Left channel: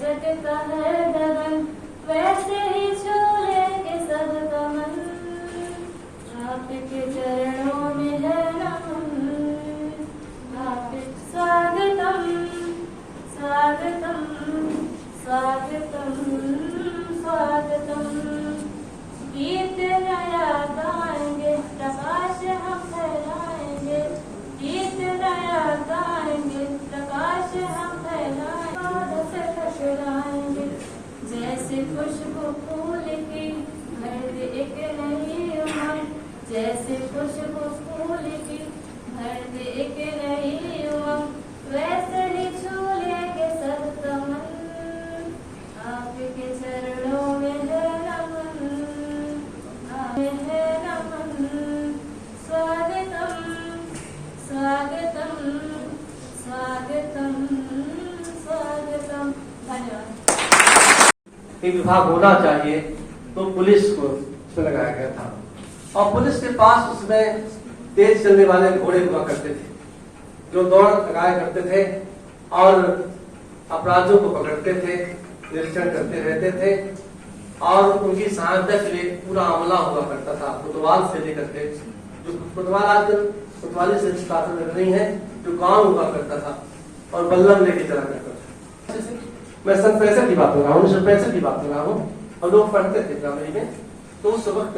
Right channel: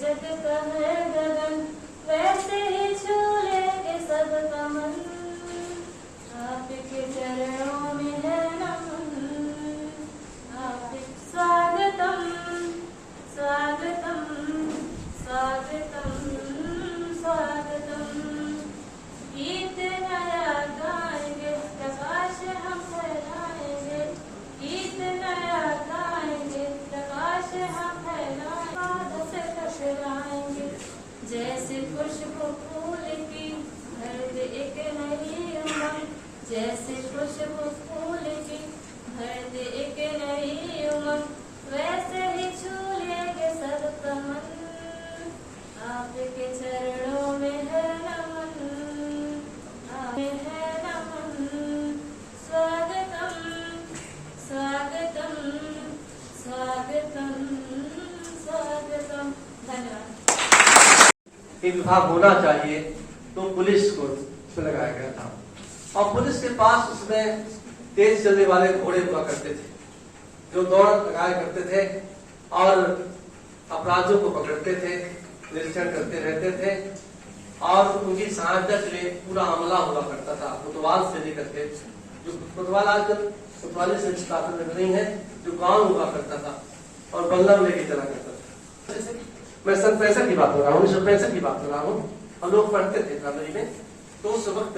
जग का है गगन, वैसे ही छू लेंगे सबका मन। आपके चरणों में है नमन, आपके स्वागतम स्वागतम स्वागतम स्वागतम। गीत नया गाएंगे, प्रकाश हम फैलाएंगे। गीत नया गाएंगे, प्रकाश हम फैलाएंगे। से टकराएंगे जैसे खुशबू फूल की, भर दे एक नई उमंग। जैसे खुशबू फूल की, भर दे एक नई उमंग। वैसे ही छू लेंगे सबका मन, आपके चरणों में है नमन, में है नमन। स्वागतम स्वागतम स्वागतम स्वागतम। धन्यवाद। ये विभाग होना चाहिए तो पुलिस को उसमें लगाया गया था, और पुलिस के पास उसमें तेज चलने वाले घोड़े हुआ करते थे जो दौड़ लगाया करते थे और अपराधियों को पकड़ते थे, निरीक्षण करते रहते थे, और उनकी सहायता के लिए पूरा अमला हुआ करता था। कोतवाल से लेकर के, जो कोतवाल आजकल कोतवाली से स्थापित नहीं है, जो गांव हुआ करता था और बल्लम लेके चला करता था। मैं सन 65 की बात कर रहा हूँ, 1965 की बात कर रहा हूँ, और लोग पढ़ते थे प्राइमरी में, तो उस वक्त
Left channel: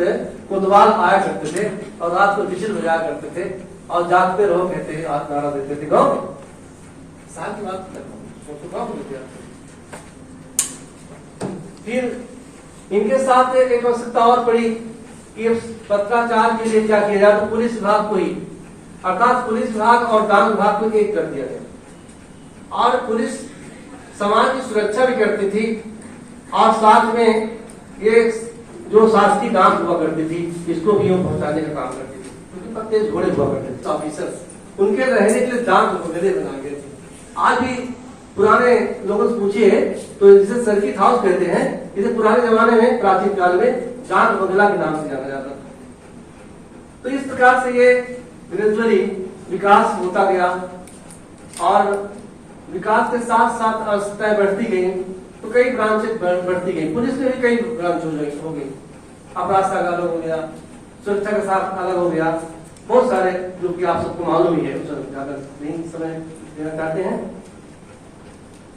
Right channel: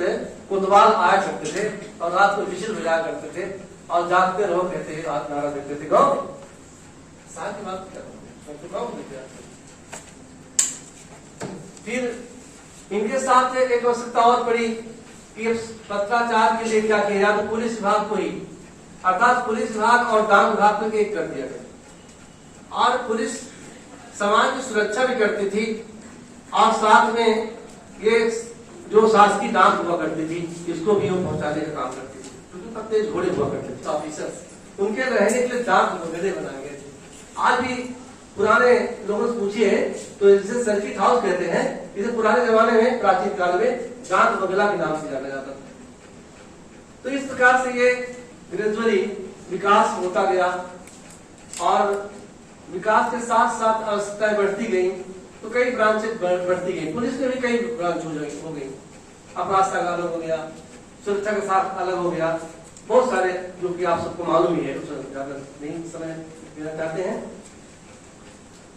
कोतवाल आया करते थे और रात को विजिल बजाया करते थे और जागते रहो कहते आज नारा देते थे गाँव में। साल की बात गाँव में। फिर इनके साथ एक आवश्यकता और पड़ी कि पत्राचार के लिए क्या किया जाए, तो पुलिस विभाग को ही, अर्थात पुलिस विभाग और डाक विभाग को एक कर दिया गया। और पुलिस समाज की सुरक्षा भी करती थी, और साथ में ये जो शासकीय डाक हुआ करती थी इसको भी वो पहुंचाने का काम करती थी, क्योंकि तेज घोड़े हुआ करते थे ऑफिसर्स, उनके रहने के लिए डाक वगैरह बनाए गए थे। आज भी पुराने लोगों से पूछिए तो जिसे सर्किट हाउस कहते हैं, इसे पुराने जमाने में प्राचीन काल में डाक बंगला के नाम से जाना जाता था। तो इस प्रकार से ये ग्रेजुअली विकास होता गया, और विकास के साथ साथ आवश्यकताएं बढ़ती गई, तो कई ब्रांचेस बढ़ती गई। पुलिस में भी कई ब्रांच हो गई, अपराध शाखा अलग हो गया, सुरक्षा के साथ अलग हो गया, बहुत सारे जो कि आप सबको मालूम ही है, ज्यादा नहीं समय देना चाहते हैं।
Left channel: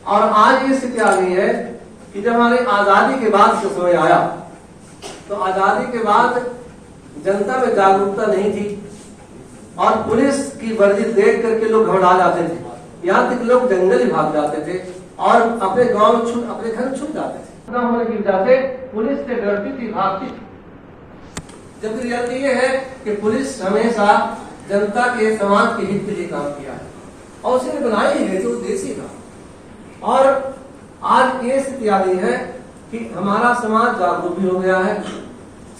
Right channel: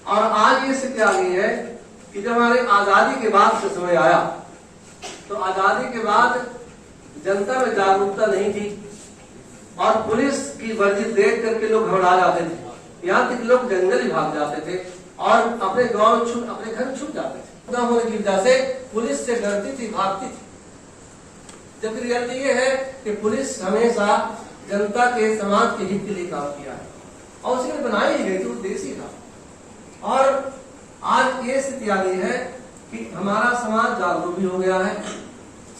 और आज ये स्थिति आ गई है कि जब हमारे आजादी के बाद जो समय आया, तो आजादी के बाद जनता में जागरूकता नहीं थी, और पुलिस की वर्दी देख करके लोग घबरा जाते थे, यहाँ तक लोग जंगल ही भाग जाते थे और अपने गांव अपने घर छुप जाते थे। न होने की वजह से पुलिस से डरती थी, भागती थी। जबकि रियलिटी ये है कि पुलिस हमेशा जनता के, समाज के हित के लिए काम किया है, और उसे बनाई ही गई कि वो देसी था। और आज ये स्थिति आ गई है कि हमारा समाज जागरूक भी हो गया है,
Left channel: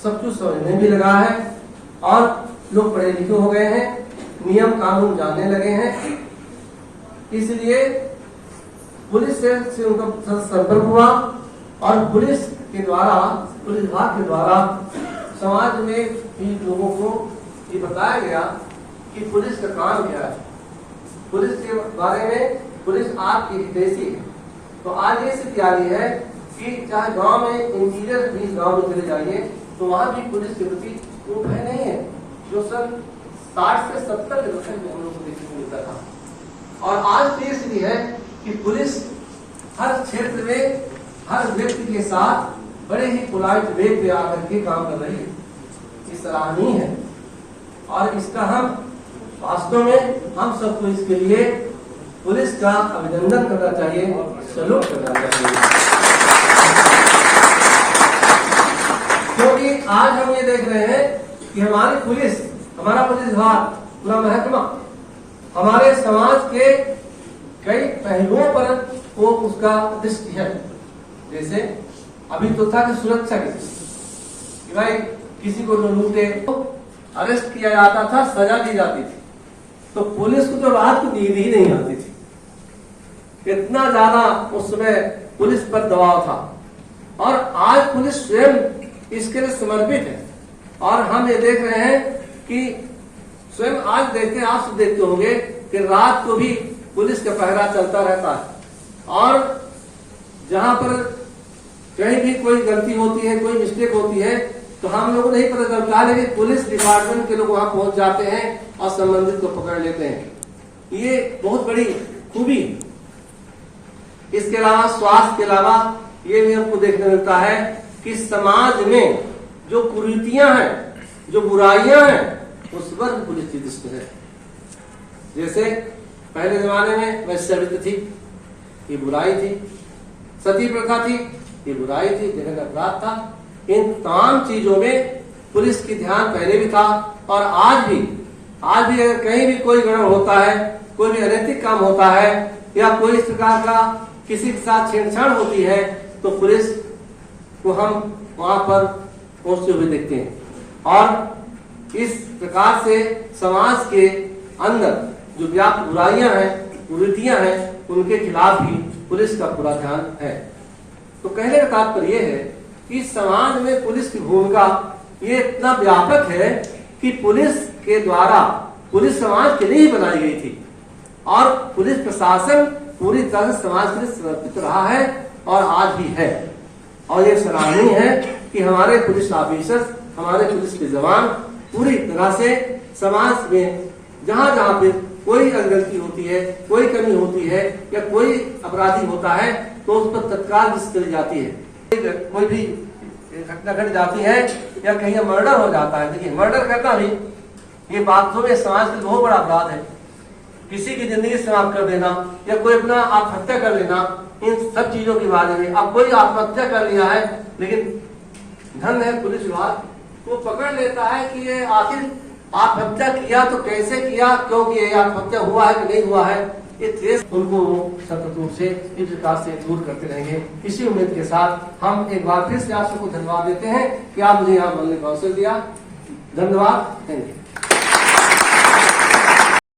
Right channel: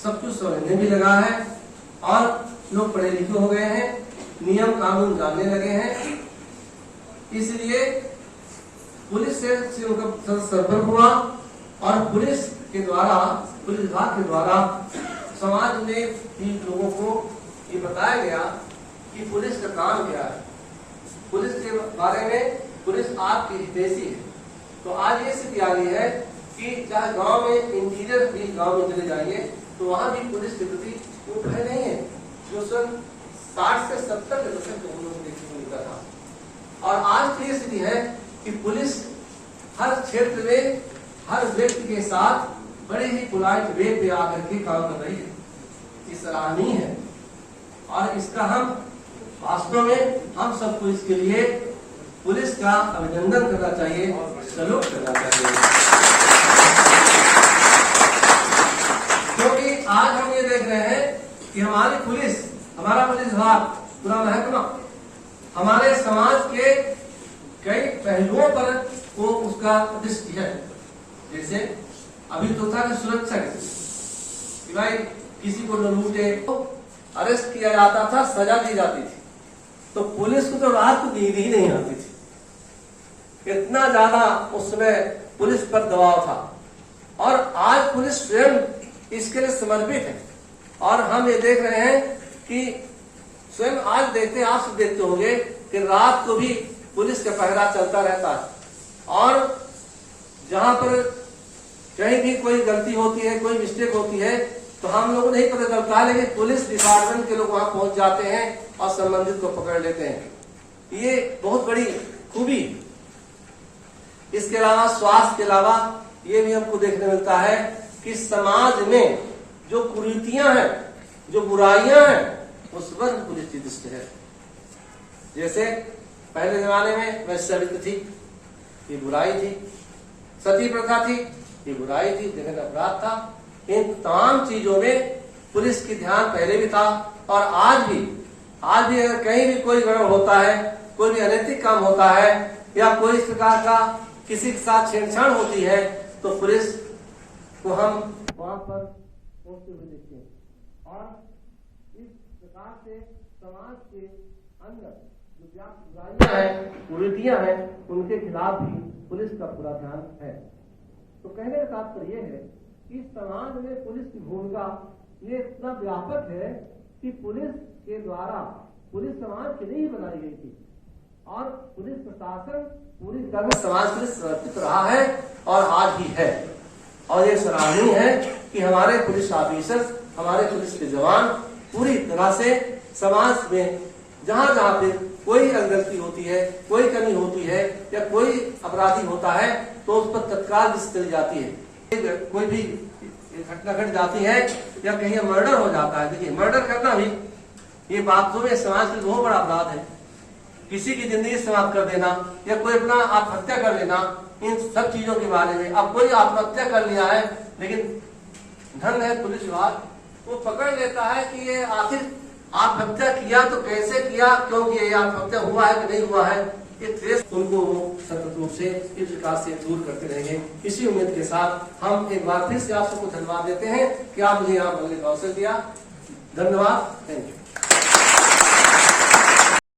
सब कुछ समझने भी लगा है, और लोग पढ़े लिखे हो गए हैं, नियम कानून जानने लगे हैं। इसलिए पुलिस से उनका संपर्क हुआ, और पुलिस के द्वारा, पुलिस विभाग के द्वारा समाज में भी लोगों को ये बताया गया कि पुलिस का काम क्या है, पुलिस के बारे में, पुलिस आपकी हितैषी है। तो आज ये स्थिति आ गई है कि चाहे गांव में, इंटीरियर भी गांव में चले जाइए, तो वहां भी पुलिस के प्रति वो भय नहीं है जो सन 60 से 70 के दशक में हम लोग को देखने को मिलता था। और आज की स्थिति है कि पुलिस हर क्षेत्र में हर व्यक्ति के साथ बड़े ही पोलाइट वे पे आकर के काम कर रही है। ये सराहनीय है, और इसका हम वास्तव में हम सबको इसके लिए पुलिस का अभिनंदन करना चाहिए, सैल्यूट करना चाहिए। क्योंकि आज हम ये देख रहे हैं कि हमारी पुलिस, हमारा पुलिस विभाग, पूरा महकमा हमारे समाज के कई पहलुओं पर वो उसका दृष्टि है। जैसे अभी तो था कि सुरक्षा की, भाई किसी को न लूटे तो अरेस्ट किया जाता था, सजा दी जाती थी, तो पुलिस को तो रात को नींद ही नहीं आती थी, इतना ज्यादा उस समय पुलिस पर दबाव था। और आज पुलिस स्वयं इसके लिए समर्पित है, और हम ये देख रहे हैं कि स्वयं आज देखते हैं, आप सब देखते होंगे कि रात को भी पुलिस का पहरा चलता रहता है, और जहां पर कहीं भी कोई गलती होती है, कोई मिस्टेक होती है, तो हम लोगों को नहीं पता चलता है, लेकिन पुलिस डिपार्टमेंट के लोग वहां पहुंच जाते हैं और संबंधित को पकड़ लेते हैं। ये बहुत बड़ी खूबी। इसके अलावा स्वास्थ्य के अलावा ये भी हमको देखने मिलता है कि समाज में जो कुरीतियां हैं, जो बुराइयां हैं, उस पर पुलिस की दृष्टि है। जैसे पहले जमाने में वैश्यवित्त थी, ये बुराई थी। सती प्रथा थी, ये बुराई थी, जघन्य अपराध था। इन तमाम चीजों में पुलिस की ध्यान पहले भी था और आज भी अगर कहीं भी कोई गड़बड़ होता है, कोई भी अनैतिक काम होता है या कोई इस प्रकार का किसी के साथ छेड़छाड़ होती है, तो पुलिस को हम वहां पर पहुंचते हुए देखते हैं। और इस प्रकार से समाज के अंदर जो व्याप्त बुराइयां हैं, कुरीतियां हैं, उनके खिलाफ भी पुलिस का पूरा ध्यान है। तो कहने का तात्पर्य यह है कि समाज में पुलिस की भूमिका ये इतना व्यापक है कि पुलिस के द्वारा पुलिस समाज के लिए ही बनाई गई थी और पुलिस प्रशासन पूरी तरह से समाज के लिए समर्पित रहा है और आज भी है। और ये सराहनीय है कि हमारे पुलिस ऑफिसर, हमारे पुलिस के जवान पूरी तरह से समाज में जहां जहां पे कोई गलती होती है, कोई कमी होती है या कोई अपराधी होता है, तो उस पर तत्काल दृष्टि चली जाती है। कोई भी घटना घट जाती है या कहीं मर्डर हो जाता है, देखिए मर्डर करना भी ये वास्तव में समाज के बहुत बड़ा अपराध है। किसी की जिंदगी समाप्त कर देना या कोई अपना आत्महत्या कर लेना, इन सब चीजों के बारे में। अब कोई आत्महत्या कर लिया है, लेकिन धन है पुलिस विभाग, वो पकड़ लेता है कि ये आखिर आत्महत्या किया तो कैसे किया, क्यों किया, आत्महत्या हुआ है कि नहीं हुआ है, ये ट्रेस उनको सतत रूप से इस प्रकार से दूर करते रहेंगे। इसी उम्मीद के साथ हम एक बार फिर से आप सबको धन्यवाद देते हैं कि आप मुझे यहाँ बोलने का अवसर दिया। धन्यवाद, थैंक यू।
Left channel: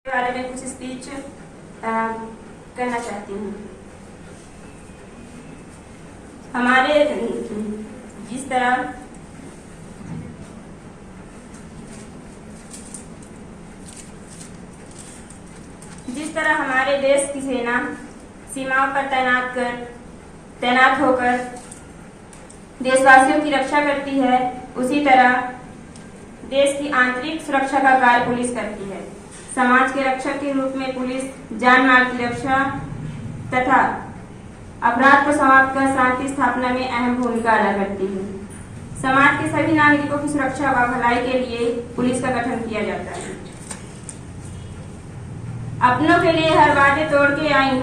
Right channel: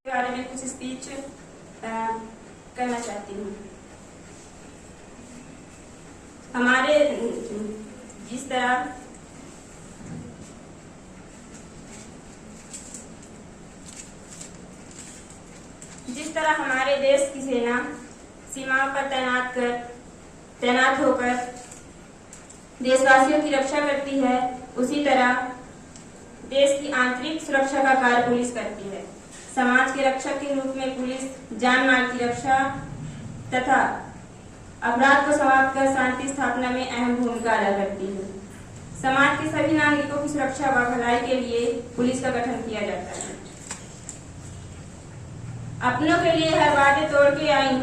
बारे में कुछ स्पीच करना चाहती हूँ। हमारे जिस तरह हमारे देश की सेना सीमाओं पर तैनात होकर देशवासियों की रक्षा करती है, उसी तरह देश की आंतरिक सुरक्षा का कार्य पुलिस करती है। समाज के रक्षक के रूप में पुलिस जान माल की रक्षा तथा अपराध को समाप्त कर शांति स्थापना में अहम भूमिका अदा करती है। समाज के सभी नागरिकों की सुरक्षा व भलाई के लिए पुलिस का गठन किया जाता है। अपनों के लिए हर वादे तोड़ के आई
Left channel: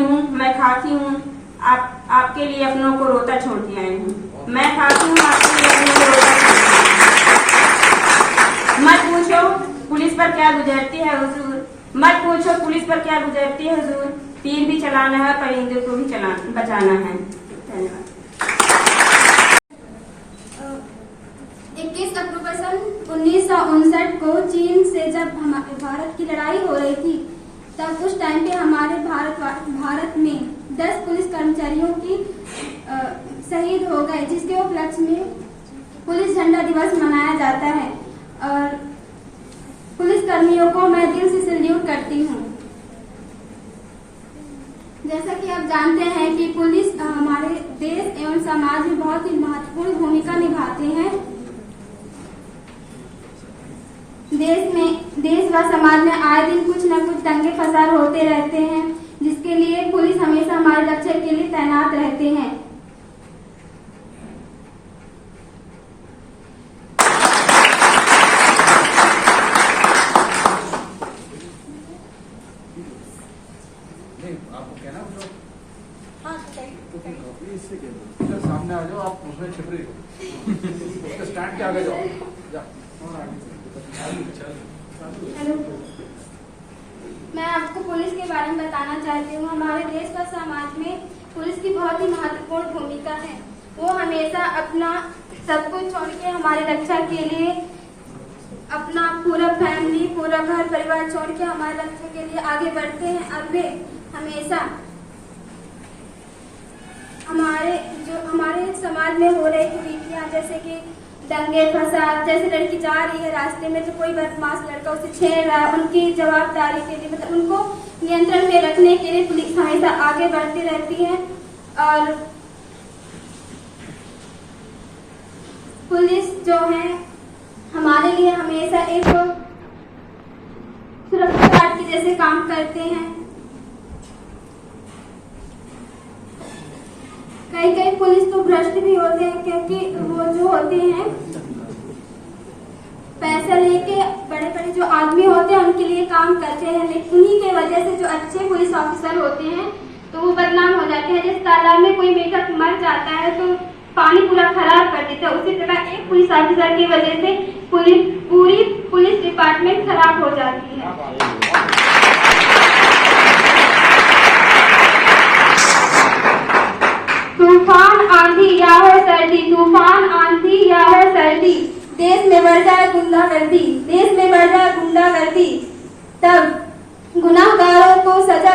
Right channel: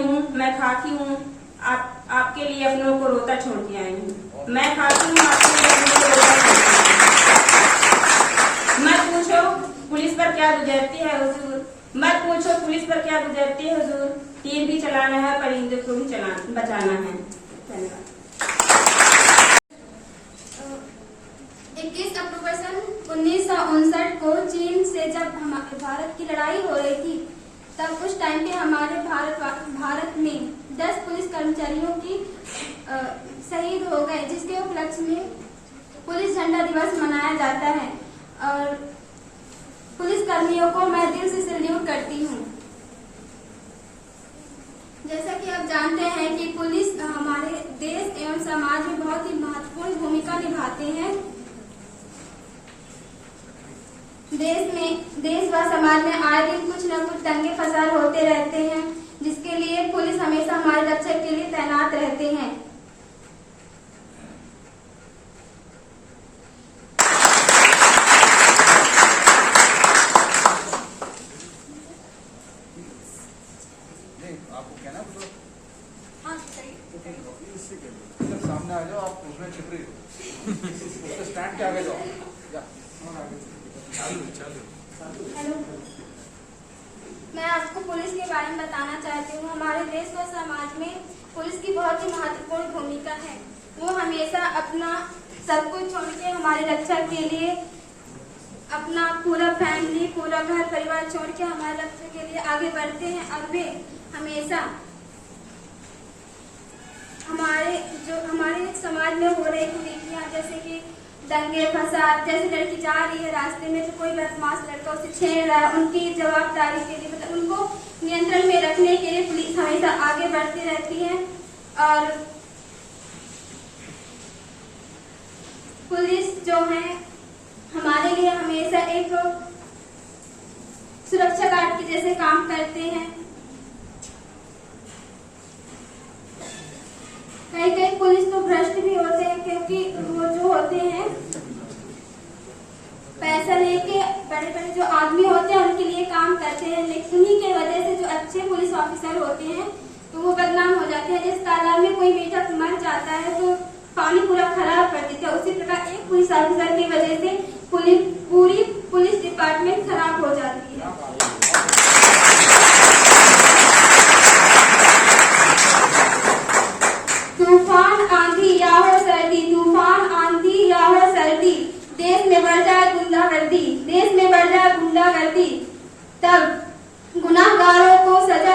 हूँ, मैं खाकी हूँ, आपके लिए अपनों को रोता छोड़ के आई हूँ। मैं खाकी हूँ, आपके लिए अपनों को रोता छोड़ के आई हूँ। मत पूछो पुलिस पर क्या गुजरती है हुजूर, तीर भी चलाना है, परिंदे को भी बचाना है। धन्यवाद। 21 अक्टूबर सन 1959 को चीन से जब हमारे भारत की लड़ाई हो रही थी, तब उस टाइम पे हमारे भारत में 10 पुलिस कर्मचारियों की शहीद हो गए, जिसके उपलक्ष्य में पुलिस झंडा दिवस मनाया जाता है। और पुलिस कर्मियों को मैं दिल से सैल्यूट करती हूँ। जैसा कि आप जानते हैं कि पुलिस हमारे देश एवं समाज में बहुत ही महत्वपूर्ण भूमिका निभाते हैं। देश व समाज में आए दिन कुछ न कुछ दंगे फसाद होते रहते हैं, जिसके लिए पुलिस हमेशा हमारी रक्षा के लिए तैनात रहते हैं। आपको कहना इधर सामने आ जाओ, आप उसमें छिप रही हो, उसके स्टैंड के आगे जाओ, और आगे। हेलो, मैं आपको पुलिस के बारे में बताना चाहती हूँ। हमारे देश व समाज में पुलिस की बहुत ही महत्वपूर्ण भूमिका है। वो हमेशा अपना सब कुछ छोड़ के हमारी रक्षा के लिए अपना पूरा फैमिली, पूरा घर परिवार छोड़ के हमारी रक्षा के लिए आगे बढ़ते हैं। और वे हमेशा हमारे समाज में हो रही कुरीतियां, जैसे कि दंगे फसाद, जैसे लड़की जा रही है रास्ते में तो कोई बदमाश लड़का उसे छेड़ रहा है, उनकी जवाबदारी के लिए मतलब उनको नियंत्रण में रखने के लिए पुलिस हमेशा आगे बढ़ती रहती है। और पुलिस जो है हमारे लिए हमेशा एक सुरक्षा गार्ड के जैसे काम करते हैं। कई पुलिस तो भ्रष्ट भी होते हैं, क्योंकि वो जो होते हैं पैसा लेके बड़े बड़े जो आदमी होते हैं उनके लिए काम करते हैं, लेकिन उन्हीं के वजह से जो अच्छे पुलिस ऑफिसर होते हैं तो वो बदनाम हो जाते हैं। जैसे तालाब में कोई मेढक मर जाता है तो पानी पूरा खराब कर देता है, उसी प्रकार एक पुलिस ऑफिसर की वजह से पूरी पुलिस डिपार्टमेंट खराब हो जाती है। तूफान आंधी या हो सर्दी, तूफान आंधी या हो सर्दी, देश में बढ़ जाए गुंडागर्दी, देश में बढ़ जाए गुंडागर्दी, तब गुनाहगारों को सजा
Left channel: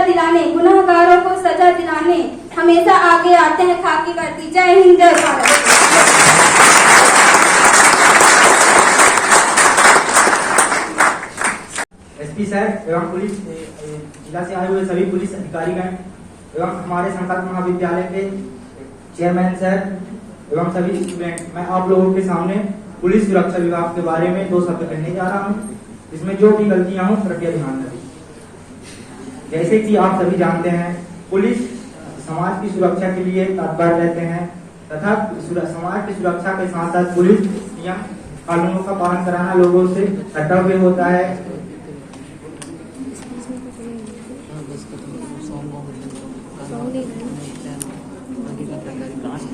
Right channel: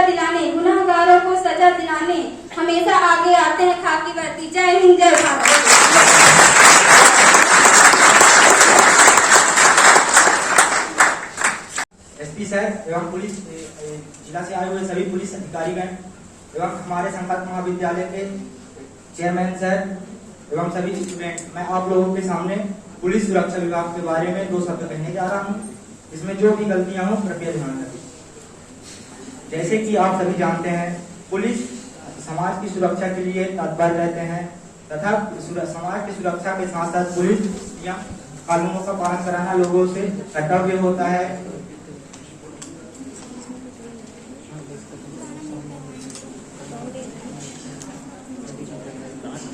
दिलाने हमेशा आगे आते हैं खाकी वर्दी। जय हिंद, जय भारत। एसपी सर एवं पुलिस जिला से आए हुए सभी पुलिस अधिकारीगण एवं हमारे संकल्प महाविद्यालय के चेयरमैन सर एवं सभी स्टूडेंट, मैं आप लोगों के सामने पुलिस सुरक्षा विभाग के बारे में 2 शब्द कहने जा रहा हूँ। इसमें जो भी गलतियां हो कृपया ध्यान रखें। जैसे कि आप सभी जानते हैं, पुलिस समाज की सुरक्षा के लिए तत्पर रहते हैं तथा समाज की सुरक्षा के साथ साथ पुलिस नियम कानूनों का पालन कराना लोगों से कर्तव्य होता है।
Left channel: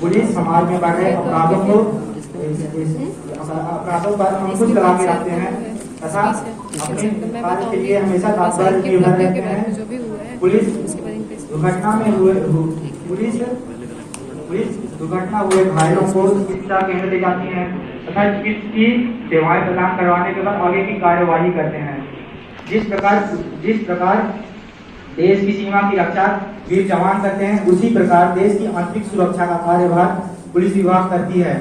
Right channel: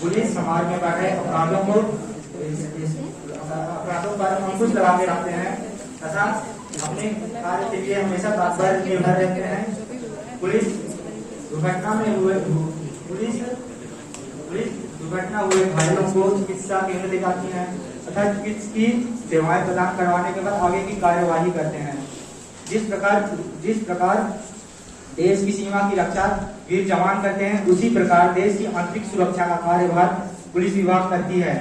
पुलिस समाज में बढ़ रहे अपराधों पर अंकुश लगा के रखते हैं तथा अपने कार्य के लिए हमेशा तत्पर निर्भर रहते हैं। पुलिस दुर्घटना हुए घायलों को चिकित्सा केंद्र ले जाती है तथा चिकित्सा की सेवाएं प्रदान करवाने के बाद आगे की कार्यवाही करते हैं। जिस प्रकार देश की सीमा की रक्षा वीर जवान करते हैं, उसी प्रकार देश की आंतरिक सुरक्षा का कार्यभार पुलिस विभाग करती है।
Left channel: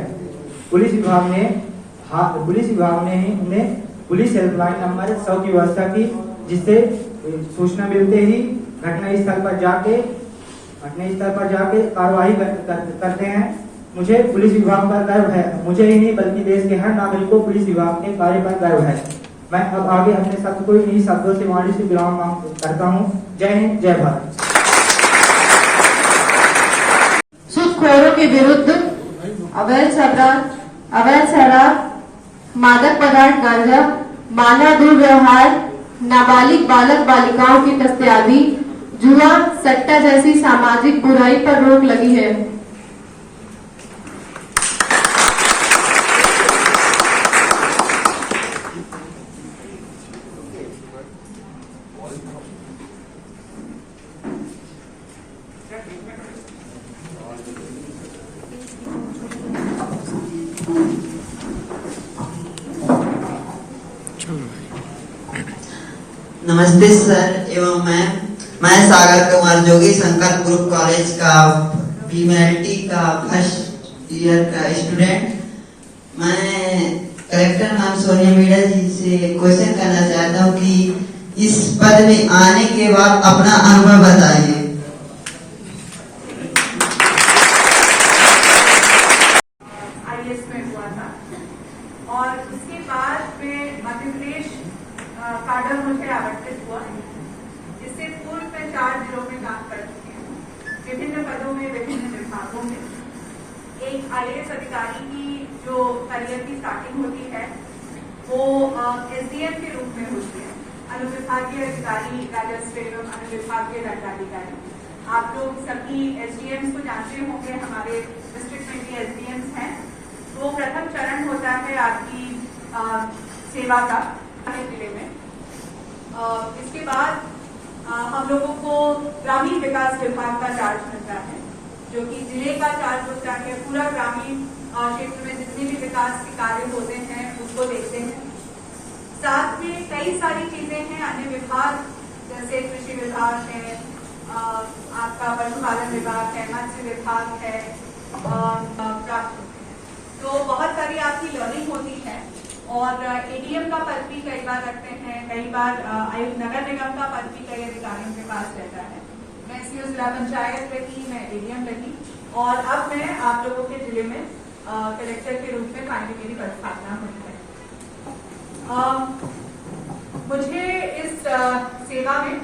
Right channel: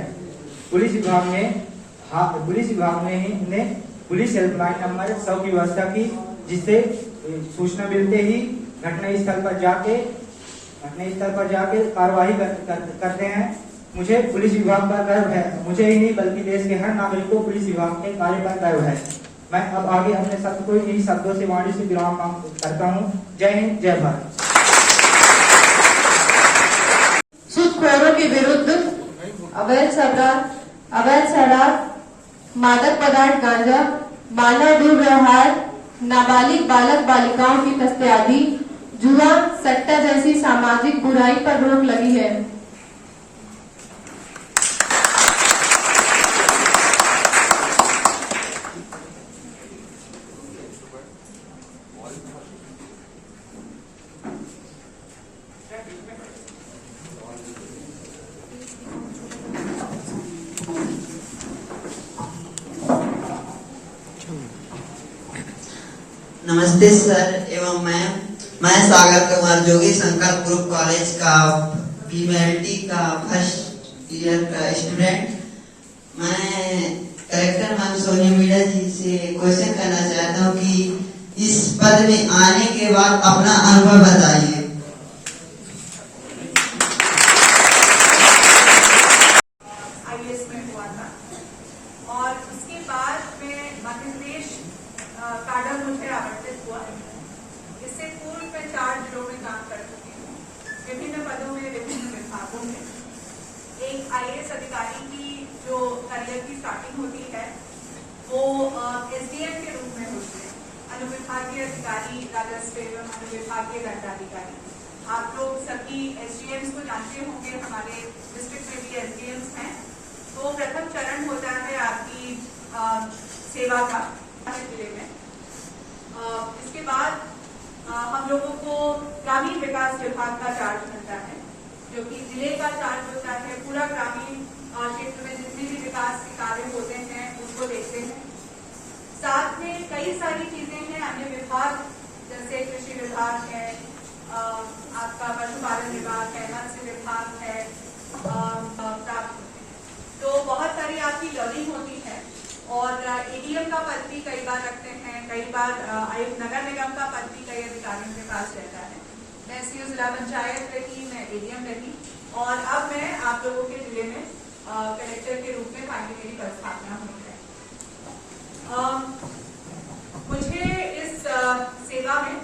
पुलिस विभाग ने ही उन्हें पुलिस हेल्पलाइन नंबर 100 की व्यवस्था की, जिससे सूचना मिलते ही घटनास्थल पर जाके कार्रवाई करते हैं। मुझे पुलिस विभाग पर गर्व है, मुझे ही नहीं बल्कि देश के हर नागरिक को पुलिस विभाग के कार्य पर गर्व है। मैं अब आगे अपने शब्द को इन्हीं शब्दों से वाणी से विराम करता हूँ। जय हिंद, जय भारत। सूदखोरों के विरुद्ध अवैध शराब, मादक पदार्थ गांजा, मानव दुर्व्यवहार, नाबालिग बालक बालिकाओं की तस्करी, जुआ, सट्टा जैसी सामाजिक बुराई पर रोक लगी है। नमस्ते सर एवं मैम, मैं सागर कुमार जोगी संकल्प ग्रुप कॉलेज का फीमेलिटी का फर्स्ट ईयर का स्टूडेंट। मैं कलेक्टर मैम सोनी मीणा जी से क्वेश्चन करना चाहता हूँ कि इस पद में आने के बाद अपना अनुभव बताइए। IAS में हुआ था और उसके बाद में मध्य प्रदेश काडर मुझे आवंटित हुआ। इससे पूर्व में 4 जिलों में काम कर चुकी हूँ, विभिन्न पदों में, विभिन्न विभागों में। एक IAS अधिकारी की जो करियर की स्टार्टिंग होती है वो SDM के रूप में होती है, अनुविभागीय अधिकारी राजस्व एवं अनुविभागीय दंडाधिकारी। आप लोग सभी SDMs को जानते होंगे, हमारे डिस्ट्रिक्ट में भी SDMs हैं। तो प्रथम चरण होता है आपकी सेवा का जिले में। इसके बाद हम लोगों को ग्रामीण विकास विभाग का चार्ज मिलता है, जो कि जिले का चार्ज होता है। पूरा ग्रामीण क्षेत्र में जितने भी विकास के कार्य होते हैं उसको देखते हैं। साथ में कई सारी चीजें हैं, अन्य विभाग जैसे कृषि विभाग है, आपका पशुपालन विभाग है, मत्स्य विभाग है, तो बहुत सारी आप बात की लर्निंग होती है। और एडीएम का पद भी कई बार रखते हैं, कई बार आयुक्त नगर निगम का पद भी कई अधिकारियों के पास रहता है। मैं सीओ जिला पंचायत रही, मैं एडीएम रही, और अब मैं आप लोगों के जिले में कलेक्टर के रूप में फाइनली मेरी पदस्थापना हुई है। मुझे इस सेवा में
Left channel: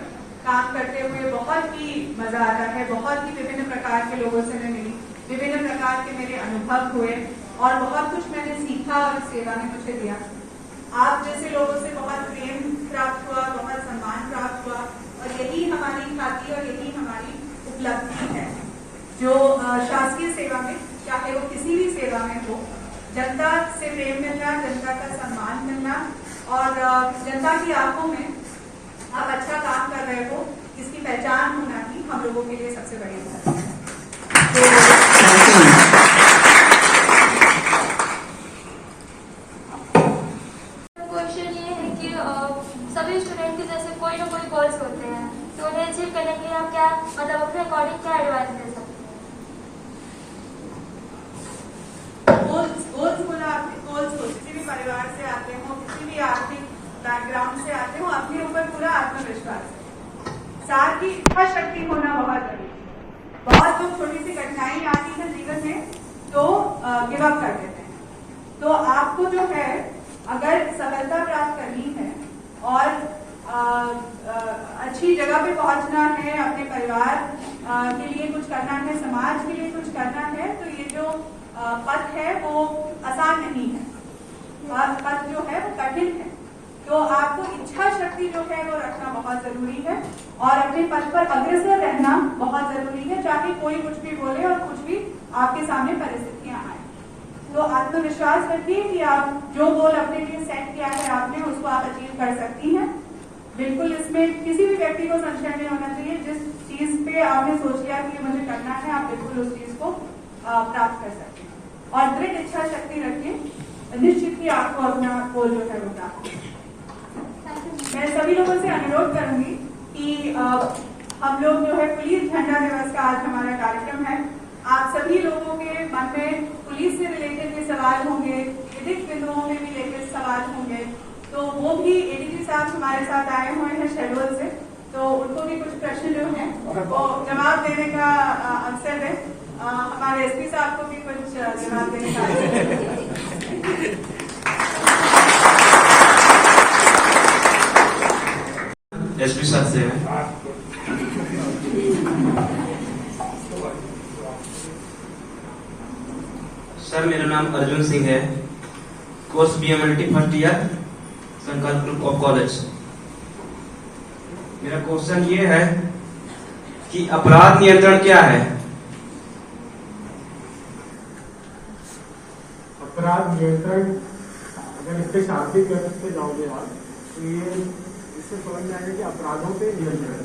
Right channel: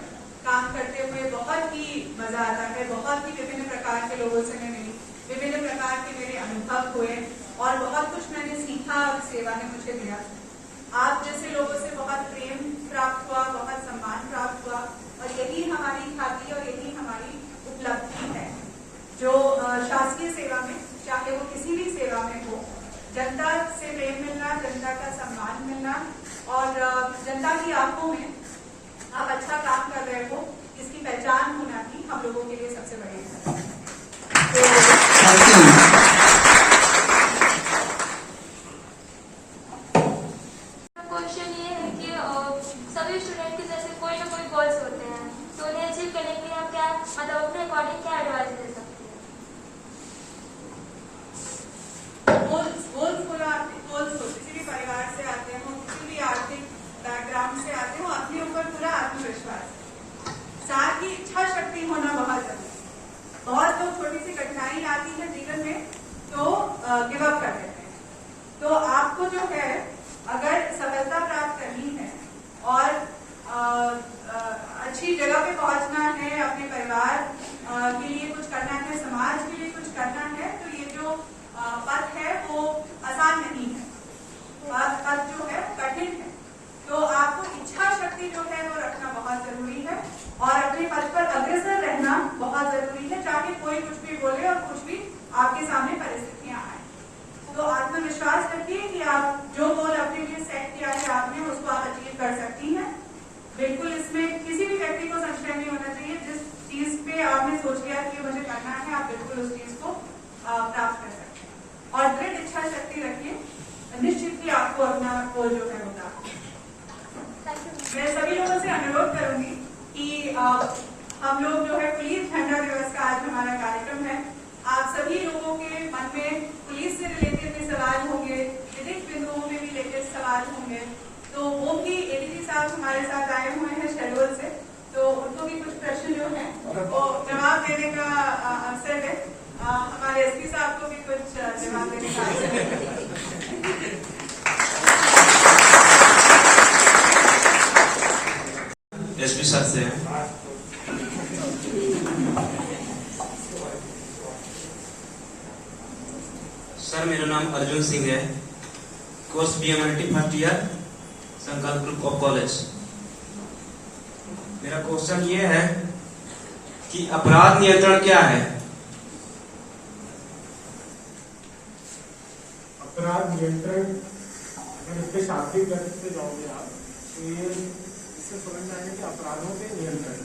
काम करते हुए बहुत ही मजा आता है। बहुत ही विभिन्न प्रकार के लोगों से मैं मिली, विभिन्न प्रकार के मेरे अनुभव हुए और बहुत कुछ मैंने सीखा और इस सेवा ने मुझे दिया। आप जैसे लोगों से बहुत प्रेम प्राप्त हुआ, बहुत सम्मान प्राप्त हुआ, और यही हमारी खाती और यही हमारी उपलब्धि है जो शासकीय सेवा में, चाहे वो किसी भी सेवा में हो, जनता से प्रेम मिलना, जनता का सम्मान मिलना और जनता की आंखों में आप अच्छा काम कर रहे हो इसकी पहचान होना ही हम लोगों के लिए सबसे बड़ी बात है। क्वेश्चन ये है कि सभी स्टूडेंट के जैसे कोई ना कोई गोल्स होते हैं, तो उन्हें अचीव करने के लिए आप क्या, मतलब अपने अकॉर्डिंग क्या एडवाइस दे सकते हैं? गोल्स बोलो, आपके गोल्स हो, किसी भी परिवार से आते हो, किसी भी आर्थिक बैकग्राउंड से आते हो, अपने ऊपर पूरा आत्मविश्वास है, साथ ही इच्छा शक्ति होना बहुत जरूरी है। बहुत लोग छोटी सी कठिनाई आती है जीवन में तो गिव अप कर देते हैं। तो आपको जो है अगर सफलता प्राप्त करनी है और अच्छी जगह पे पहुंचना है, अपने परिवार के लिए कुछ करना है, समाज के लिए कुछ करना है, तो ये जो पथ है वो आसान नहीं है, पथ जो है वो कठिन है। तो आपको इच्छा शक्ति जो है वो रखना बहुत जरूरी है और अपने पथ पर अग्रसर रहना बहुत जरूरी है, चाहे कोई कुछ भी बोले और कुछ भी आपके सामने परिस्थितियां आए। तो आत्मविश्वास रखिए कि आप जो गोल अपने लिए सेट किया है आपने, उसको आप अचीव कर सकती हैं। बिल्कुल इसमें किसी भी व्यक्ति को संशय नहीं होना चाहिए। जिस चीज पे आपने सोच लिया कि मुझे करना है, आप बिल्कुल उस चीज को प्राप्त कर सकते हैं और दृढ़ इच्छा शक्ति रखिए, निश्चित ही आपको अपना गोल जो है वो प्राप्त। मैं सभी लोगों से अनुरोध करूंगी कि हम लोग जो है पुलिस झंडा दिवस का आज हमारा कार्यक्रम है। आप सभी लोगों के मन में पुलिस से रिलेटेड भी सवाल होंगे, विधिक बिंदुओं में भी रिलेटेड सवाल होंगे, तो वो भी एडीजी साहब हमारे साथ आए हुए हैं शेड्यूल से, तो उनको भी कुछ प्रश्न जो है वो जवाब देने का अवसर है। हमारे एसपी साहब को भी कुछ जवाब देने का अवसर है। एसपी साहब से है। सर मेरा नाम अर्जुन सिंह है, कोर्स बीएमएलटी फर्स्ट ईयर, संकल्प ग्रुप ऑफ कॉलेज। मेरा क्वेश्चन ये है कि अपराध नियंत्रण क्या है? अपराध नियंत्रण, अगर इसके शाब्दिक अर्थ से जाओगे आप, तो ये इससे समझ में आएगा कि अपराधों पे नियंत्रण।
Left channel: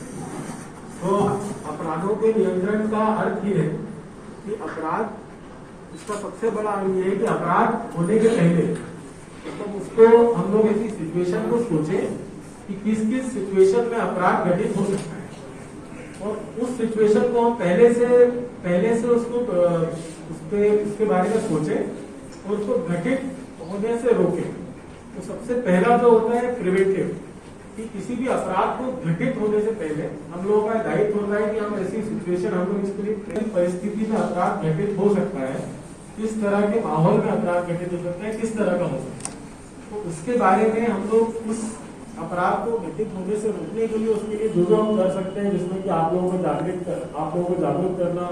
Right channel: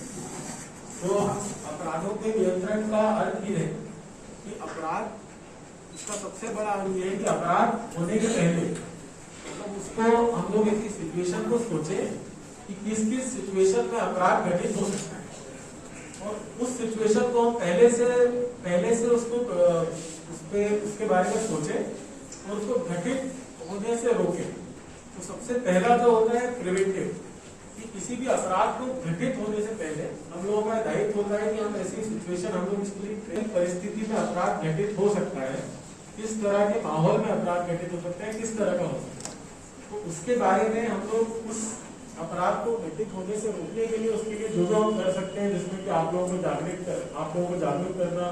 तो अपराधों पे नियंत्रण का अर्थ ये है कि अपराध, इसका सबसे बड़ा अर्थ ये है कि अपराध होने के पहले मतलब उसको हम लोग ऐसी सिचुएशन को सोचें कि किस किस सिचुएशन में अपराध घटित हो सकता है और उस सिचुएशन को हम पहले से उसको उसके बारे में सोचें और उसको घटित होने से रोकें। तो सबसे पहला जो होता है प्रिवेंटिव, कि किसी भी अपराध को घटित होने से पहले हम लोगों का दायित्व होता है कि हम ऐसी सिचुएशन, हम लोग इसके लिए परिस्थिति में अपराध घटित हो सकता है, किस तरह के माहौल में अपराध घटित हो सकता है, किस तरह का हो सकता है, तो उसके बारे में हम लोग उस अपराध को घटित होने से रोकने के लिए उसके लिए जो हम कर सकते हैं, जिसमें कि आप लोगों को जागरूक करना,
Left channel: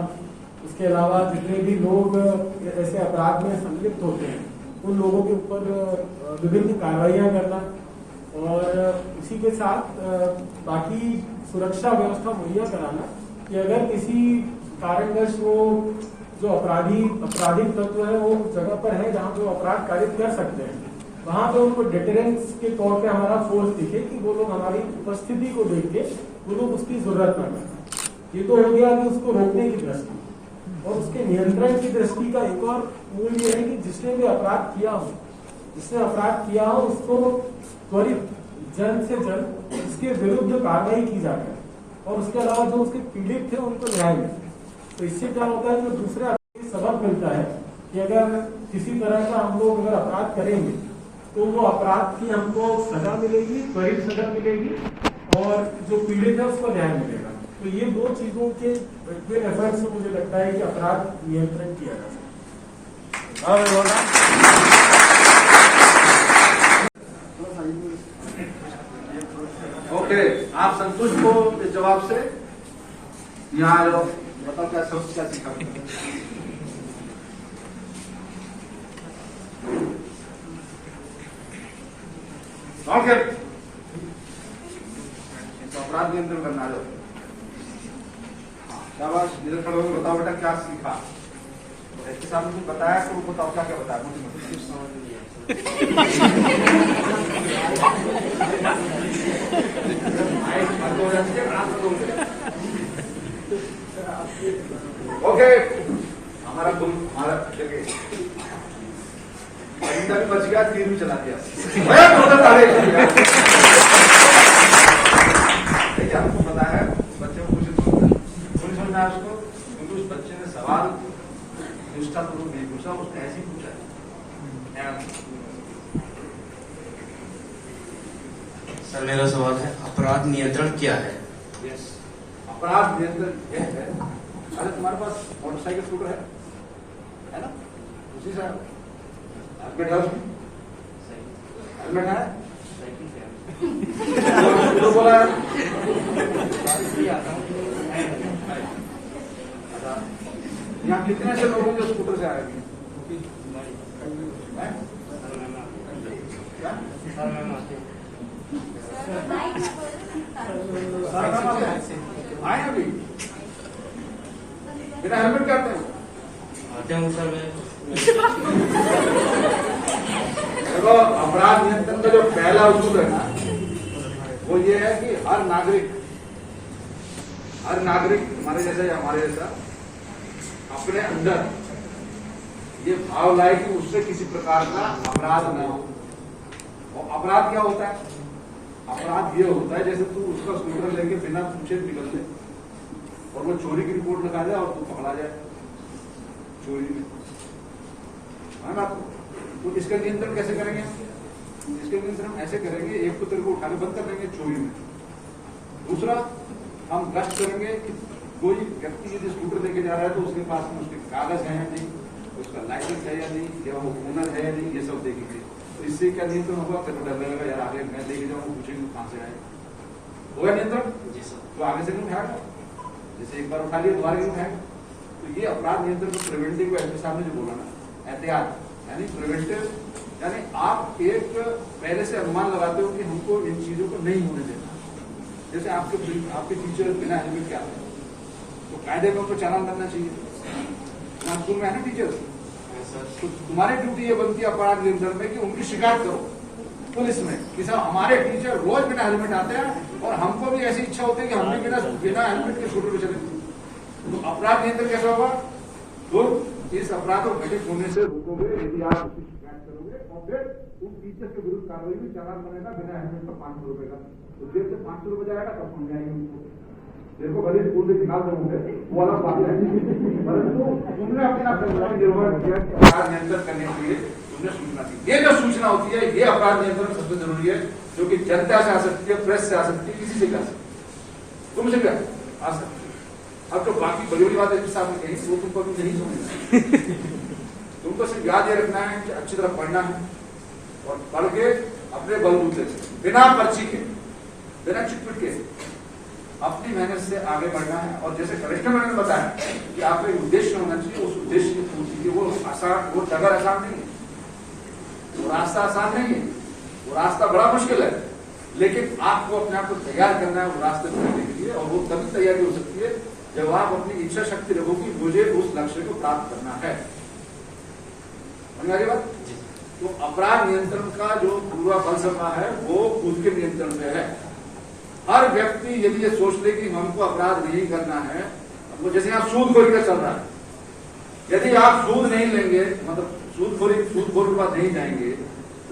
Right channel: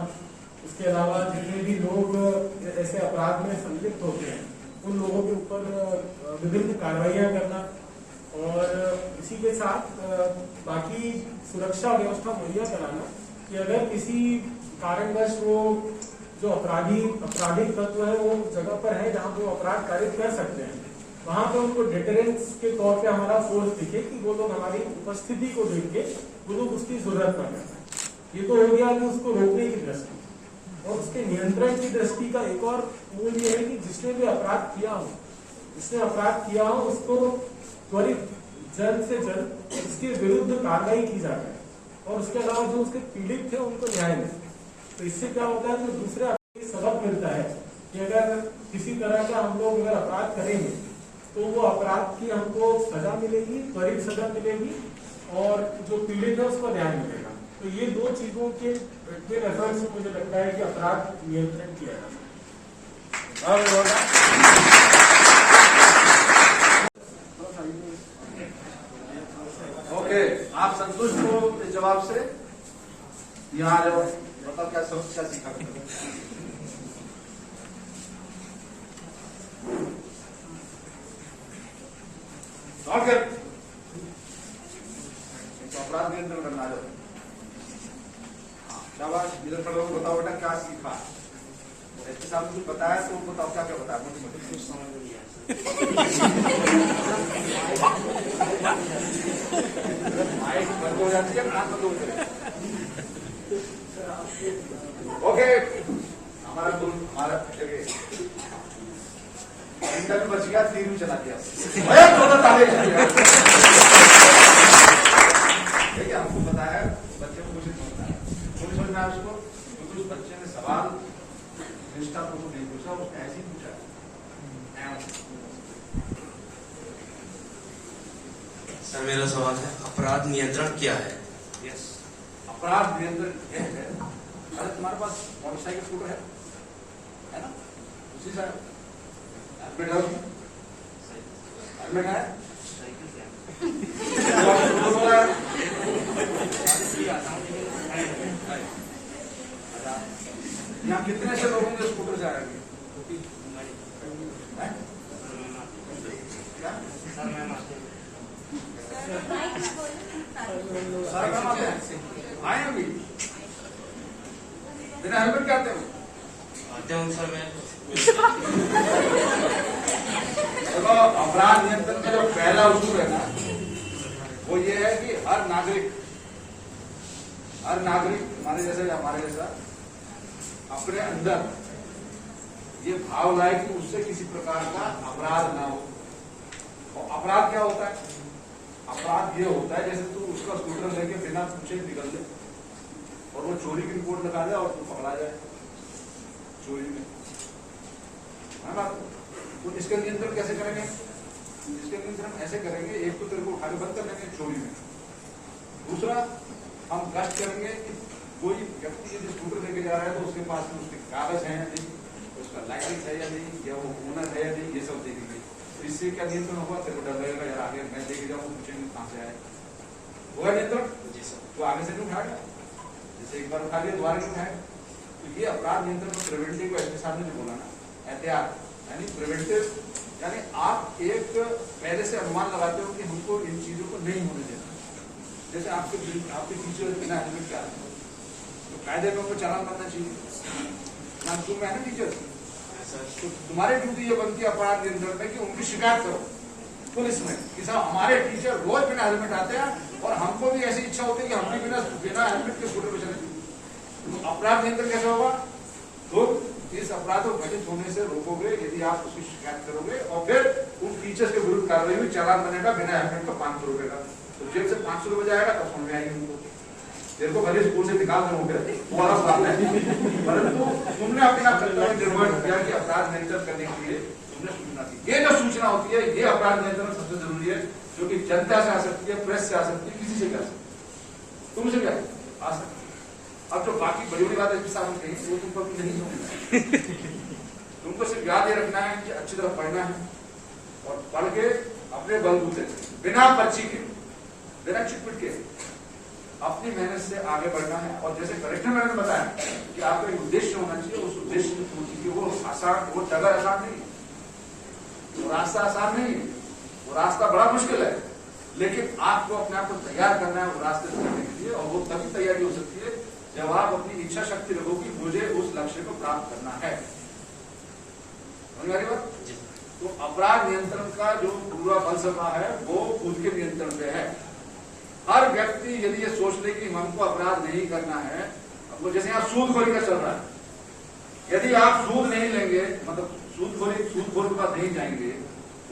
उसके अलावा जितने भी लोग ऐसे अपराध में संलिप्त होते हैं उन लोगों के ऊपर विभिन्न कार्रवाइयां करना और इसी के साथ बाकी सुरक्षा व्यवस्था मुहैया कराना कि अगर किसी कारणवश वो जो आपराधिक तत्व है वो उस जगह पर है जहाँ पे वो अपराध कारित कर सकते हैं, वहां पे उनको डिटरेंस के तौर पे हमारा फोर्स दिखे कि वो लोग हमारी उपस्थिति को देख के वो लोग उसकी जरूरत ना करें। ये तो हो गया कि उसको रोकने की दृष्टि, और उसके नियंत्रण की दृष्टि का एक और मूल ये है कि जिसने भी अपराध किया हो उसको त्वरित जल्द से जल्द उसके विरुद्ध कार्रवाई की जाए और उसके अलावा जो उसके पीड़ित थे उनको न्याय मिले। तो इससे क्या होता है, जो दूसरे सबक मिलता है कि अगर किसी तरह का हम लोग अगर अपराध करेंगे तो वो अपराध की हमको सजा मिलेगी, त्वरित सजा मिलेगी और जो पीड़ित है उसको न्याय मिलेगा। तो ये दो चीजों के बिटवीन एफर्ट से मुझे लगता है कि अपराध नियंत्रण किया जा सकता है। ओके, आप संतुष्ट हो इस जवाब से? यहाँ आ जाओ, बताओ क्या सब क्या सीखा? ओके, तो अपराध नियंत्रण करना आ जाओ। हाँ, शाबाश, इधर खड़े होकर बताओ बेटा क्या सीखा। इसके सामने कुछ बताया तो बताओ क्या क्या बताया मुझे कुछ समझ नहीं ओके, हमारा तक बच गया, तीर भी चला दिया। देखिए हमको पता है बच्चे को कुछ समझ में आया उसको, क्योंकि उस बच्चे ने सवाल निष्ठापूर्वक नहीं पूछा, उसने ऐसे ही पूछा। सर मेरा सवाल है, अपराध नियंत्रण क्या है? यस, अपराध नियंत्रण यह है, अरे तुम्हारे पास मोटरसाइकिल स्कूटर है ना, उसी से हेलमेट है, उसमें हेलमेट है, बोला अच्छा, यहाँ कितने से लोग होंगे स्कूटर से आए? सारे काम आते हैं, आए अभी बिना हेलमेट के आते हैं? आते हूँ सर मैं। देखो, अपराध नियंत्रण का जो पहला उसूल है ना, वो ये है कि हर नागरिक हमारे जैसा या हमारे जैसा अपने अंदर ये भाव लाए कि उससे किसी प्रकार का अपराध ना हो। और अपराध क्या होता है? अपराध ये होता है जैसे तू उसका स्कूटर लेके बिना पूछे निकल ले और वो चोरी की रिपोर्ट लिखा जाए और तू पकड़ा जाए चोरी में, है बात? तो इसका नियंत्रण कैसे करेंगे? इसके नियंत्रण ऐसे करेंगे, एक तो तेरे को उठा के बंद कर देंगे चोरी में, दूसरा हम गश्त करेंगे कि कोई व्यक्ति यदि स्कूटर लेके जा रहा है तो उसके पास में उसके कागज है या नहीं, उसका लाइसेंस है या नहीं, या वो ओनर है या नहीं, ये सब देखेंगे। तो इससे क्या नियंत्रण होगा? तेरे को डर लगेगा यार आगे मैं लेके जाऊँ पूछेंगे कहाँ से आए, होगा नियंत्रण? जी सर। तो आगे से नहीं उठाएगा, जैसे एक बार उठा लिया दोबारा नहीं उठाएगा। तो ये अपराध नियंत्रण को प्रिवेंटिव को ऐसे सामने जो बोला ना, एहतियात यानी प्रिवेंटिव, यानी आप एक पहले से अनुमान लगाते हो कि हमको इन चीजों को नहीं होने देना। जैसे आपके टीचर बिना हेलमेट के आते हैं तो कायदे में उनको चालान बनना चाहिए, यहाँ स्कूल में है ना टीचर, तो तुम्हारी ड्यूटी ये बनती है अपराध नियंत्रण में कि उनकी शिकायत करो पुलिस में कि साहब हमारे टीचर रोज बिना हेलमेट आते हैं और हमको भी ऐसी इच्छा होती है कि हम भी बिना हेलमेट के स्कूटर पे चले। तो अपराध नियंत्रण कैसे होगा? तो इस अपराध को घटित होने से रोकोगे यदि आप उसकी शिकायत करोगे और फिर उन टीचर्स के विरुद्ध कार्रवाई हुई, चालान बनेगा बिना हेलमेट का 500 रुपए का। तो जेब से 500 रुपए जाएगा तब समझ में आएगी उनको, तेरे को भले स्कूल से निकाल दोगे वो अलग बात है, परंतु तुमने अपना कर्तव्य निर्वहन किया कि अपराध नियंत्रण करने के लिए तुमने सूचना दी। ये जो सूचना होती है ये अपराध नियंत्रण सबसे जरूरी है, जो कि जनता से आ सकती है, प्रेस से आ सकती है, किसी से क्या तुमसे क्या आ सकती है। अब तो बाकी बड़ी बड़ी बात है सामने कही वो तुमको नहीं समझना, तुमको सिर्फ याद ये रखना है कि अच्छी तरह पढ़ना है और पढ़ के अपने बलबूते से बिना पर्ची के बिना चिटपिट के अपनी मेहनत से आगे बढ़ना है। और जैसे कलेक्टर मैंने बताया कि आपका एक उद्देश्य होना चाहिए, उस उद्देश्य की पूर्ति की वो आसान, वो डगर आसान नहीं है, वो रास्ता आसान नहीं है, वो रास्ता बड़ा मुश्किल है, लेकिन आपको अपने आप को तैयार करना है वो रास्ते चलने के लिए। और वो तभी तैयारी हो सकती है जब आप अपनी इच्छा शक्ति रखो कि मुझे उस लक्ष्य को प्राप्त करना है। मेरी बात? तो अपराध नियंत्रण का जो पूरा फलसफा है वो खुद के नियंत्रण पे है। हर व्यक्ति यदि ये सोच ले कि हमको अपराध नहीं करना है, अब जैसे यहाँ सूदखोरी का चल रहा है, यदि आप सूद नहीं लेंगे, मतलब सूदखोर के पास नहीं जाएंगे,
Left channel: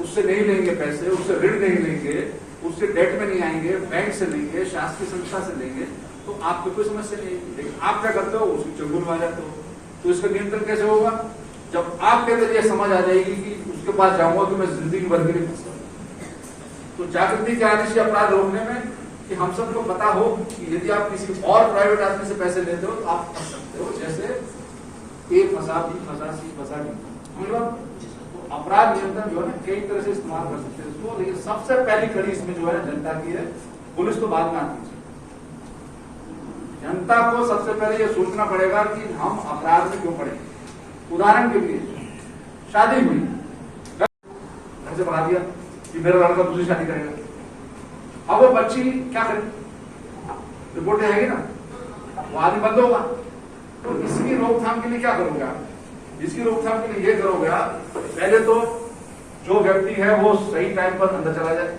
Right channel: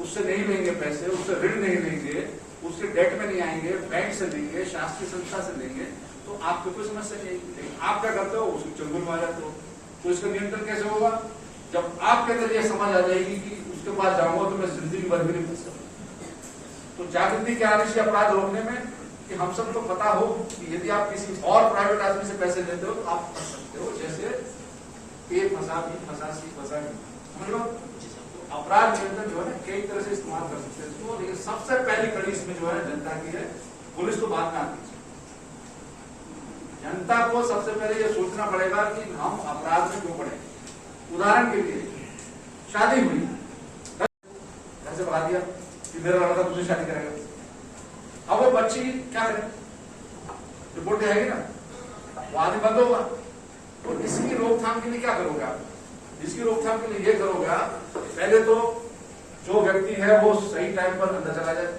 उससे नहीं लेंगे पैसे, उससे ऋण नहीं लेंगे, उससे डेट में नहीं आएंगे, बैंक से लेंगे, शासकीय संस्था से लेंगे, तो आपको कोई समस्या नहीं आएगी। लेकिन आप क्या करते हो? उसकी चंगुल में आ जाते हो। तो इसका नियंत्रण कैसे होगा? जब आपके अंदर ये समझ आ जाएगी कि उसके पास जाऊंगा तो मैं जिंदगी भर के लिए फंस जाऊंगा, तो जागृति क्या आने से अपराध रोकने में कि हम सबको पता हो कि यदि आप किसी और प्राइवेट आदमी से पैसे लेते हो तो आप फंस सकते हो, जैसे ए फंसा बी फंसा सी फंसा डी। हम लोग तो अपराध नियंत्रण जो है ना कई तरह से इस्तेमाल कर सकते हैं इसको, लेकिन सबसे पहली कड़ी इसमें जो है ना जनता की है, पुलिस तो बाद में आती है। जनता को सबसे पहले ये सोचना पड़ेगा कि हम अपराध में क्यों पड़े। उदाहरण के लिए शादी हुई, घर से भगा दिया कि मेरा लड़का दूसरी शादी करेगा, अब वो बच्ची क्या करे, रिपोर्ट आएगी ना, वो आदमी बंद होगा। तो इसकी रोकथाम के लिए क्या करोगे आप? इसकी रोकथाम के लिए ये करोगे आप, पहले तो जो व्यक्ति है वो सही टाइम पर अंदर चला जाए,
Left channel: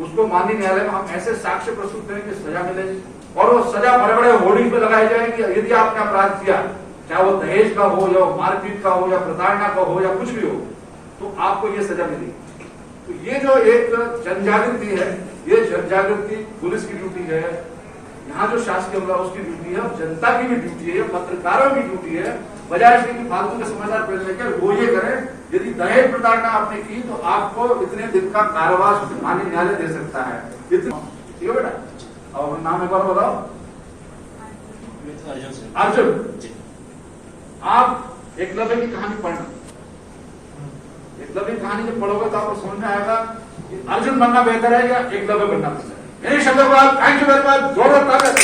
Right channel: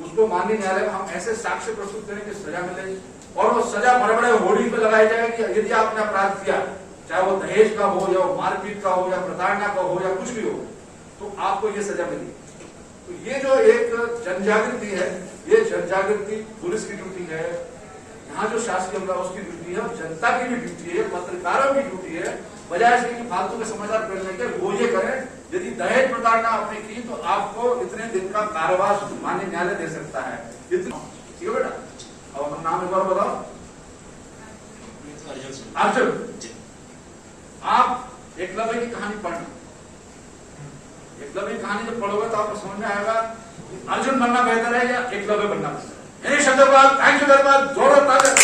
उसको माननीय न्यायालय में हम ऐसे साक्ष्य प्रस्तुत करें कि सजा मिले, और वो सजा बड़े बड़े होर्डिंग पे लगाई जाए कि यदि आपने अपराध किया, चाहे वो दहेज का हो या मारपीट का हो या प्रताड़ना का हो या कुछ भी हो, तो आपको ये सजा मिलेगी। तो ये जो एक जनजागृति है, ये जनजागृति पुलिस की ड्यूटी है, यहाँ जो शासकीय अमला उसकी ड्यूटी है, जनता की भी ड्यूटी है, पत्रकारों की ड्यूटी है, बजाय इसके कि फालतू के समाचार पढ़ने के वो ये करें। यदि दहेज प्रताड़ना आपने की तो आपको इतने दिन का कारावास माननीय न्यायालय दे सकता है। इतना ठीक है बेटा। अब अपना नाम एक बार बताओ। अर्जुन। आप एकलव्य की कहानी पढ़ना, एकलव्य की कहानी जब पढ़ोगे तो आपको समझ में आएगा कि अर्जुन बनना बेहतर है या एकलव्य बनना बेहतर है। यही शब्द थैंक यू वेरी मच, जोरदार तालियां।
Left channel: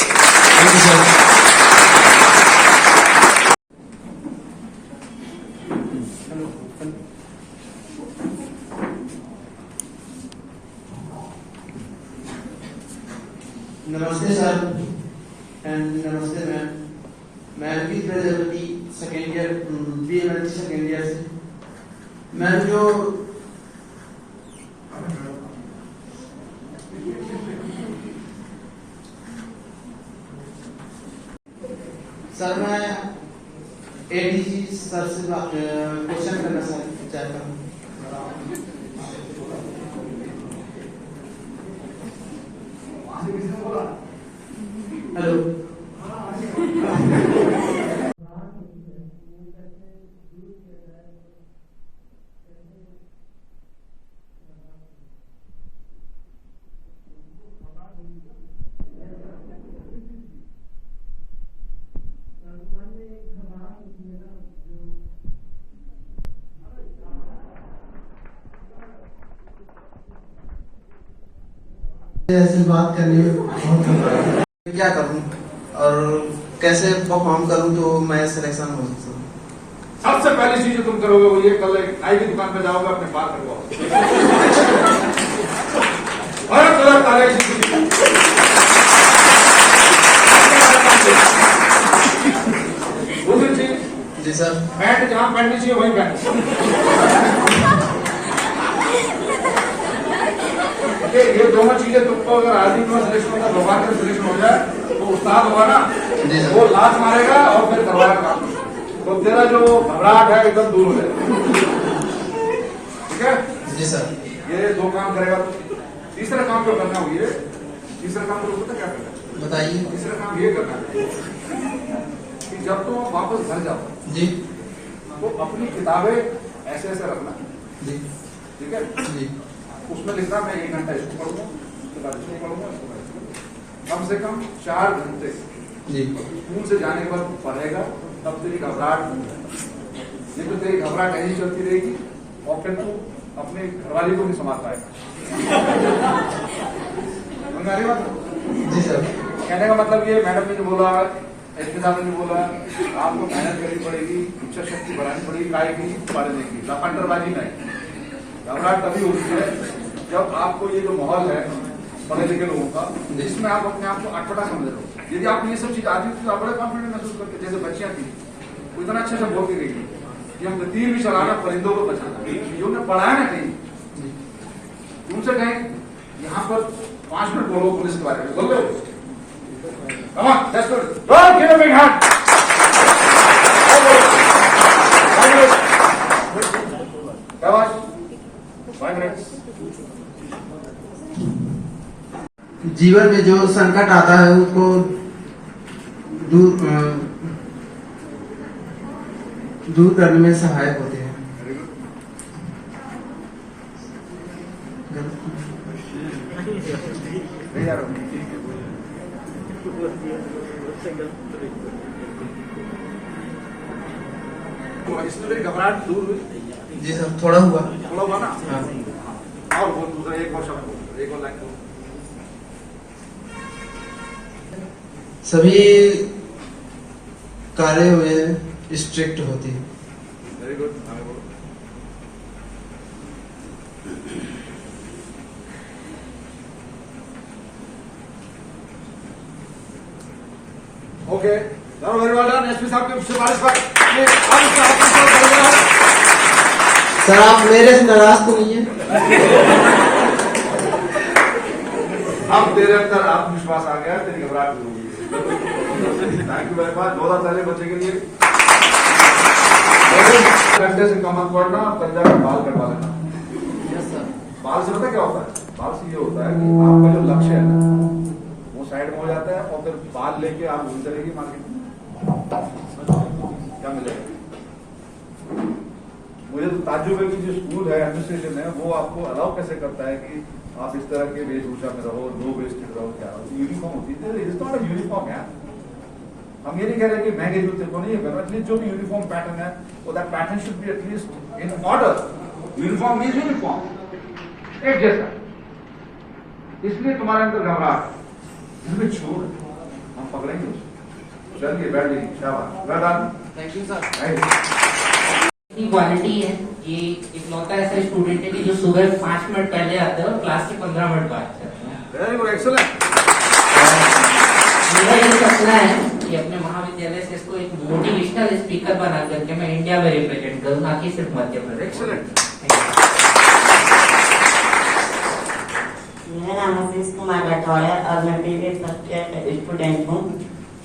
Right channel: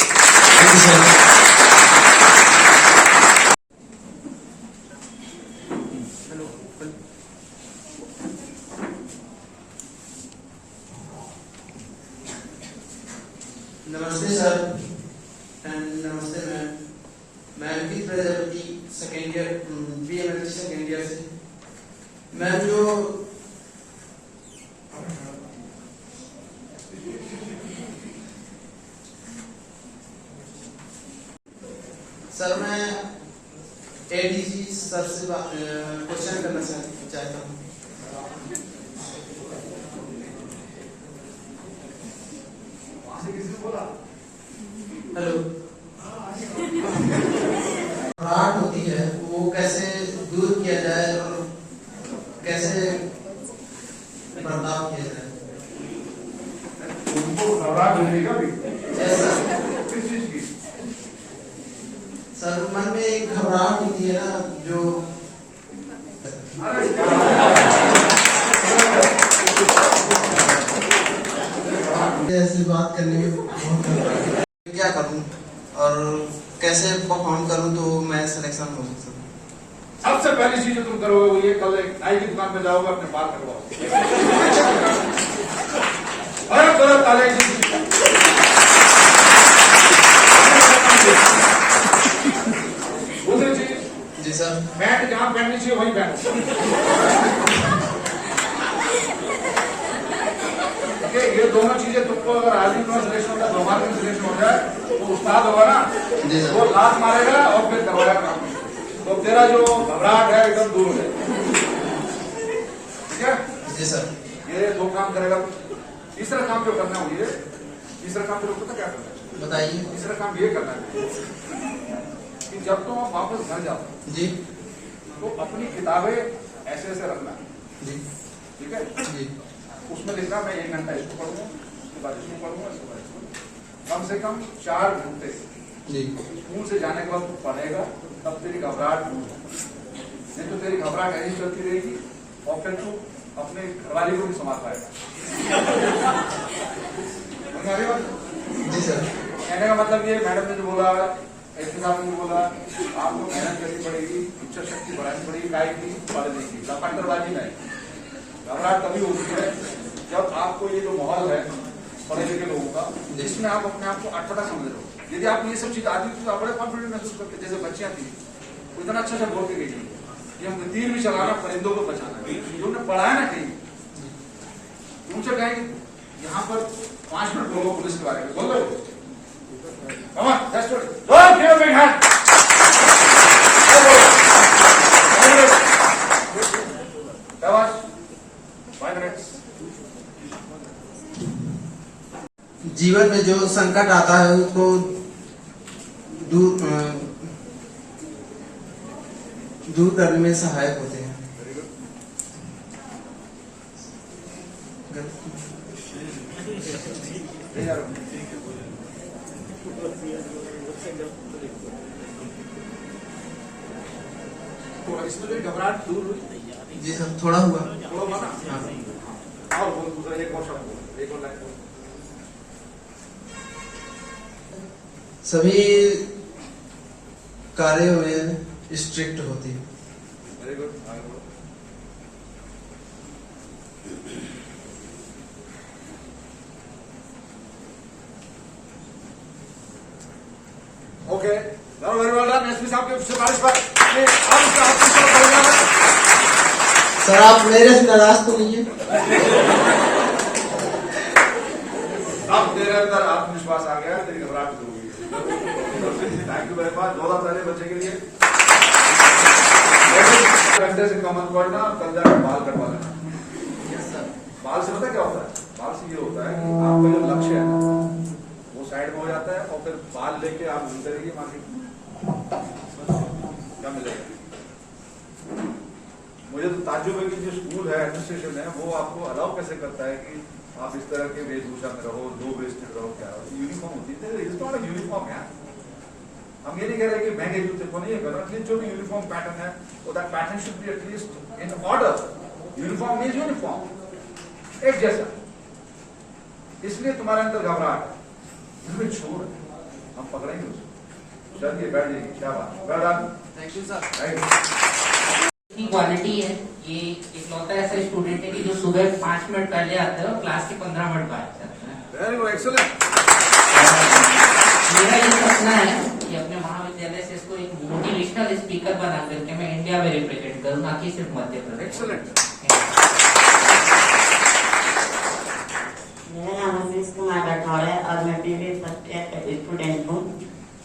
नमस्ते सर एंड नमस्ते मैम। मैं Ankit Prajapati second year BMLT second year से। मैम जो सर मैं एडीजी सर से क्वेश्चन करना चाहता हूँ। हेलो, घबराहट होती है वो कैसे दूर किया जाए और कैसे बर्ताव किया जाए? उनको घबराहट होने का भी किस चीज की? सर मन में एक घबराहट होती है ना, जो ऐसी बात करनी है, क्या करूं और कैसे परफॉर्म करूं तो मैं सिलेक्शन हो सकता हूं? सबसे पहली चीज जो तुम करोगे वो ये, कल एक नाई की दुकान पर जाओगे, अपने बाल कटवाओ और कलर ताले दूसरी चीज। जी सर। पैंट जहां पहननी चाहिए वही पहन। ये दोनों चीजें तुमको अगर आदमी का सिलेक्शन होता है, भगवान का सिलेक्शन हो जाए तो उस्ताद होगा ना, वो लात मारेगा और फिर करवाएगा काम, तो तेरा जो घबराहट है एकदम दूर हो जाएगा। ठीक है जी सर। ये दो काम करेगा। तीसरा काम जो करना हो, ये तीसरा काम जो क्या करना है बताइए। तीसरा काम ये करना है कि जब तुम वापस घर जाओ जी तो अपनी किताबें ऐसे ऐसे रखना जी। ठीक है जी। उसमें लिखना मैं 1 घंटा इसको पढ़ूंगा, उसके बाद इसको पढ़ूंगा, इसके बाद इसको। कम से कम 4 घंटे जी। स्कूल से जाने के बाद तू पढ़ेगा, तब तेरी घबराहट नहीं तो तेरी घबराहट ऐसी चलती रहेगी और फिर तू अपने घरवाली को नहीं संभाल पाएगा। जी सर। कहने का मतलब ये, मैडम ने जो बोला, एसपी साहब ने जो बोला, आपको मेहनत करनी पड़ेगी, इच्छा शक्ति बढ़ानी पड़ेगी, काय की पढ़ने की, लफंडरबाजी नहीं। घबराहट तभी होती है जब आपको ये जो माहौल है पढ़े लिखे लोगों का, जिसमें आप अपने आप को अटपटा समझ रहे हो। यदि आपको ये सब चीज आती थी तो आप बड़े कॉन्फिडेंट महसूस करते। जैसे बच्चियां थी, वो इतना अच्छा से बोल के गई थी कि हम तीर भी चलाना, परिंदों को बचाना, ये उन्हें पढ़ाया ना कहीं। उनसे कहीं यहाँ पर 5 मिनट बोलो पुलिस के बारे में, बोल दो। Come on, that's good. Don't give a big hand. 5 minutes. जीवन में जो संकट आता है उसको दूर दूर करने में सहायक होते हैं। Very good. तो इसमें मेरी घबराहट दूर हुई, जी सर, थोड़ा हुआ। थोड़ा हुआ ना। हाँ। और बोल दूसरा, एक और शब्द बोल, एक और लाइन बोल। सभी कार्यों में स्ट्रिक्ट होती है। Very good. Okay, very well done. SP साहब की सिफारिश पर सर आप मेरे से नाराज तो नहीं है? अब तेरे अंदर आत्मविश्वास आ गया, तेरी घबराहट दूर हो गई। Thank you very much. 2 ताली बच्चे के लिए। घंटे से कम पड़ना, कल जाकर बाल कटवा लेना। बाल से पता क्या होता है? बाल से ये होता है कि आपका जो लक्ष्य है ना वो साइड में हो जाता है और फिर बाल लेके आप घूमते रहिए मार्केट में, क्या मिलेगा? मुझे तो ताज्जुब है कि जो स्कूल है, एडमिनिस्ट्रेशन है, वो आपको अलाउ कैसे करता है कि आप इस तरह के वेशभूषा में रहो, लो वेस्टेड रहो। क्या यूनिफॉर्म होती है? इट्स नॉट अ यूनिफॉर्म यार। हम ये नहीं कह रहे कि महंगे जूते को नहीं है, एटलीस्ट जो भी यूनिफॉर्म पैटर्न है वो that pattern should be at least in order. Uniform means uniform, एक जैसा। इसलिए तुम्हारे अंदर घबराहट, इसमें छोड़, हम पकड़ेंगे उसको। चलिए बैठ जाइए, शाबाश, well done. Thank you sir. Thank you. की क्वालिटी है, ये इकलौता ऐसा स्टूडेंट है कि जो सुबह 5 मिनट पहले आता है और क्लास के 15 मिनट बाद जाता है। Very good, excellent. मेरा ये सपना है कि अपने महाविद्यालय से इसको एक मोटिवेशनल स्पीकर बना करके मैं इंडिया में रिप्रेजेंट करूँ, ना कि सिर्फ मध्य प्रदेश। एक्सीलेंट। मेरा नाम आशीष कुमार राठौड़ है और मैं बीबीए फर्स्ट ईयर का स्टूडेंट हूँ।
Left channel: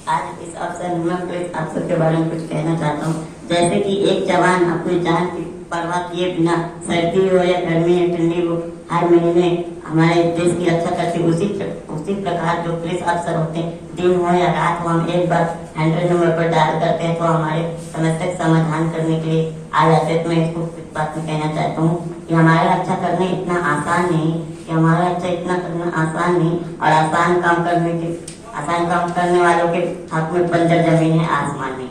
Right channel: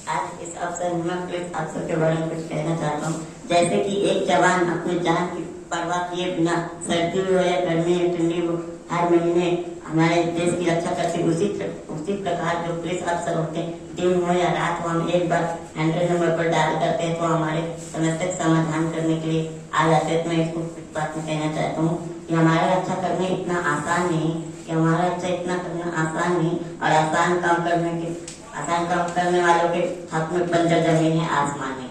आज इस अवसर में मैं इस अवसर के बारे में कुछ कहना चाहता हूँ। जैसे कि एक जवान अपनी जान की परवाह किए बिना सर्दी हो या गर्मी या ठंडी हो हर महीने हमारे देश की रक्षा करते, उसी प्रकार जो पुलिस अफसर होते हैं, दिन हो या रात हो, हम एक बार 100 नंबर पर डायल करते हैं तो हमारे समस्या का समाधान करने के लिए आ जाते हैं। तो मैं इसको कुछ बात में कहना चाहता हूँ कि हमारा रक्षा करना इतना आसान नहीं, कि हमारा रक्षा इतना करना आसान नहीं, और आसान काम करने वालों के हाथ में बंजर जमीन है, आसमान नहीं।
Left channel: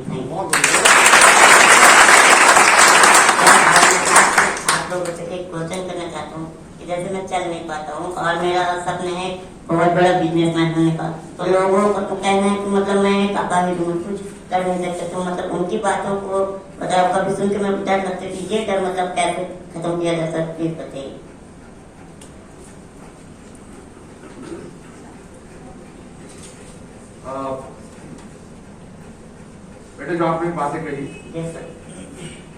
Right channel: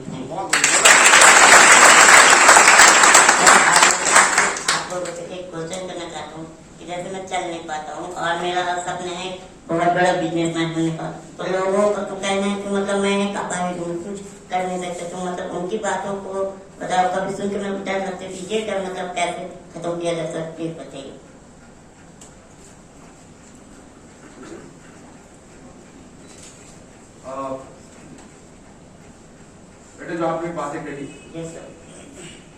आप लोगों से एक क्वेश्चन करना चाहता हूँ कि जैसे मैं चल नहीं पाता हूँ और मेरा सपना है बहुत बड़ा बिजनेसमैन होने का, तो लोगों का तो कहना है कि मतलब मैं एक अपाहिज हूँ, कुछ कर नहीं सकते। तो मतलब उनकी बातों को मतलब कभी सुन के मैं डर लगती थी, ये डर मतलब कैसे खत्म किया जा सकती है बताइए। बेटे जो आपने बातें कही, यस सर,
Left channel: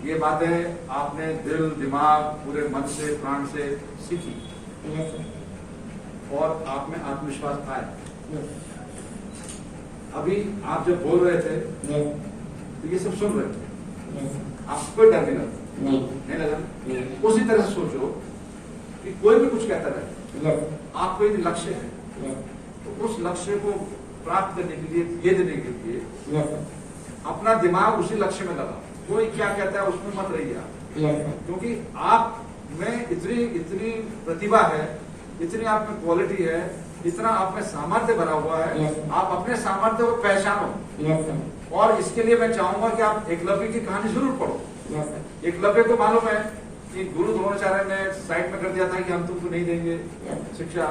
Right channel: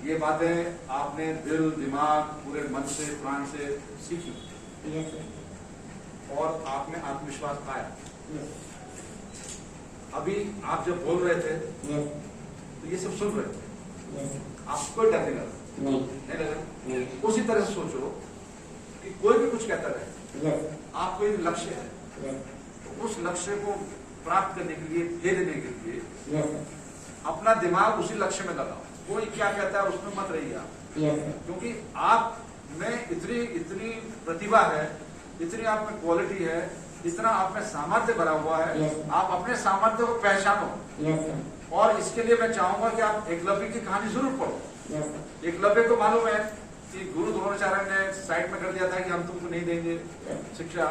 ये बातें आपने दिल दिमाग पूरे मन से प्राण से सीखी। यस सर, और आप में आत्मविश्वास आया। यस, अभी आप जब बोल रहे थे यस, तो ये सब सुन रहे थे, यस, आपको डर नहीं लगा? नहीं लगा? नहीं, उसी तरह से सोचो कि कोई भी कुछ कहता रहे, यस, आपको एक लक्ष्य है, यस, तो उस लक्ष्य को प्राप्त करने के लिए, भेदने के लिए यस सर, अपना दिमाग उसी लक्ष्य में लगाओ। कोई क्या कहता है उसमें मत रहिए आप, यस सर, क्योंकि आप में इतनी प्रतिभा है, इतनी आप में क्वालिटी है, इतना आप में सामर्थ्य भरा हुआ है। Yes. आप अपने सामर्थ्य को पहचानो। यस सर, और इसके लिए मैं चाहूंगा कि आप एकलव्य की कहानी जरूर पढ़ो। यस सर, एकलव्य को मालूम है कि गुरु द्रोणाचार्य ने साइड में कर दिया था कि हम तुमको नहीं देंगे शिक्षा,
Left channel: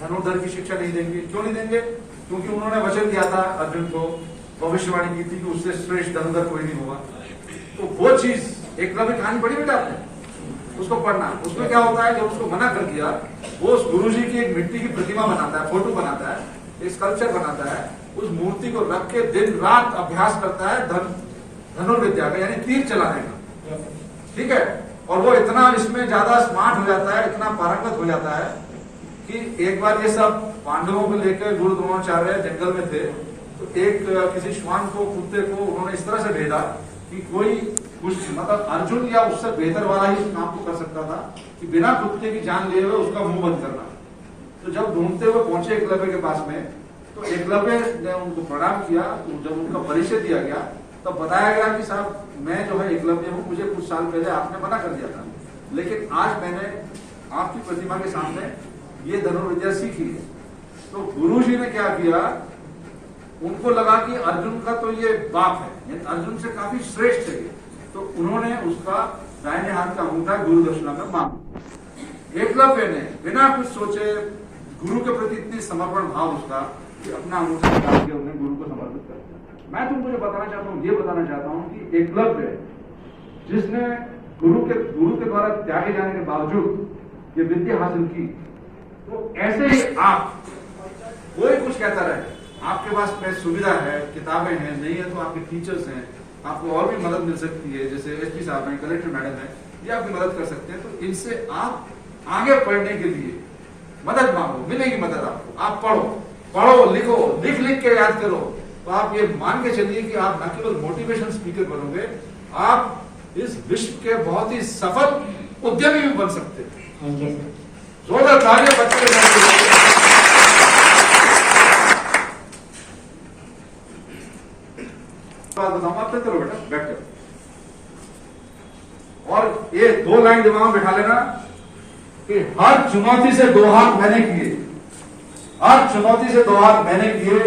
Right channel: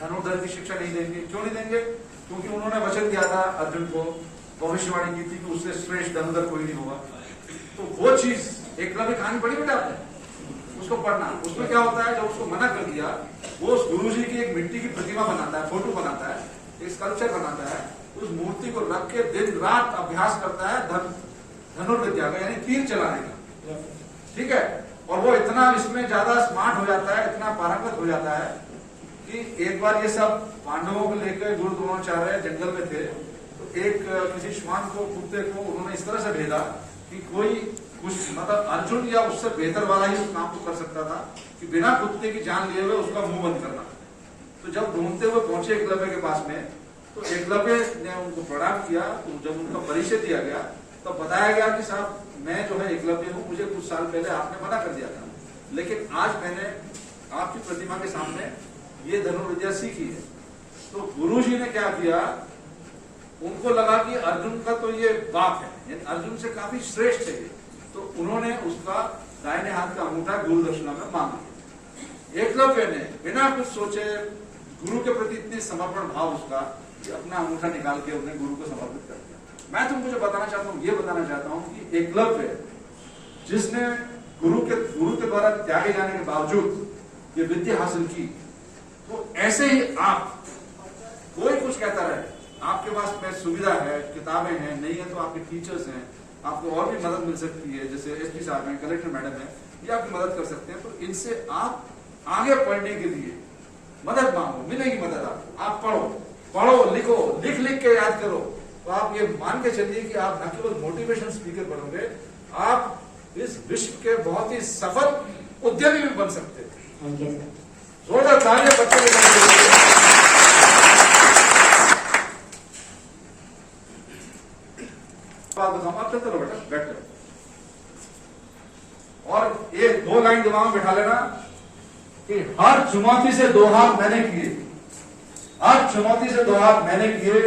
धनुर्धर की शिक्षा नहीं देंगे। क्यों नहीं देंगे? क्योंकि उन्होंने वचन दिया था अर्जुन को, भविष्यवाणी की थी कि उससे श्रेष्ठ धनुर्धर कोई नहीं होगा। तो वो चीज एकलव्य कहानी पढ़ी बेटा आपने, उसको पढ़ना। उसमें क्या होता है, जब उसको मना कर दिया, वो उस गुरुजी की एक मिट्टी की प्रतिमा बनाता है, फोटो बनाता है, एक स्कल्पचर बनाता है, उस मूर्ति को रख के दिन रात अभ्यास करता है धनुर्विद्या का, यानी तीर चलाने का। ठीक है। और वो इतना इसमें ज्यादा स्मार्ट हो जाता है, इतना पारंगत हो जाता है कि एक बार ये सब पांडवों को लेकर गुरु द्रोणाचार्य जंगल में थे, तो एक किसी श्वान को, कुत्ते को उन्होंने इस तरह से भेजा कि कोई कुछ मतलब अर्जुन या उससे बेहतर वाला ही उस काम को कर सकता था कि बिना कुत्ते की जान लिए हुए उसका मुंह बंद करना। तो जब ढूंढते हुए पहुंचे एकलव्य के पास में, तो एकलव्य ने उनको प्रणाम किया। तो जब उनका परिचय दिया गया तब बताया गया कि साहब मैं जो है एकलव्य हूँ, मुझे कुछ साल पहले आपने मना कर दिया था, लेकिन आज मैंने आपकी प्रतिमा के सामने ये धनुर्विद्या सीखी है। तो गुरु जी ने क्या किया, उनको लगा कि अर्जुन का तो ये बाप है, अर्जुन से काफी श्रेष्ठ है ये, तो उन्होंने उसका दाहिने हाथ का अंगूठा गुरु दक्षिणा में मांगा। एकलव्य ने बिना कुछ सोचे गुरु के प्रति इतनी समर्पण भाव उसका कि अपना अंगूठा निकाल के उन्हें गुरु को समर्पित कर दिया। मैं तुमको जो बताना चाहता हूँ, ये बताना चाहता हूँ कि एकलव्य जिसने गुरु के द्वारा त्यागे जाने के बावजूद ये विद्या हासिल की, तो ऐसे ही आप, कोई कुछ कहता रहे, आपके पास सुविधा है, किताबें हैं, नहीं है तो आपके टीचर्स हैं, आपको और भी मदद मिल सकती है, जैसे एसपी साहब हैं, कलेक्टर मैडम है, ये आपकी मदद कर सकते हैं। तो इनसे आप आगे पढ़ने के लिए मदद मांगो, मिलेगी मदद आपको। आप पढ़ो, लिखो, लिख के याद करो, तो आप ये मान के चलिए कि आप न केवल मोटिवेशन स्पीकर बनोगे, आप इस विश्व के बहुत ही सफल उद्यमी भी बन सकते हैं। जोरदार तालियां बच्चे के लिए। बात बताऊंगा, आप चलते रहो बेटा, बैठ जाओ, और ये 2 लाइन दिमाग में बिठा लेना कि हर चुनौती से 2 हाथ मैंने किए, हर चुनौती से 2 हाथ मैंने किए,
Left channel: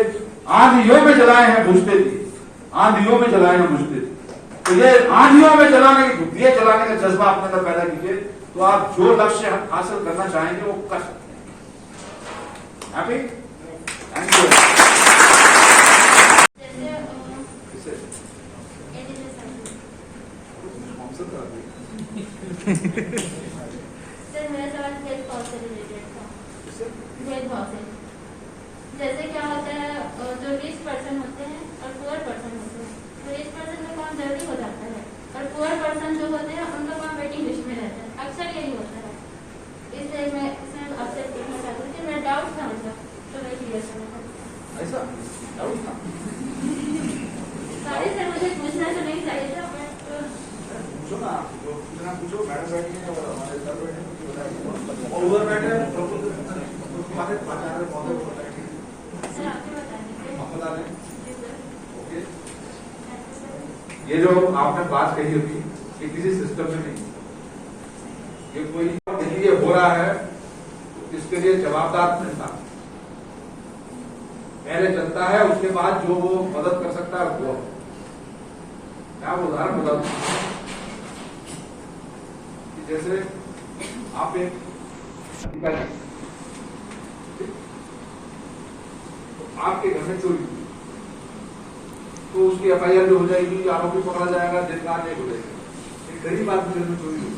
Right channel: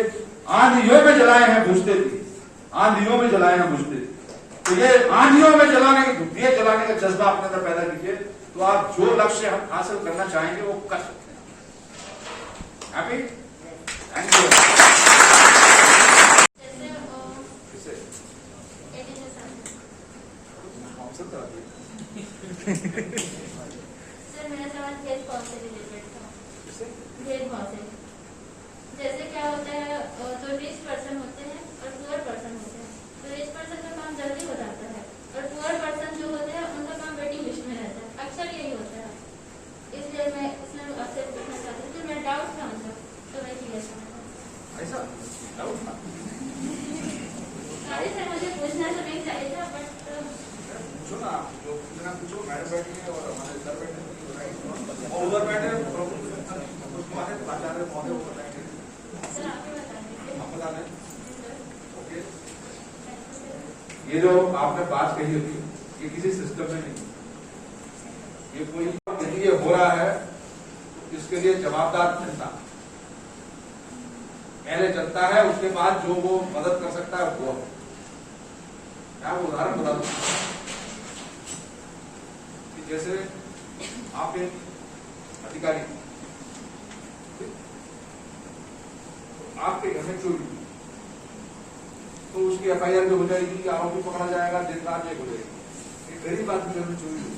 आंधियों में जलाए हैं बुझते थे, आंधियों में जलाए हैं बुझते थे। तो ये आंधियों में दिए जलाने का जज्बा अपने अंदर पैदा कीजिए, तो आप जो लक्ष्य हासिल करना चाहेंगे वो कर सकते हैं। हैप्पी? Thank you. सर मेरा सवाल भेदभाव से रिलेटेड था। भेदभाव से जैसे क्या होता है, जो रिच पर्सन होते हैं और पुअर पर्सन होते हैं, जो रिच पर्सन का काम जल्दी हो जाता है और पुअर पर्सन जो होते हैं उनका काम वेटिंग लिस्ट में रहता है, अक्सर यही होता है। इसलिए मैं इसमें आपसे पूछना चाहती हूँ कि मेरा डाउट था उनका, तो मैं क्लियर करना था। ऐसा डाउट था? सॉरी सर, मुझे पूछना तो नहीं चाहिए था, बट पूछो ना, आप जो पूछना पूछो। मैडम बैठी है और हमारे सर बैठे हैं और उधर बैठे हैं, हम बता दें। ओके, ये जो आपने बात कही अभी, ये किसी सिस्टम में नहीं, ये कोई यदि ये हो रहा है तो इसके लिए जवाबदार जनता, पहले जनता है, उसके बाद जो वो मदद कर सकता है वो है। मैं आपको उदाहरण बता दूं कि जैसे आप एक अधिकारी, तो आपके घर में चोरी हुई, तो उसकी एफआईआर भी हो जाएगी, आरोपी पकड़ा जाएगा, दिन रात एक हो जाएगी। एक गरीब आदमी के घर में चोरी हुई,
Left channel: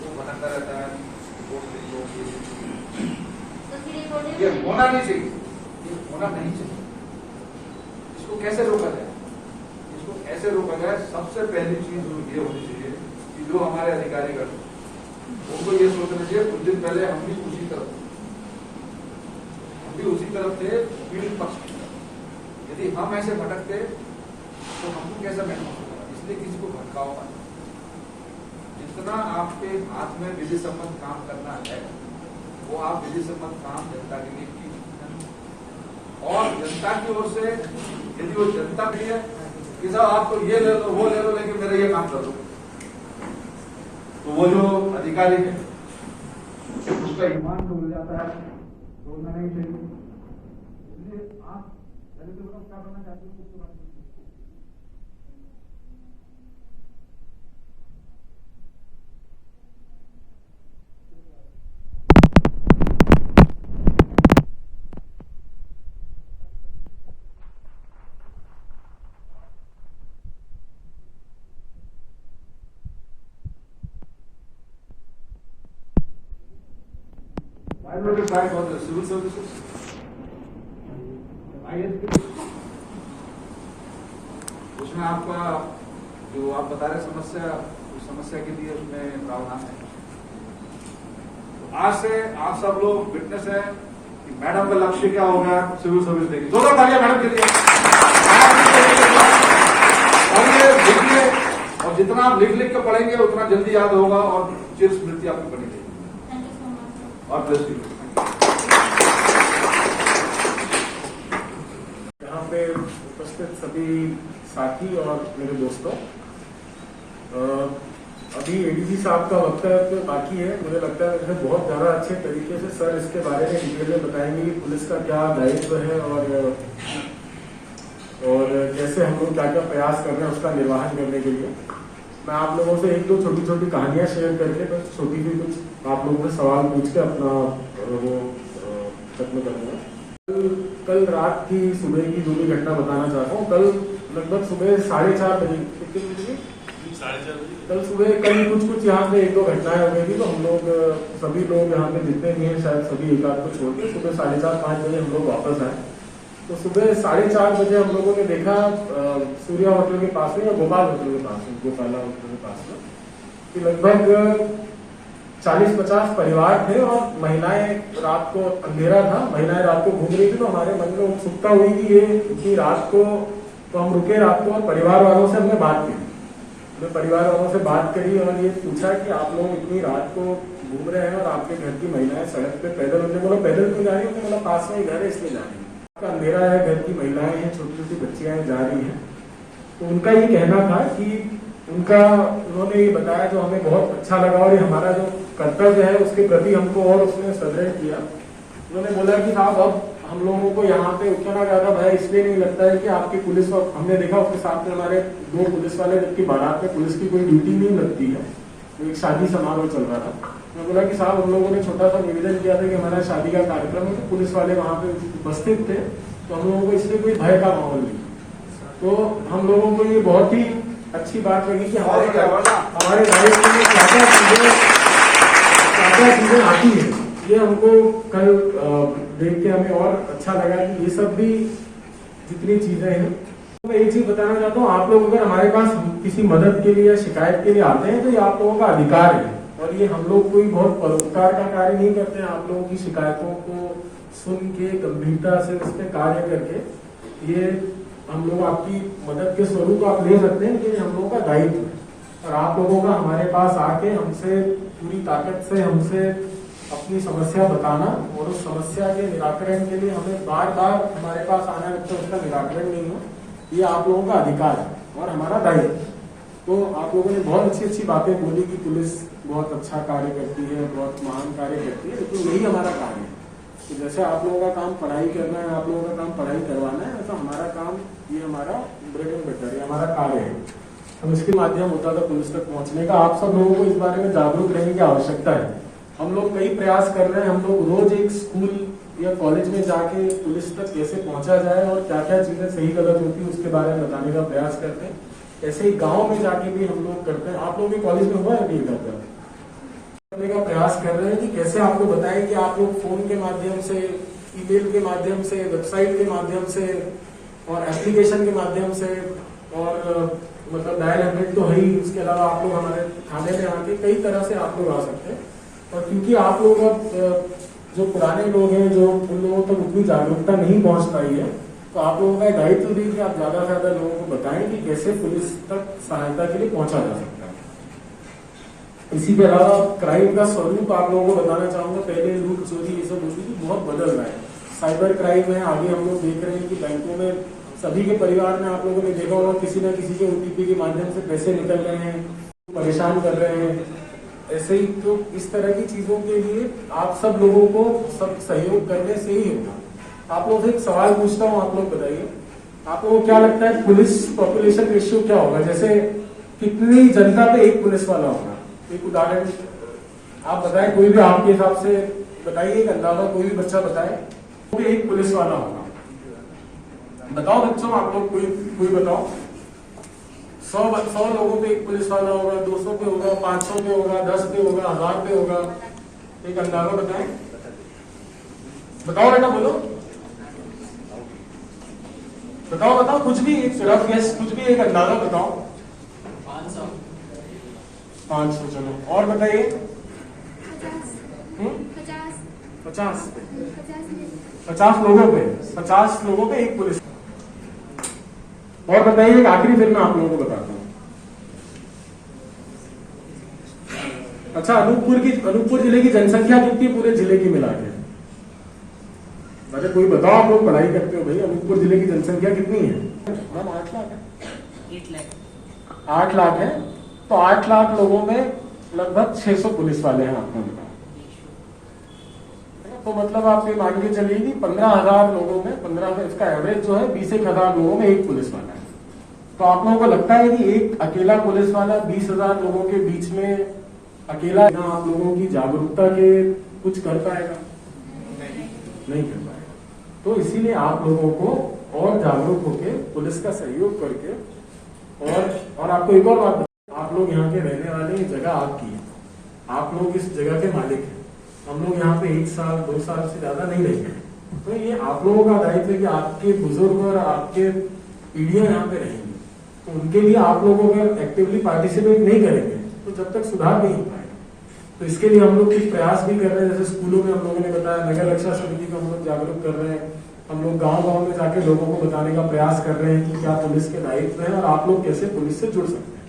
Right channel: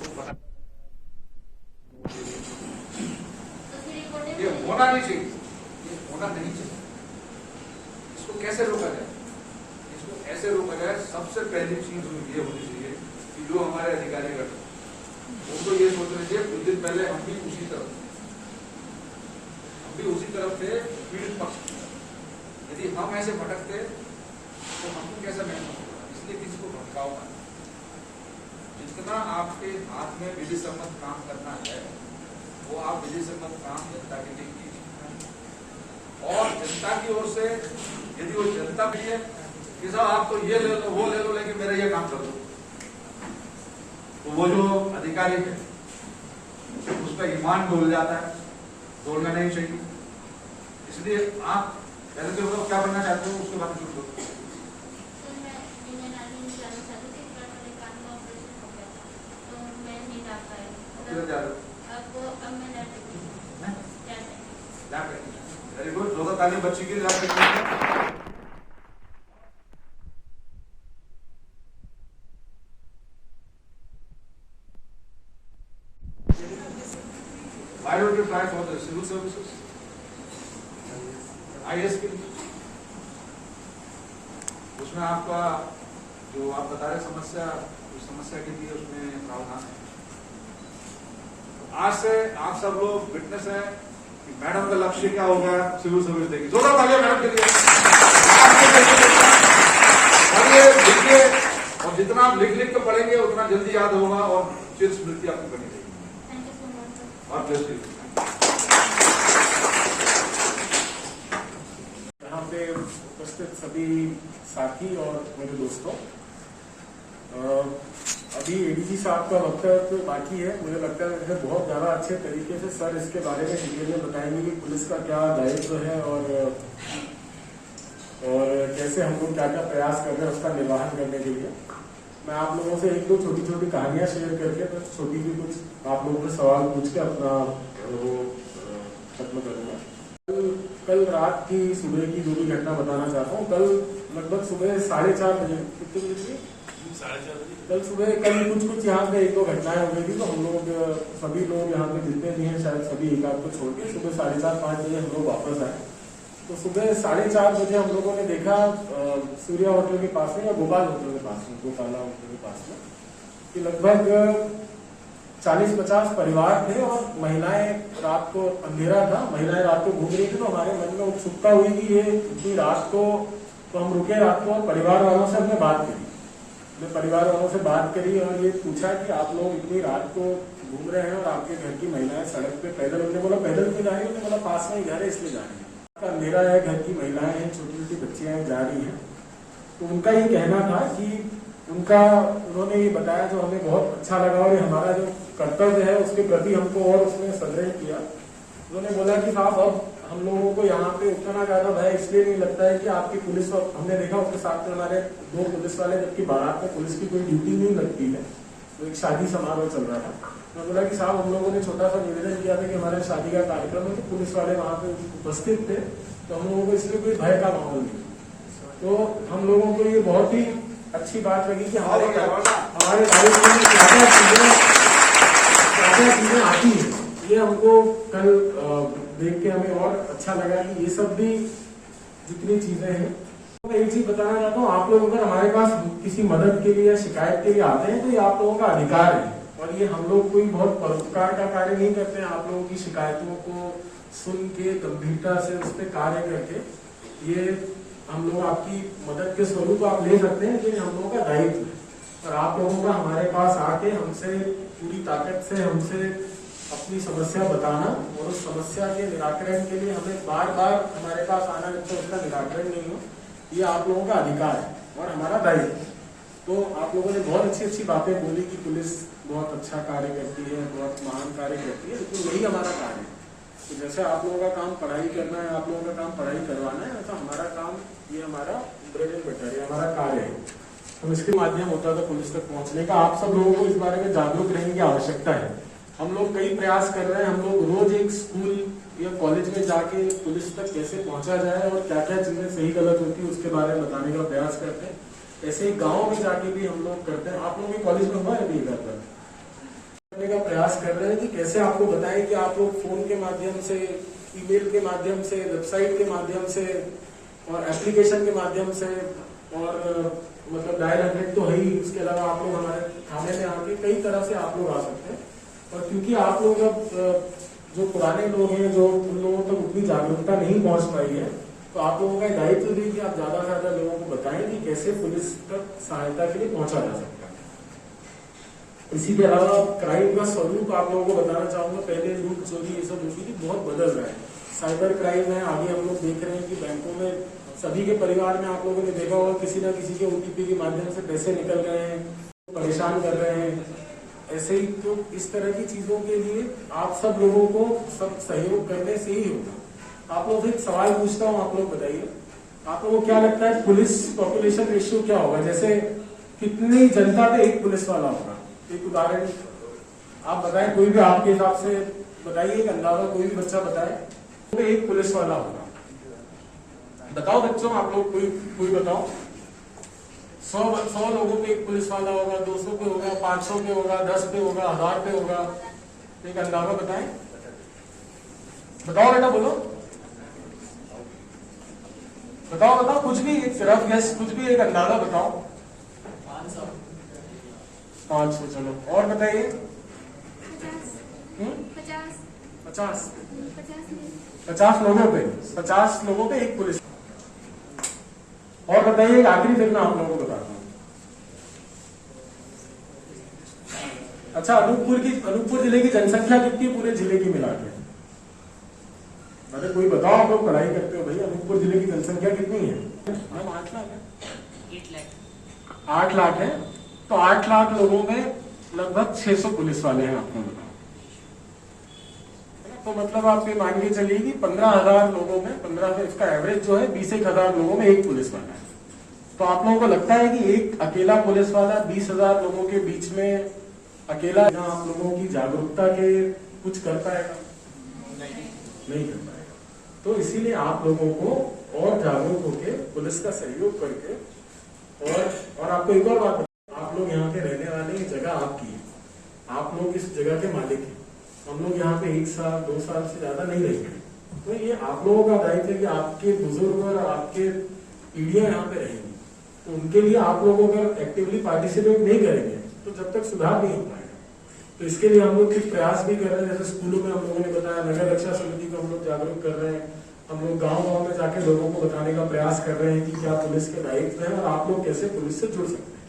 वो भटकता रहता है, ये होना नहीं चाहिए, ये होना नहीं चाहिए। इसको कैसे रोका जाए? इसको ऐसे रोका जाए, सबसे पहली चीज जो ये होनी चाहिए कि जो हमारे अधिकारी कर, उनको ये सोचना चाहिए कुछ दिन पहले हम भी उसी तरफ थे, पीड़ित पक्ष। यदि हम ऐसे भटकते तो हमको कैसा महसूस होगा? इसलिए किसी को भटकाओ मत। जितना आपके हाथ में विधि सम्मत काम करना है, वो आप विधि सम्मत काम जनता के लिए कीजिए। और जनता की ओर से यदि वो जनता भी है कि साहब आप तो ये ले लो, वो ले लो, लेकिन मेरा ये काम कर दो, तो वो जो अधिकारी है उसका ईमान डोल जाता है, डोलना नहीं चाहिए। इसलिए आप पहले तो क्या बनना चाहते हो, उसके बाद शुरू करो। वेरी गुड, जोरदार ताली बच्ची के लिए। Why don't you try for the civil services? ISP, उसमें आपका जो आप बता रहे समस्या, उस समस्या के लिए उसमें प्रावधान है। तो आज से आप सब लोग विटनेस है कि मैडम का लक्ष्य क्या हो गया, सिविल सर्विस देगी। जोरदार तालियां मैडम के लिए। और ये लिखिए, और जितना आप लिख के पढ़ेंगे उतना जल्दी याद होगा और चिर स्मृति आपकी बनी रहेगी। और प्लस यहाँ पे उपस्थित सभी साथी और मेरे दोस्तों, अभी एडीजी साहब का वक्तव्य बाकी है। मुझे लगता है उसमें बहुत ज्यादा अच्छे तरीके से सर इसके बारे में डिटेल में बताएंगे कि पुलिस का क्या दायित्व है और कैसे हम लोग क्या क्या प्रयास कर रहे हैं उसका निर्वाहन करने के लिए। मैं आप लोगों से एक दो छोटी छोटी कहानियां शेयर करके बस छोटी सी कुछ आप लोगों से सवाल पूछ के अपना वो खत्म करूंगा। कल रात की सुबह की जो भी घटना बताना चाहता हूँ। कल लगभग सुबह 4:30 बजे कल सुबह कल कुछ यहाँ पे एक दो घटनाएं हो गई थी। तो हम लोग सभी लोग यहाँ पे जितने भी हैं शायद सभी एक आध को छोड़ के सुबह 4:30-5 बजे हम लोग वापस आए। तो सुबह 4:30 बजे हम लोगों ने देखा सूर्या होटल के पास में या गोपाल होटल के पास में, गोपाला होटल के पास में, कि लगभग 40-50 परिवार थे और महिलाएं, रात को अंधेरा था, महिलाएं रात को घूम रही थी। तो हमारे मन में उत्सुकता हुई कि ये इतनी रात को, तो हम रुके रात को और परिवार वालों से हमने बात की। परिवार वालों से बात करी और ये पूछा कि आप लोग इतनी रात को घूम रहे हैं और आपके घर की महिलाएं सड़क पे पैदल, उन्होंने बोला पैदल क्यों जा रही है, उन्होंने बोला पास में घर है इसलिए जा रही है। अंधेरा है, घर की महिलाएं हैं, छोटी छोटी बच्चियां जा रही हैं। तो उनका ये कहना था कि उन्होंने ये बताया जो हमें बहुत अच्छा लगा और ये हमारा जो कर्तव्य है उसके प्रति हमको और उसने सुदृढ़ किया। उन्होंने बोला कि साहब अब हम लोगों को यहाँ पे उतना ज्यादा भय इसलिए नहीं लगता है कि आपकी पुलिस, हमने देखा उसके साथ में हमारे 2 पुलिस वाले, जबकि बारात में पुलिस की कोई ड्यूटी नहीं लगती है, तो एक शादी समारोह चल रहा था। मैं बोला कि साहब हम लोगों ने छोटा सा निवेदन किया था कि हमारा शादी का कार्यक्रम है, तो पुलिस वाले वहां पे उपस्थित थे, तो हम लोगों को इसलिए कोई भय का माहौल नहीं। तो हम लोगों को ये बहुत ही अच्छी बात लगी कि हमारे दायित्व में क्या क्या चीजें आती है। ये हमको कल देख के हमें और अच्छा लगा कि ये सब भी जितनी चीजें हैं। मैं एक चीज बताना चाहता हूँ, आप लोग अगर हमारे पास किसी मदद के लिए या शिकायत के लिए आते हैं तो ये आप लोगों का अधिकार है और ये हम लोग कोई बहुत परोपकार का कार्य नहीं करते हैं। आप लोगों की शिकायतों को सुन के गंभीरता से उस पर कार्य करके ये हम लोग आपकी मदद के स्वरूप आप ले सकते हैं, लेकिन हम लोगों का दायित्व है और आप लोगों का हमारे पास आके हमसे पूरी ताकत से हमसे अपनी समस्या बताना और उस समस्या के निराकरण के लिए हमें बार बार हमारे पास आना है, तो उसका निराकरण नहीं हो, ये आप लोगों का अधिकार है और हमारा दायित्व। तो आप लोगों ने बहुत अच्छी अच्छी बातें बोली कि पुलिस बहुत अच्छा कार्य करती है, बहुत महान कार्य करती है, लेकिन यही हमारा कार्य है। तो जैसे आप लोगों का काम पढ़ाई करना है, आप लोगों का काम पढ़ाई करवाना है, ऐसा हमारा काम, ये हमारा ब्रेड एंड बटर है, हमारा कार्य है। हम इसके माध्यम होता था पुलिस तक पहुंचने का। आप सब लोगों को इस बारे में जागरूक रहने की आवश्यकता है। हम लोग कई प्रयास कर रहे हैं, हम लोग रोज एक स्कूल या कॉलेज में जाके पुलिस तक कैसे पहुंचा जाए और क्या क्या चीजें सही गलत होती है उसके बारे में बताने का प्रयास करते हैं। ऐसे ही गांव में जाके भी हम लोग करते हैं। आप लोग भी कॉलेज में हुआ है नहीं करने का प्रयास कर रहे हैं कि कैसे आपको बताएं कि आप लोग फोन के माध्यम से, ईमेल के माध्यम से, वेबसाइट के माध्यम से और एप्लीकेशन के माध्यम से और मतलब डायल 100 तो है ही, उसके अलावा आप लोग हमारे थाने में आके कई तरह से आप लोग आ सकते हैं। और क्योंकि आप लोग अब जो पुराने लोग हैं, जो उन लोगों तक उतनी जागरूकता नहीं पहुंच पाई है, तो आप लोगों का दायित्व भी कि आप ज्यादा से ज्यादा लोगों को बताएं कि कैसे पुलिस तक सहायता के लिए पहुंचा जा सकता है। इसी के अलावा क्राइम का स्वरूप आप लोगों को बताना चाहूंगा। पहले लूट चोरी ये सब होती थी, बहुत बदल रहा है। साइबर क्राइम है, आगे हम लोग देख रहे हैं कि बैंकों में सभी के परिवार में आप लोगों ने देखा होगा किसी न किसी के OTP के माध्यम से पैसे निकल रहे हैं, परेशान कर रहे हैं। ऐसे ही तो इस तरह की चीजों के लिए आप सब लोगों को सब सहयोग करने से ही होगा। आप लोगों से एक सवाल पूछता हूँ, आप लोग बताइए, आप लोगों को क्या लगता है पुलिस पॉपुलेशन रेशियो क्या होगा? जैसे कितनी जनता पे एक पुलिस वाला होगा? एक उदाहरण आप बताएं, कोई भी आपके हिसाब से बताइए, एक अंदाजा कोई भी बच्चा बताए, तो एक पुलिस वाला होगा। बताओ बच्चों, आप लोग कोई बताओ। 100 लोगों पे एक पुलिस वाला होगा, 200 पे होगा, 500 पे होगा, 10 पे होगा, 1000 पे होगा। एक अंदाजा बताएं, बताओ बेटा, बोलो, बताओ कुछ भी एक रफ गेस, कुछ भी एक अंदाजा बताओ। 500 चलो, और बताइए। 50 लोगों पे एक पुलिस। और बताइए एक आखिरी, फिर मैं आप लोगों को बताता हूँ। अच्छा, अनूपपुर जिले की जनसंख्या कितनी पूरे जिले की मिला के? अरे कोई बताओ, आप लोग पढ़ाई करते हो भाई, अनूपपुर जिले की जनसंख्या कितनी है? 8 लाख है। 8 लाख है तो 8 लाख लोगों में लगभग 600 पुलिस वाले हैं आपको मिला। तो मतलब आप ये मान के चलिए कि 15,000 लोगों में 15 इसका एवरेज जो है 20,000 लोगों में एक पुलिस वाला है। तो आप लोगों को लगता है कि एक अकेला पुलिस वाला 20,000 लोगों के बीच में अकेला आप लोगों की जागरूकता के कुछ कर पाएगा? नहीं कर पाएगा। तो इसीलिए आप लोगों को और जागरूक होकर पुलिस का सहयोग करके और आपको एक और बात बताऊं, आप लोग यहाँ के रहने वाले, ये जगह आपकी है, आप लोग इस जगह के मालिक हैं। हम लोग यहाँ पे 1 साल 2 साल से ज्यादा नहीं रहे हैं, तो ये आप लोगों का दायित्व है कि आपके बुजुर्ग और आपके पीढ़ियां यहाँ पे रहेंगी, तो उनके लिए आप लोग अगर एक्टिवली पार्टिसिपेट नहीं करेंगे तो जब तक सुधार नहीं हो पाएगा। तो इसके लिए हम लोग कुछ प्रयास भी कर रहे हैं, जैसे स्कूलों में हम लोगों ने बताया, नगर रक्षा समिति को हम लोग जागरूक कर रहे हैं, हम लोग गांव-गांव में जाके लोगों को बताने का प्रयास कर रहे हैं कि क्या पुलिस के दायित्व है और आप लोग कैसे पुलिस से जुड़ सकते हैं।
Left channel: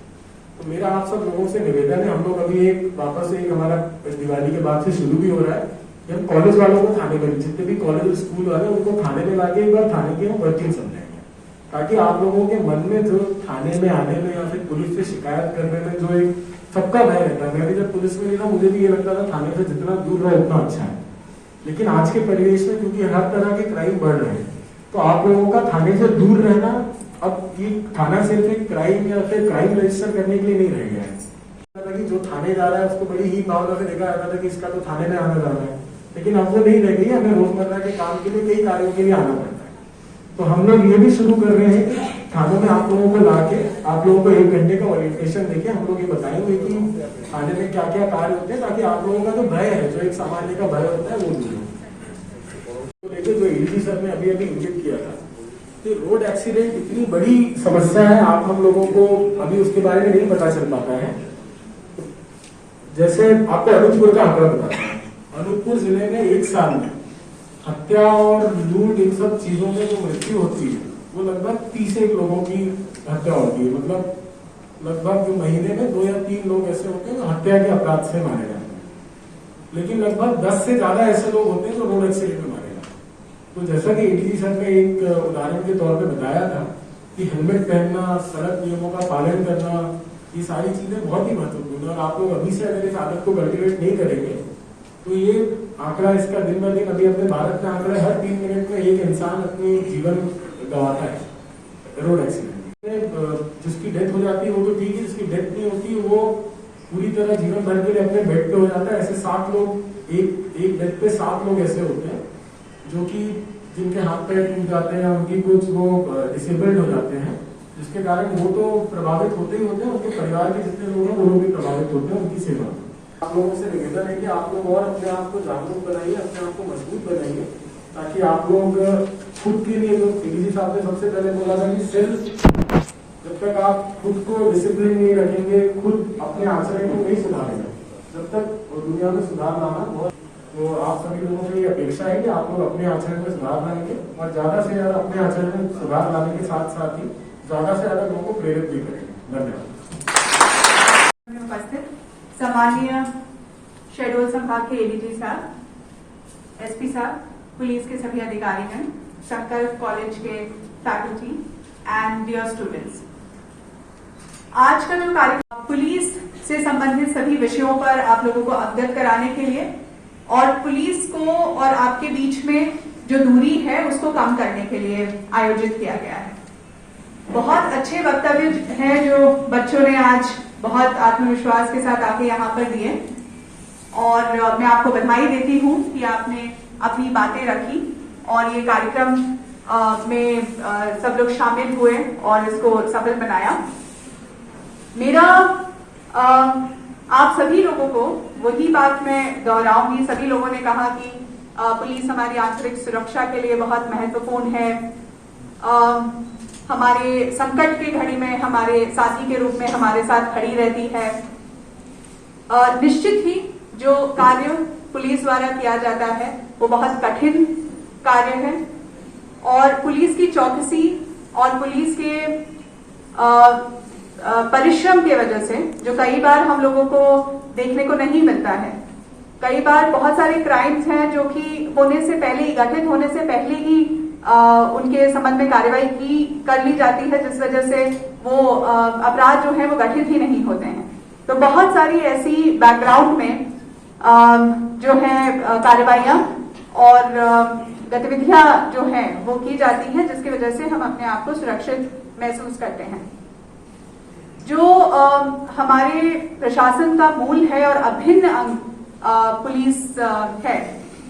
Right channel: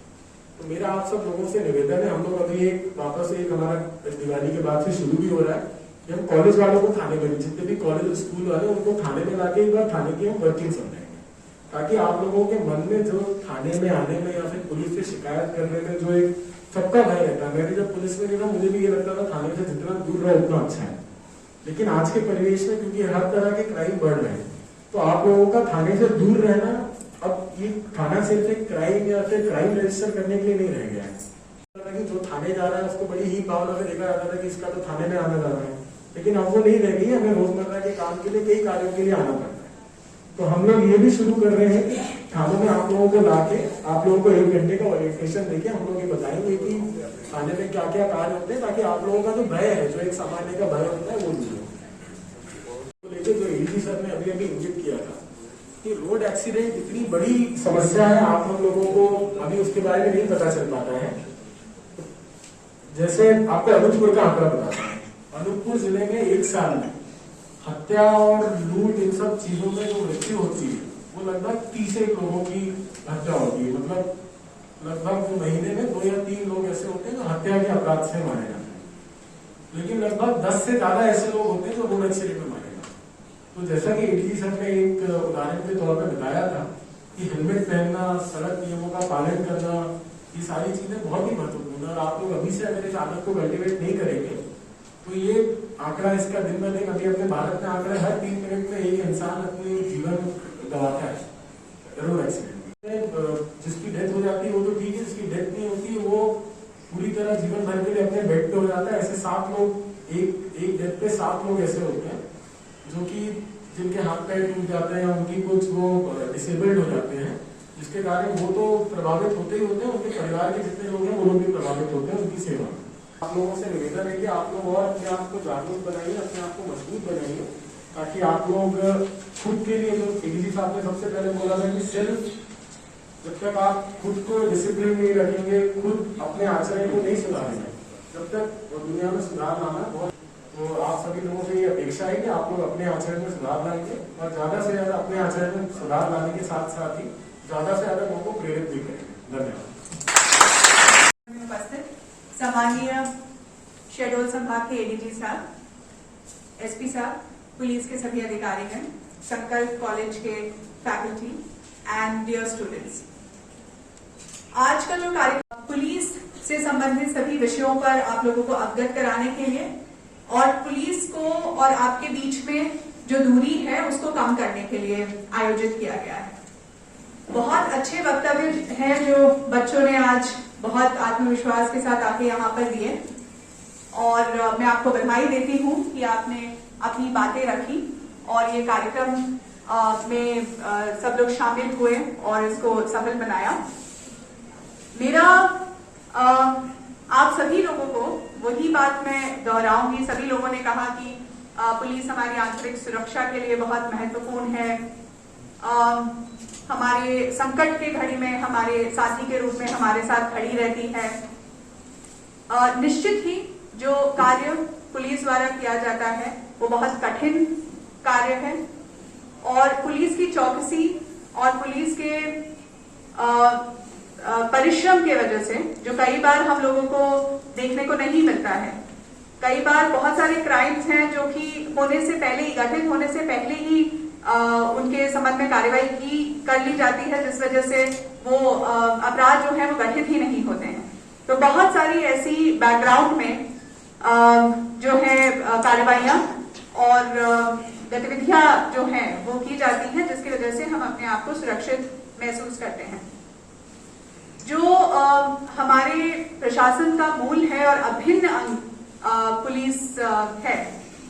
तो मेरा आप सब लोगों से निवेदन है, हम लोग अभी वापस एक हमारा दिवाली के बाद से शुरू भी हो रहा है कि हम कॉलेज वालों को थाने में, जितने भी कॉलेज स्कूल वाले उनको थाने में लाके एक बार थाने की हम वर्किंग समझाएंगे, ताकि आप लोगों के मन में जो थाने में आने में या फिर पुलिस से शिकायत करने में जो एक सबका भय रहता है। मैं भी जब पुलिस में नहीं था, मुझे भी ये लगता था थाने से जितना दूर रहे उतना अच्छा है, लेकिन आज के परिवेश में क्योंकि हर तरह के क्राइम बढ़ रहे हैं, तो आप लोगों का थाने से दूर रहना, अब ये थाना सिर्फ एक क्राइम या फिर क्राइम रजिस्टर करने के लिए नहीं रह गया है कि जो थाने जा रहा है उसको बड़ी ही भावना से देखा जाता था कि इसका तो थाने में आना जाना है, लेकिन अब वो नहीं रह गई। हमें रोजमर्रा के काम के लिए कई कार्यों के लिए आना पड़ता है। तो हम लोग ये भी शुरू कर रहे हैं कि थानों में आप लोगों को लाके आप लोगों को 1 घंटे का ओरिएंटेशन देके हम लोग ये बताएंगे कि थाने में क्या क्या कार्य होते हैं, ताकि आप लोगों का जो भय है, जो एक सामान्य का भय होता है, वो दूर हो। तो लेके जो एडीजी सर ने अभी इंगित किया था कि रोड एक्सीडेंट इतनी बड़ी समस्या है, आप हम लोगों को अभी उसके बारे में नहीं पता चल पाता है। जैसे आपको अनूपपुर का आंकड़ा बताता है, अनूपपुर जिले में 1 साल में हत्या और लूट इन सब चीजों में जो मृत्यु होती है वो लगभग 31 लोगों की हत्या होती है। मतलब लगभग महीने में 2 या 3 लोग ऐसे होते हैं जो हत्या के अपराध से मारे जाते हैं, लेकिन लगभग 10 से ज्यादा ऐसे लोग होते हैं जो रोड एक्सीडेंट में मारे जाते हैं। तो जैसा कि एडीजी सर ने एक उदाहरण के तौर पर बताया था कि हेलमेट पहनना, सड़क नियमों का पालन करना, ये सारी चीजें बहुत ही महत्वपूर्ण है। और आप लोग अभी से अगर इस आदत को कल्टिवेट नहीं करेंगे तो ये आंकड़ा इसका दिन ब दिन, अभी अपने भारत में आंकड़ा हर 3 मिनट में एक इंसान अपनी जीवन गंवाता है रोड एक्सीडेंट में। जिसकी डेथ हो जाती है वो तो ठीक है, जिसकी डेथ नहीं होती वो पूरी तरह जीवन भर के लिए अपने बेड पे हो जाता है। ऐसे 7 लोग, एक डेथ पे 7 लोग ऐसे होते हैं जो कि जिनके हाथ पैर टूट जाते हैं, उनकी कुछ वो डिसेबल्ड हो जाते हैं, जिसके कारण वो तो प्रभावित होते ही होते हैं, उनके परिवार के जितने लोग हैं वो लोग भी प्रभावित होते हैं उनकी सेवा। आप लोगों से निवेदन है कि आप लोग और अपने आप को जागरूक बनाइए, अपने आप को मजबूत बनाइए, ताकि आप लोग खुद के लिए, जो एडीजी साहब ने सबसे पहले बोला था कि सिर्फ जब तक आप खुद को डिसिप्लिन नहीं रखेंगे, खुद अपने आचरण को नहीं सुधारेंगे, जब तक दुनिया में सुधार लाना बहुत। तो आप सभी लोगों से ये अपेक्षा है कि आप लोग अपने आचरण में सुधार लाएंगे और ज्यादा से ज्यादा अपने आचरण में सुधार लाने के साथ साथ ही ज्यादा से ज्यादा लोगों को प्रेरित भी करेंगे। धन्यवाद। सामान्य शेड्यूल संभाग के एडीजी साहब, एसपी साहब, पुलिस के सभी अधिकारीगण, संकल्प कॉलेज के फैकल्टी एंड डियर स्टूडेंट्स, आज का जो कार्यक्रम पुलिस से संबंधित सभी विषयों पर आप लोगों को अवगत कराने के लिए और पुलिस को और आपके बीच में जो दूरी है उसको कम करने के लिए आयोजित किया गया है। बहुत अच्छे वक्तव्य हैं जो बच्चों ने आज बहुत आत्मविश्वास के साथ आके यहाँ पर दिए और मैं आपको बधाई देती हूँ कि आपने अपनी बातें रखी और ये कार्यक्रम में सब लोग शामिल हुए और इसको सफल बनाया। मेरा आप सभी लोगों को वही बात मैं दोहराऊंगी। सभी लोगों ने कहा कि पुलिस हमारी आंतरिक सुरक्षा के लिए बहुत महत्वपूर्ण है, हमारे संकट की घड़ी में हमारे साथी के रूप में हमारे साथ खड़ी रहती है। निश्चित ही जो कार्य पुलिस द्वारा किया जाता है वो बहुत कठिन कार्य है और पुलिस की चौकसी और पुलिस के परिश्रम की वजह से जो कई बार हम लोगों को देखने को नहीं मिलता है, कई बार बहुत सारे क्राइम्स हैं जो कि होने से पहले ही, गठित होने से पहले ही उनके संबंध में कार्रवाई कर ली जाती है, जिस वजह से वो अपराध जो है वो गठित ही नहीं होते हैं। तो बहुत सारी ऐसी बैकग्राउंड में जो है कार्रवाइयां और गतिविधियां जो हैं वो की जाती हैं, जिसकी वजह से हम अपने आप को सुरक्षित महसूस करते हैं। जो हमारे प्रशासन का मूल है और अभिन्न अंग पुलिस है,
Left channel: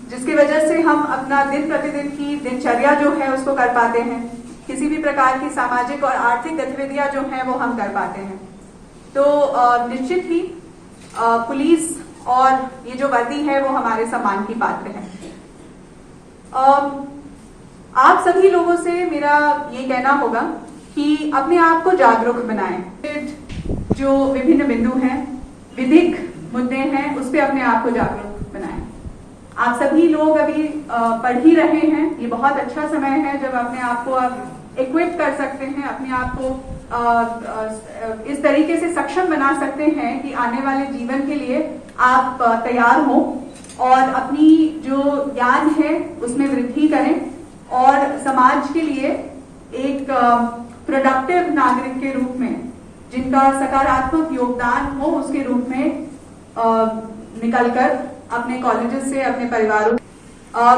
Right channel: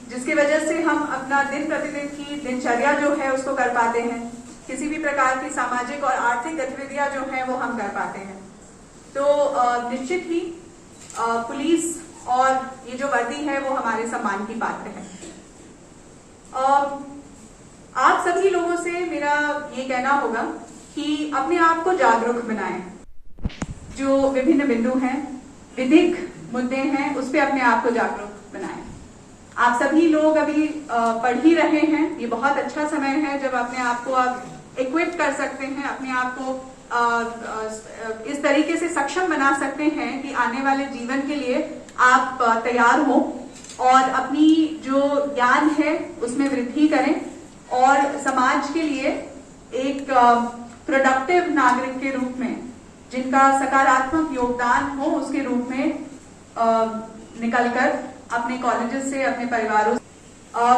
जिसकी वजह से हम अपना दिन प्रतिदिन की दिनचर्या जो है उसको कर पाते हैं, किसी भी प्रकार की सामाजिक और आर्थिक गतिविधियां जो है वो हम कर पाते हैं। तो निश्चित ही पुलिस और ये जो वर्दी है वो हमारे सम्मान की पात्र है। आप सभी लोगों से मेरा ये कहना होगा कि अपने आप को जागरूक बनाएं। जो विभिन्न बिंदु हैं, विधिक मुद्दे हैं, उस पर अपने आप को जागरूक बनाएं। आप सभी लोग अभी पढ़ ही रहे हैं, ये बहुत अच्छा समय है जब अपने आप को आप इक्विप कर सकते हैं, अपने आप को इस तरीके से सक्षम बना सकते हैं कि आने वाले जीवन के लिए आप तैयार हो और अपनी जो ज्ञान है उसमें वृद्धि करें और समाज के लिए एक प्रोडक्टिव नागरिक के रूप में, जिनका सकारात्मक योगदान हो, उसके रूप में निकलकर अपने कॉलेजेस से, अपने परिवारों से,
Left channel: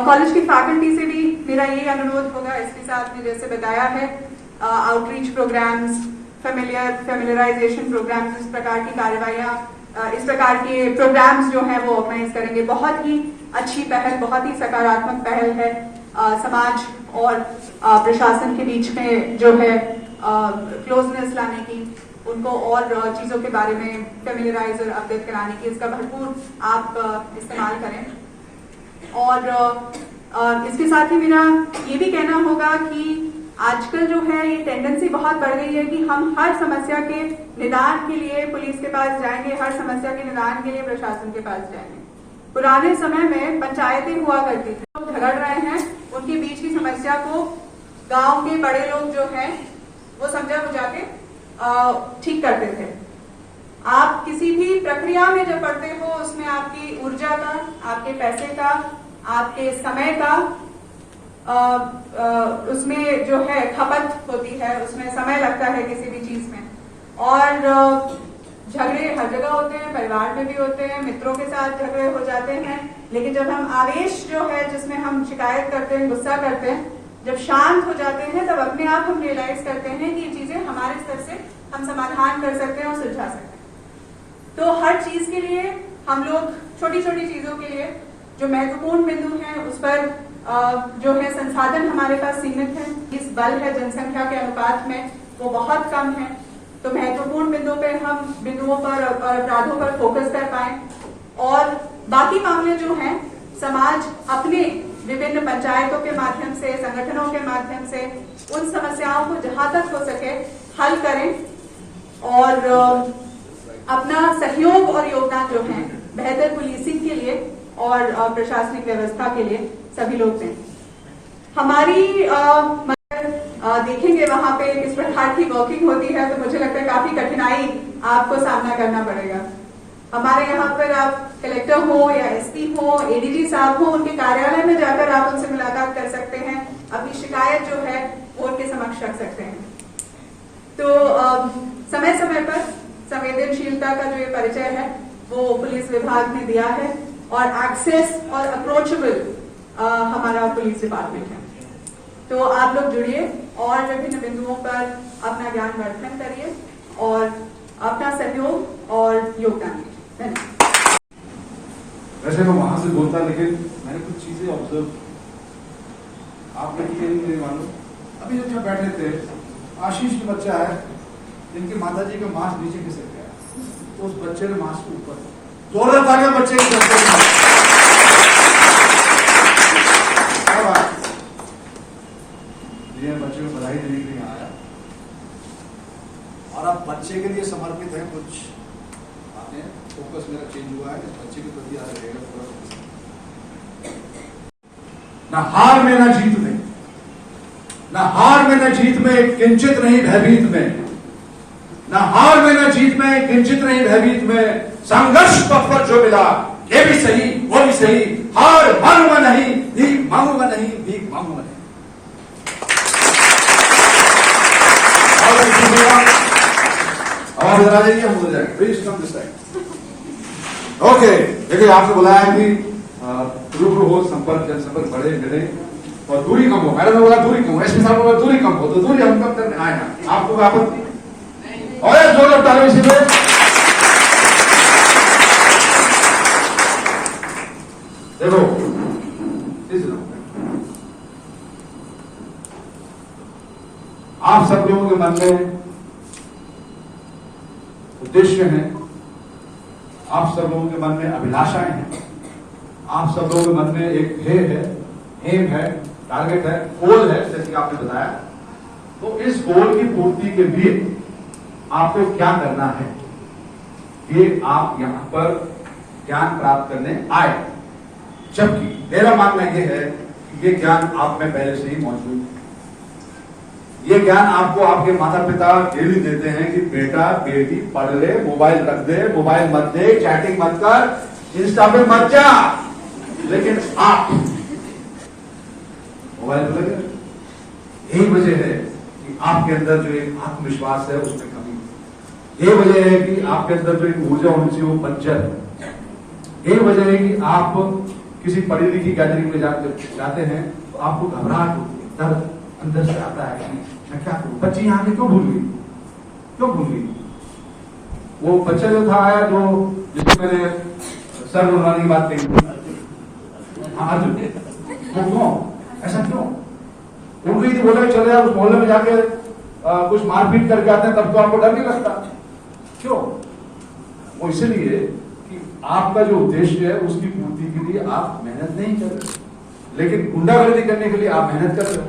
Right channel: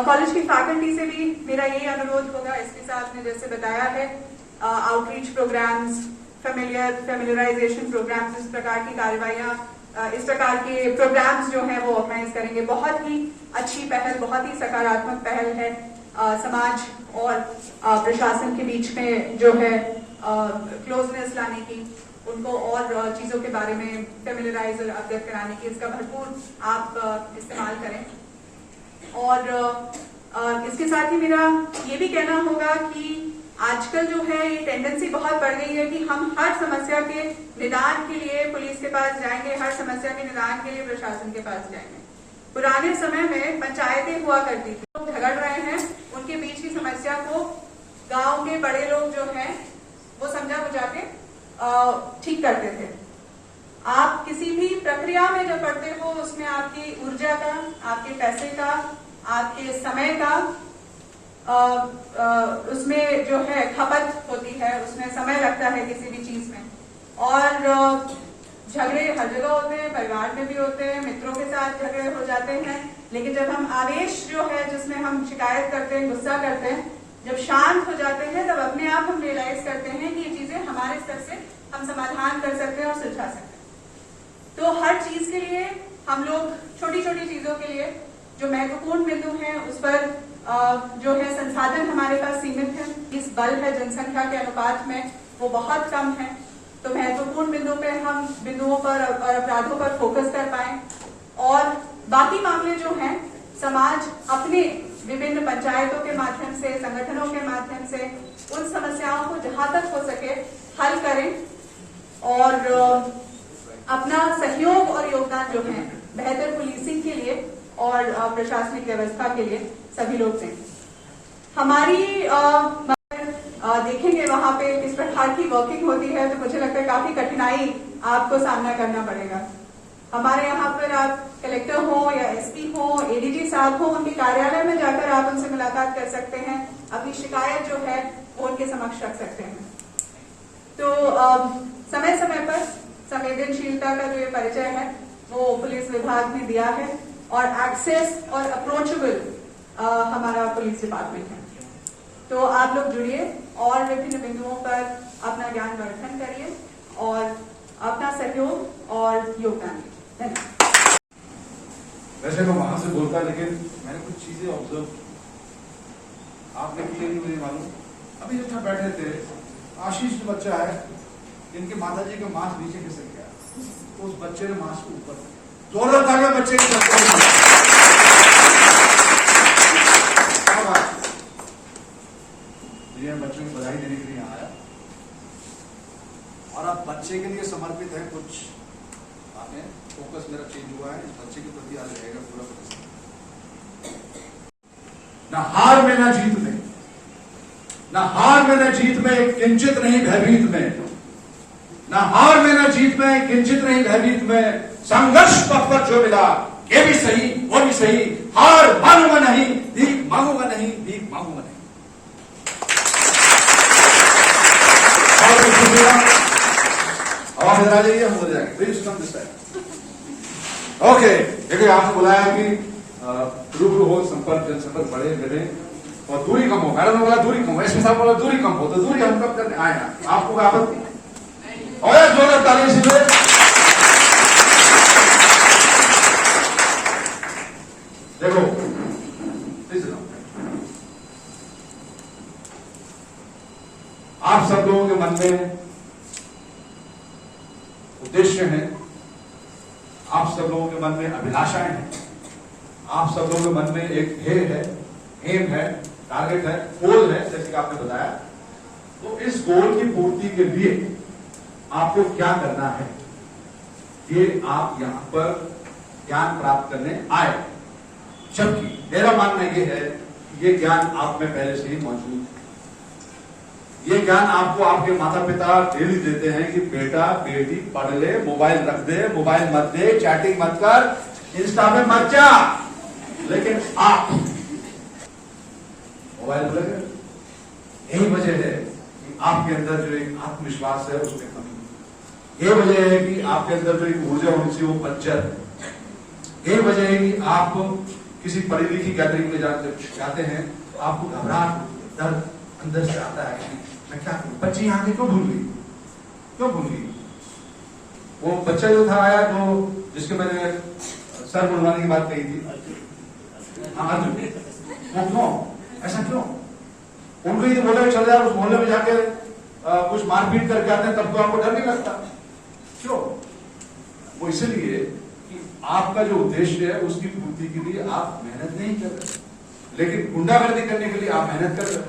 कॉलेज की फैकल्टी से भी मेरा ये अनुरोध होगा। इसके साथ में जैसे बताया है आउटरीच प्रोग्राम्स, फेमिलियराइजेशन प्रोग्राम्स, इस प्रकार की कार्रवाइयां, इस प्रकार के प्रोग्राम्स जो है वो ऑर्गेनाइज करेंगे। बहुत ही अच्छी पहल, बहुत ही सकारात्मक पहल है। समाज और प्रशासन के बीच में जो है क्लोजनेस लाने की, उनको और चीजों के बारे में फेमिलियराइज और अवगत कराने की, इसका भरपूर आप इस्तेमाल करें। और इसके साथ ही मेरा ये भी कहना होगा कि आजकल जो है ये टेंडेंसी बहुत बढ़ गई है कि हम हर समस्या के निदान के लिए पुलिस के पास जाएंगे, हर समस्या के निदान के लिए प्रशासन के पास जाएंगे। पुराने समय में पंचायतें हुआ करती थी, लोग झगड़ रहे हैं, उनके बीच की समस्या को गांव के बड़े लोग जो हैं वो समझा बुझा के ठीक करते थे। आप किसी भी प्रक्रिया में जब पढ़ते हो उसमें आपकी ऊर्जा का, आपके पैसे का, आपके समय का उसमें जो है खपत होती है, उसमें समय लगता है किसी भी चीज में। और झगड़े हर जगह होते हैं, परिवार में भी होते हैं, मित्रों के साथ झगड़े हो जाते हैं, लेकिन जब हम आवेश जो है जिसमें हम शिकायत करते हैं, गुस्सा करते हैं, जब शांत हो जाते हैं तब अपने आप हम रियलाइज करते हैं कि ये चीजें हमारे स्तर से हम समाधान कर सकते हैं और सुलझा सकते हैं। तो हर चीज के लिए हम लोग छोटी छोटी चीजों के लिए जो महत्वपूर्ण बिंदु हैं उस पर जो है संसाधन हमारे पास सीमित है, इस बल है जनसंख्या के अनुपात में वो बहुत कम है, तो महत्वपूर्ण बिंदुओं पर और अपराधों पर फोकस कर पाए और बाकी मामले जो हैं समाज अपने विभिन्न पंचायतों के माध्यम से, संगठनों के माध्यम से उन समस्याओं को जहां तक हो सके हल करें और अपना सहयोग और योगदान जो है बेहतर पुलिसिंग के लिए और प्रशासनिक व्यवस्था के लिए सभी लोग दें। हमारी देखेंगे वहां पे किस प्रकार की वर्किंग होती है, तो मुझे लगता है काफी कठिनाई आपको सामना करना पड़ेगा। हमारे यहाँ पर आप कलेक्टर हो या एसपी हो, एडीजी साहब हो, उनके कार्यालय में जाकर आप उनसे मुलाकात कर सकते हैं, अपनी शिकायत जो है वो उनके समक्ष रख सकते हैं। तो समय समय पर संवेदनशीलता का जो ये परिचय है वो पुलिस विभाग ने दिया है और एक्सेस और अप्रोचेबल हमारा पुलिस डिपार्टमेंट है। तो आप लोग जुड़िए और विभिन्न बिंदुओं पर अपना ज्ञान वर्धन करिए और अपना सहयोग और योगदान दीजिए। धन्यवाद। वैसे मैं वहां से बोलता, लेकिन मैंने कुछ चीजें ऑब्जर्व आपने की नहीं मुझे मालूम। अभी जब बैठे थे, आशीष जो बच्चा है, इनकी माताजी का मांस नीचे खिसक गया, तो उस बच्चे ने मांस को ऊपर जोरदार तालियां बच्चे की बच्चों को बधाई देने के लिए आया और अब बच्चे के लिए समर्पित है। कुछ बातें, फोकस मेरा चेंज हुआ है, इस बच्चे के प्रति आज रहेगा पूरा। ना हार में ना जीत में, ना हार में ना जीत में, किंचित नहीं भयभीत में, ना हार में ना जीत में, किंचित नहीं भयभीत में, संघर्ष पथ पर जो मिला ये भी सही वो भी सही, हार मानूंगा नहीं, भीख मांगूंगा नहीं, भीख मांगूंगा नहीं। और आप उधर आ जाइए, हम उधर जाएंगे। Please come this side. Okay, देखिए आपने बुलाया कि रूबरू हो, संपर्क जनसंपर्क बढ़े मिले और दूरी कम हो। मैडम ने बोला दूरी कम हो, एसपी साहब ने बोला दूरी कम हो, तो दूरी हम कम करने आए ना। आपको आपत्ति और जोर ताली इसीलिए। देखो आप सब लोगों के मन में उद्देश्य है, आप सब लोगों के मन में अभिलाषाएं हैं, आप सब लोगों के मन में एक ध्येय है, एम है, टारगेट है, गोल है, जैसे कि आपने बताया। तो इस गोल की पूर्ति के लिए आपको क्या करना है, ये आप यहां पर ज्ञान प्राप्त करने आए। जबकि मेरा मानना यह है कि ये ज्ञान आप में पहले से ही मौजूद है। ये ज्ञान आपको आपके माता पिता डेली देते हैं कि बेटा बेटी पढ़ ले, मोबाइल रख दे, मोबाइल मत दे, चैटिंग मत कर, इंस्टा पे मत जा। लेकिन आप मोबाइल पर लगे। यही वजह है कि आपके अंदर जो एक आत्मविश्वास है उसमें कमी है। यही वजह है कि आपके अंदर जो एक ऊर्जा होनी चाहिए वो पंचर है। यही वजह है कि आप किसी पढ़ी लिखी गैदरिंग में जाते हैं तो आपको घबराहट होती है, दर्द अंदर से आता है कि मैं क्या करूं। बच्ची यहाँ की क्यों भूल गई, क्यों भूल गई? वो बच्चा जो था आया, जो जिसको मैंने सर बुलवाने की बात कही थी, वो क्यों ऐसा क्यों? उनको ये बोला चले जाओ उस मोहल्ले में जाके कुछ मारपीट करके आते हैं, तब तो आपको डर नहीं लगता। क्यों? वो इसलिए कि आपका जो उद्देश्य है उसकी पूर्ति के लिए आप मेहनत नहीं कर रहे, लेकिन गुंडागर्दी करने के लिए आप मेहनत कर रहे हो।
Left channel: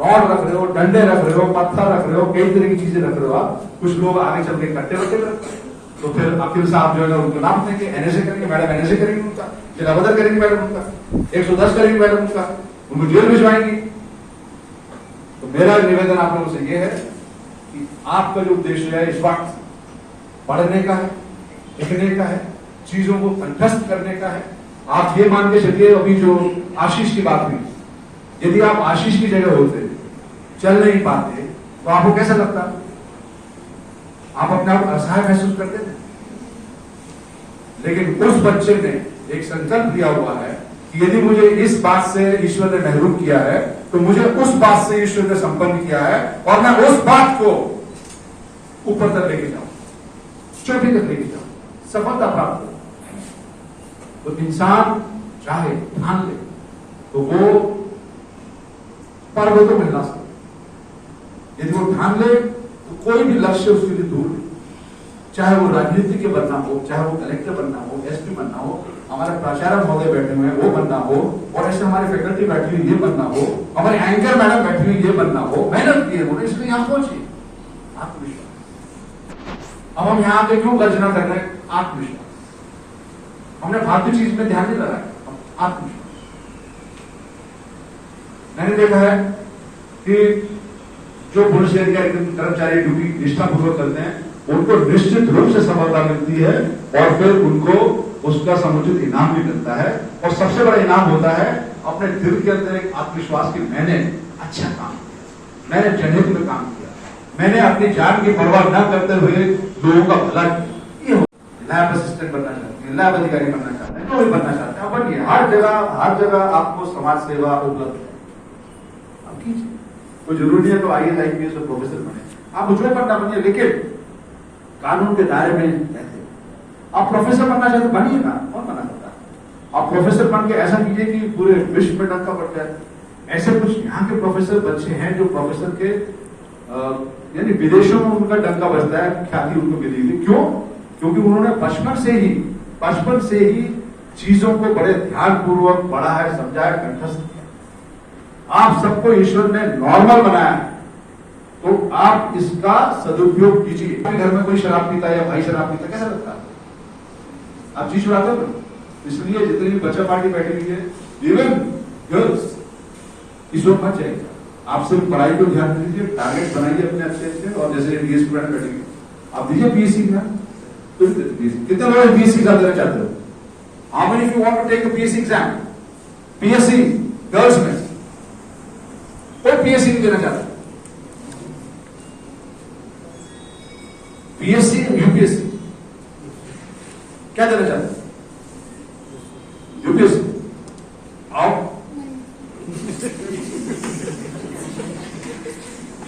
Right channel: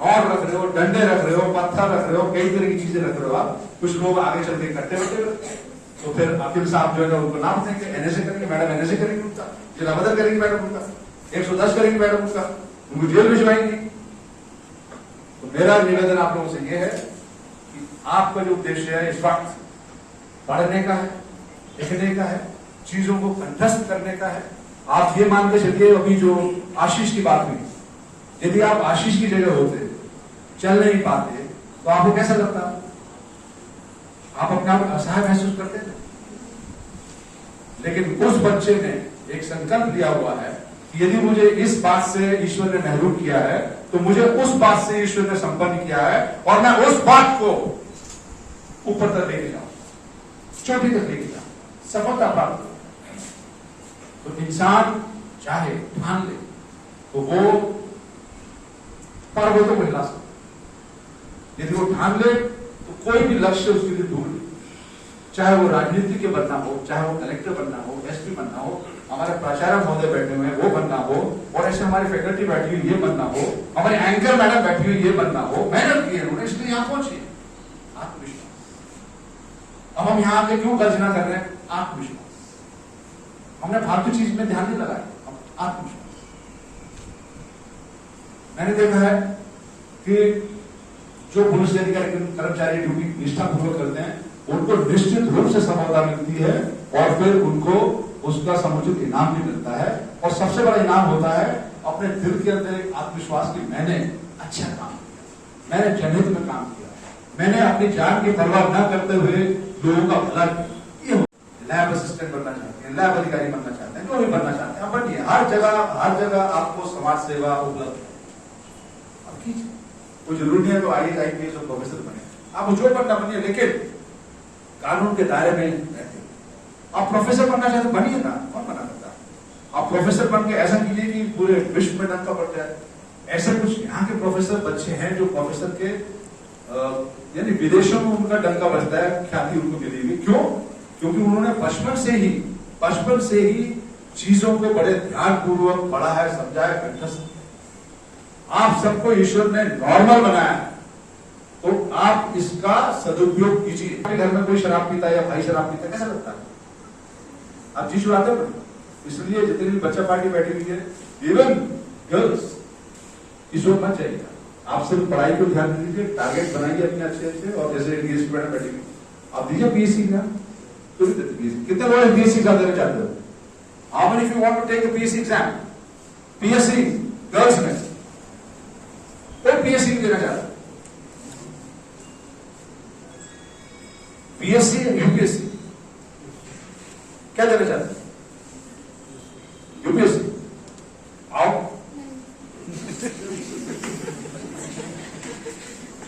रॉड रख रहे हो, डंडे रख रहे हो, पत्थर रख रहे हो, कई तरह की चीजें रख रहे हो आप। कुछ लोग आगे चल के कट्टे वट्टे रखते हैं, तो फिर वकील साहब जो है उनको नाम देंगे, एनएसए करेंगे मैडम, एनएसए करेंगे उनका, जिला बदल करेंगे मैडम उनका, 110 करेंगे मैडम उनका, उनको जेल भिजवाएंगी। तो मेरा निवेदन आप लोगों से यह है कि आपका जो उद्देश्य है इस वक्त पढ़ने का है, लिखने का है, चीजों को कंठस्थ करने का है। आप ये मान के चलिए, अभी जो आशीष की बात हुई, यदि आप आशीष की जगह होते, चल नहीं पाते, तो आपको कैसा लगता? आप अपने आप असहाय महसूस करते थे। लेकिन उस बच्चे ने एक संकल्प लिया हुआ है कि यदि मुझे इस बात से ईश्वर ने महरूम किया है, तो मुझे उस बात से ईश्वर ने संपन्न किया है और मैं उस बात को ऊपर तक लेके जाऊं, चोटी तक लेके जाऊं, सफलता प्राप्त हो। तो इंसान चाहे ठान ले तो वो पर्वतों को हिला सकता। यदि वो ठान ले तो कोई भी लक्ष्य उसके लिए दूर नहीं। चाहे वो राजनीति के बनना हो, चाहे वो कलेक्टर बनना हो, एसपी बनना हो, हमारे प्राचार्य महोदय बैठे हुए हैं वो बनना हो, और ऐसे हमारी फैकल्टी बैठी हुई ये बनना हो, हमारे एंकर मैडम बैठी हुई ये बनना हो। मेहनत की है उन्होंने, इसलिए यहां पहुंचे। आत्मविश्वास। अब हम यहां आके क्यों गर्जना कर रहे हैं? आत्मविश्वास। हमने फालतू चीज में ध्यान नहीं लगाया, आत्मविश्वास। मैंने देखा है कि जो पुलिस अधिकारी कर्मचारी ड्यूटी निष्ठापूर्वक करते हैं, उनको निश्चित रूप से सफलता मिलती है और फिर उनको उसका समुचित इनाम भी मिलता है। और सबसे बड़ा इनाम होता है अपने दिल के अंदर एक आत्मविश्वास की मैंने अच्छा काम, मैंने जनहित में काम किया, मैंने अपनी जान की परवाह न करते हुए लोगों का भला किया। ये लैब असिस्टेंट बनना चाहते हैं, लैब अधिकारी बनना चाहते हैं, जो भी बनना चाहते हैं, बनिए। हर जगह आपको समाज सेवा उपलब्ध है, अब कीजिए। कोई जरूरी है तो IAS IPS और प्रोफेसर बने, आप जो बनना बनिए, लेकिन कानून के दायरे में रहते। आप प्रोफेसर बनना चाहते बनिए ना, कौन मना करता? आप प्रोफेसर बन के ऐसा कीजिए कि पूरे विश्व में डंका बढ़ जाए। ऐसे कुछ यहाँ के प्रोफेसर बच्चे हैं जो प्रोफेसर के यानी विदेशों में उनका डंका बजता है, ख्याति उनको मिली है। क्यों? क्योंकि उन्होंने बचपन से ही चीजों को बड़े ध्यान पूर्वक पढ़ा है, समझा है, कंठस्थ किया। आप सबको ईश्वर ने नॉर्मल बनाया है, तो आप इसका सदुपयोग कीजिए। घर में कोई शराब पीता है या भाई शराब पीता है, कैसा लगता है? आप जी छुड़ाते हो ना। इसलिए जितनी भी बच्चा पार्टी बैठी हुई है, इवन गर्ल्स, इसमें मत जाइए। आप सिर्फ पढ़ाई को ध्यान दीजिए, टारगेट बनाइए अपने अच्छे, और जैसे डीएसपी मैडम बैठेंगे, आप दीजिए बीएससी का। कितने लोग बीएससी का देना चाहते हो? How many you want to take the BSc exam? PSC girls में कोई पीएससी नहीं देना चाहता। पीएससी यूपीएससी क्या देना चाहते हैं? यूपीएससी आओ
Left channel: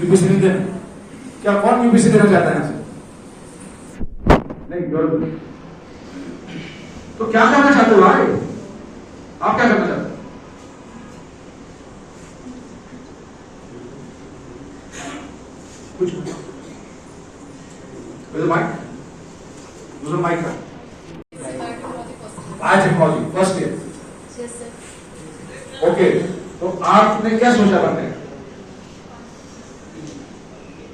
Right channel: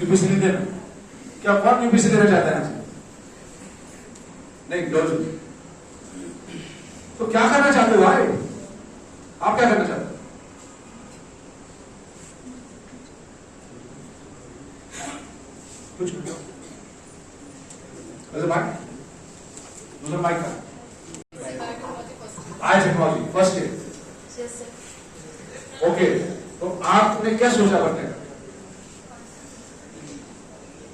यूपीएससी नहीं देना क्या? कौन यूपीएससी देना चाहता है? नहीं जरूर। तो क्या करना चाहते हो भाई? आप क्या करना चाहते हो? कुछ दूसरा माइक का आज टेक्नोलॉजी फर्स्ट ईयर। ओके, तो आपने क्या सोचा बनने का?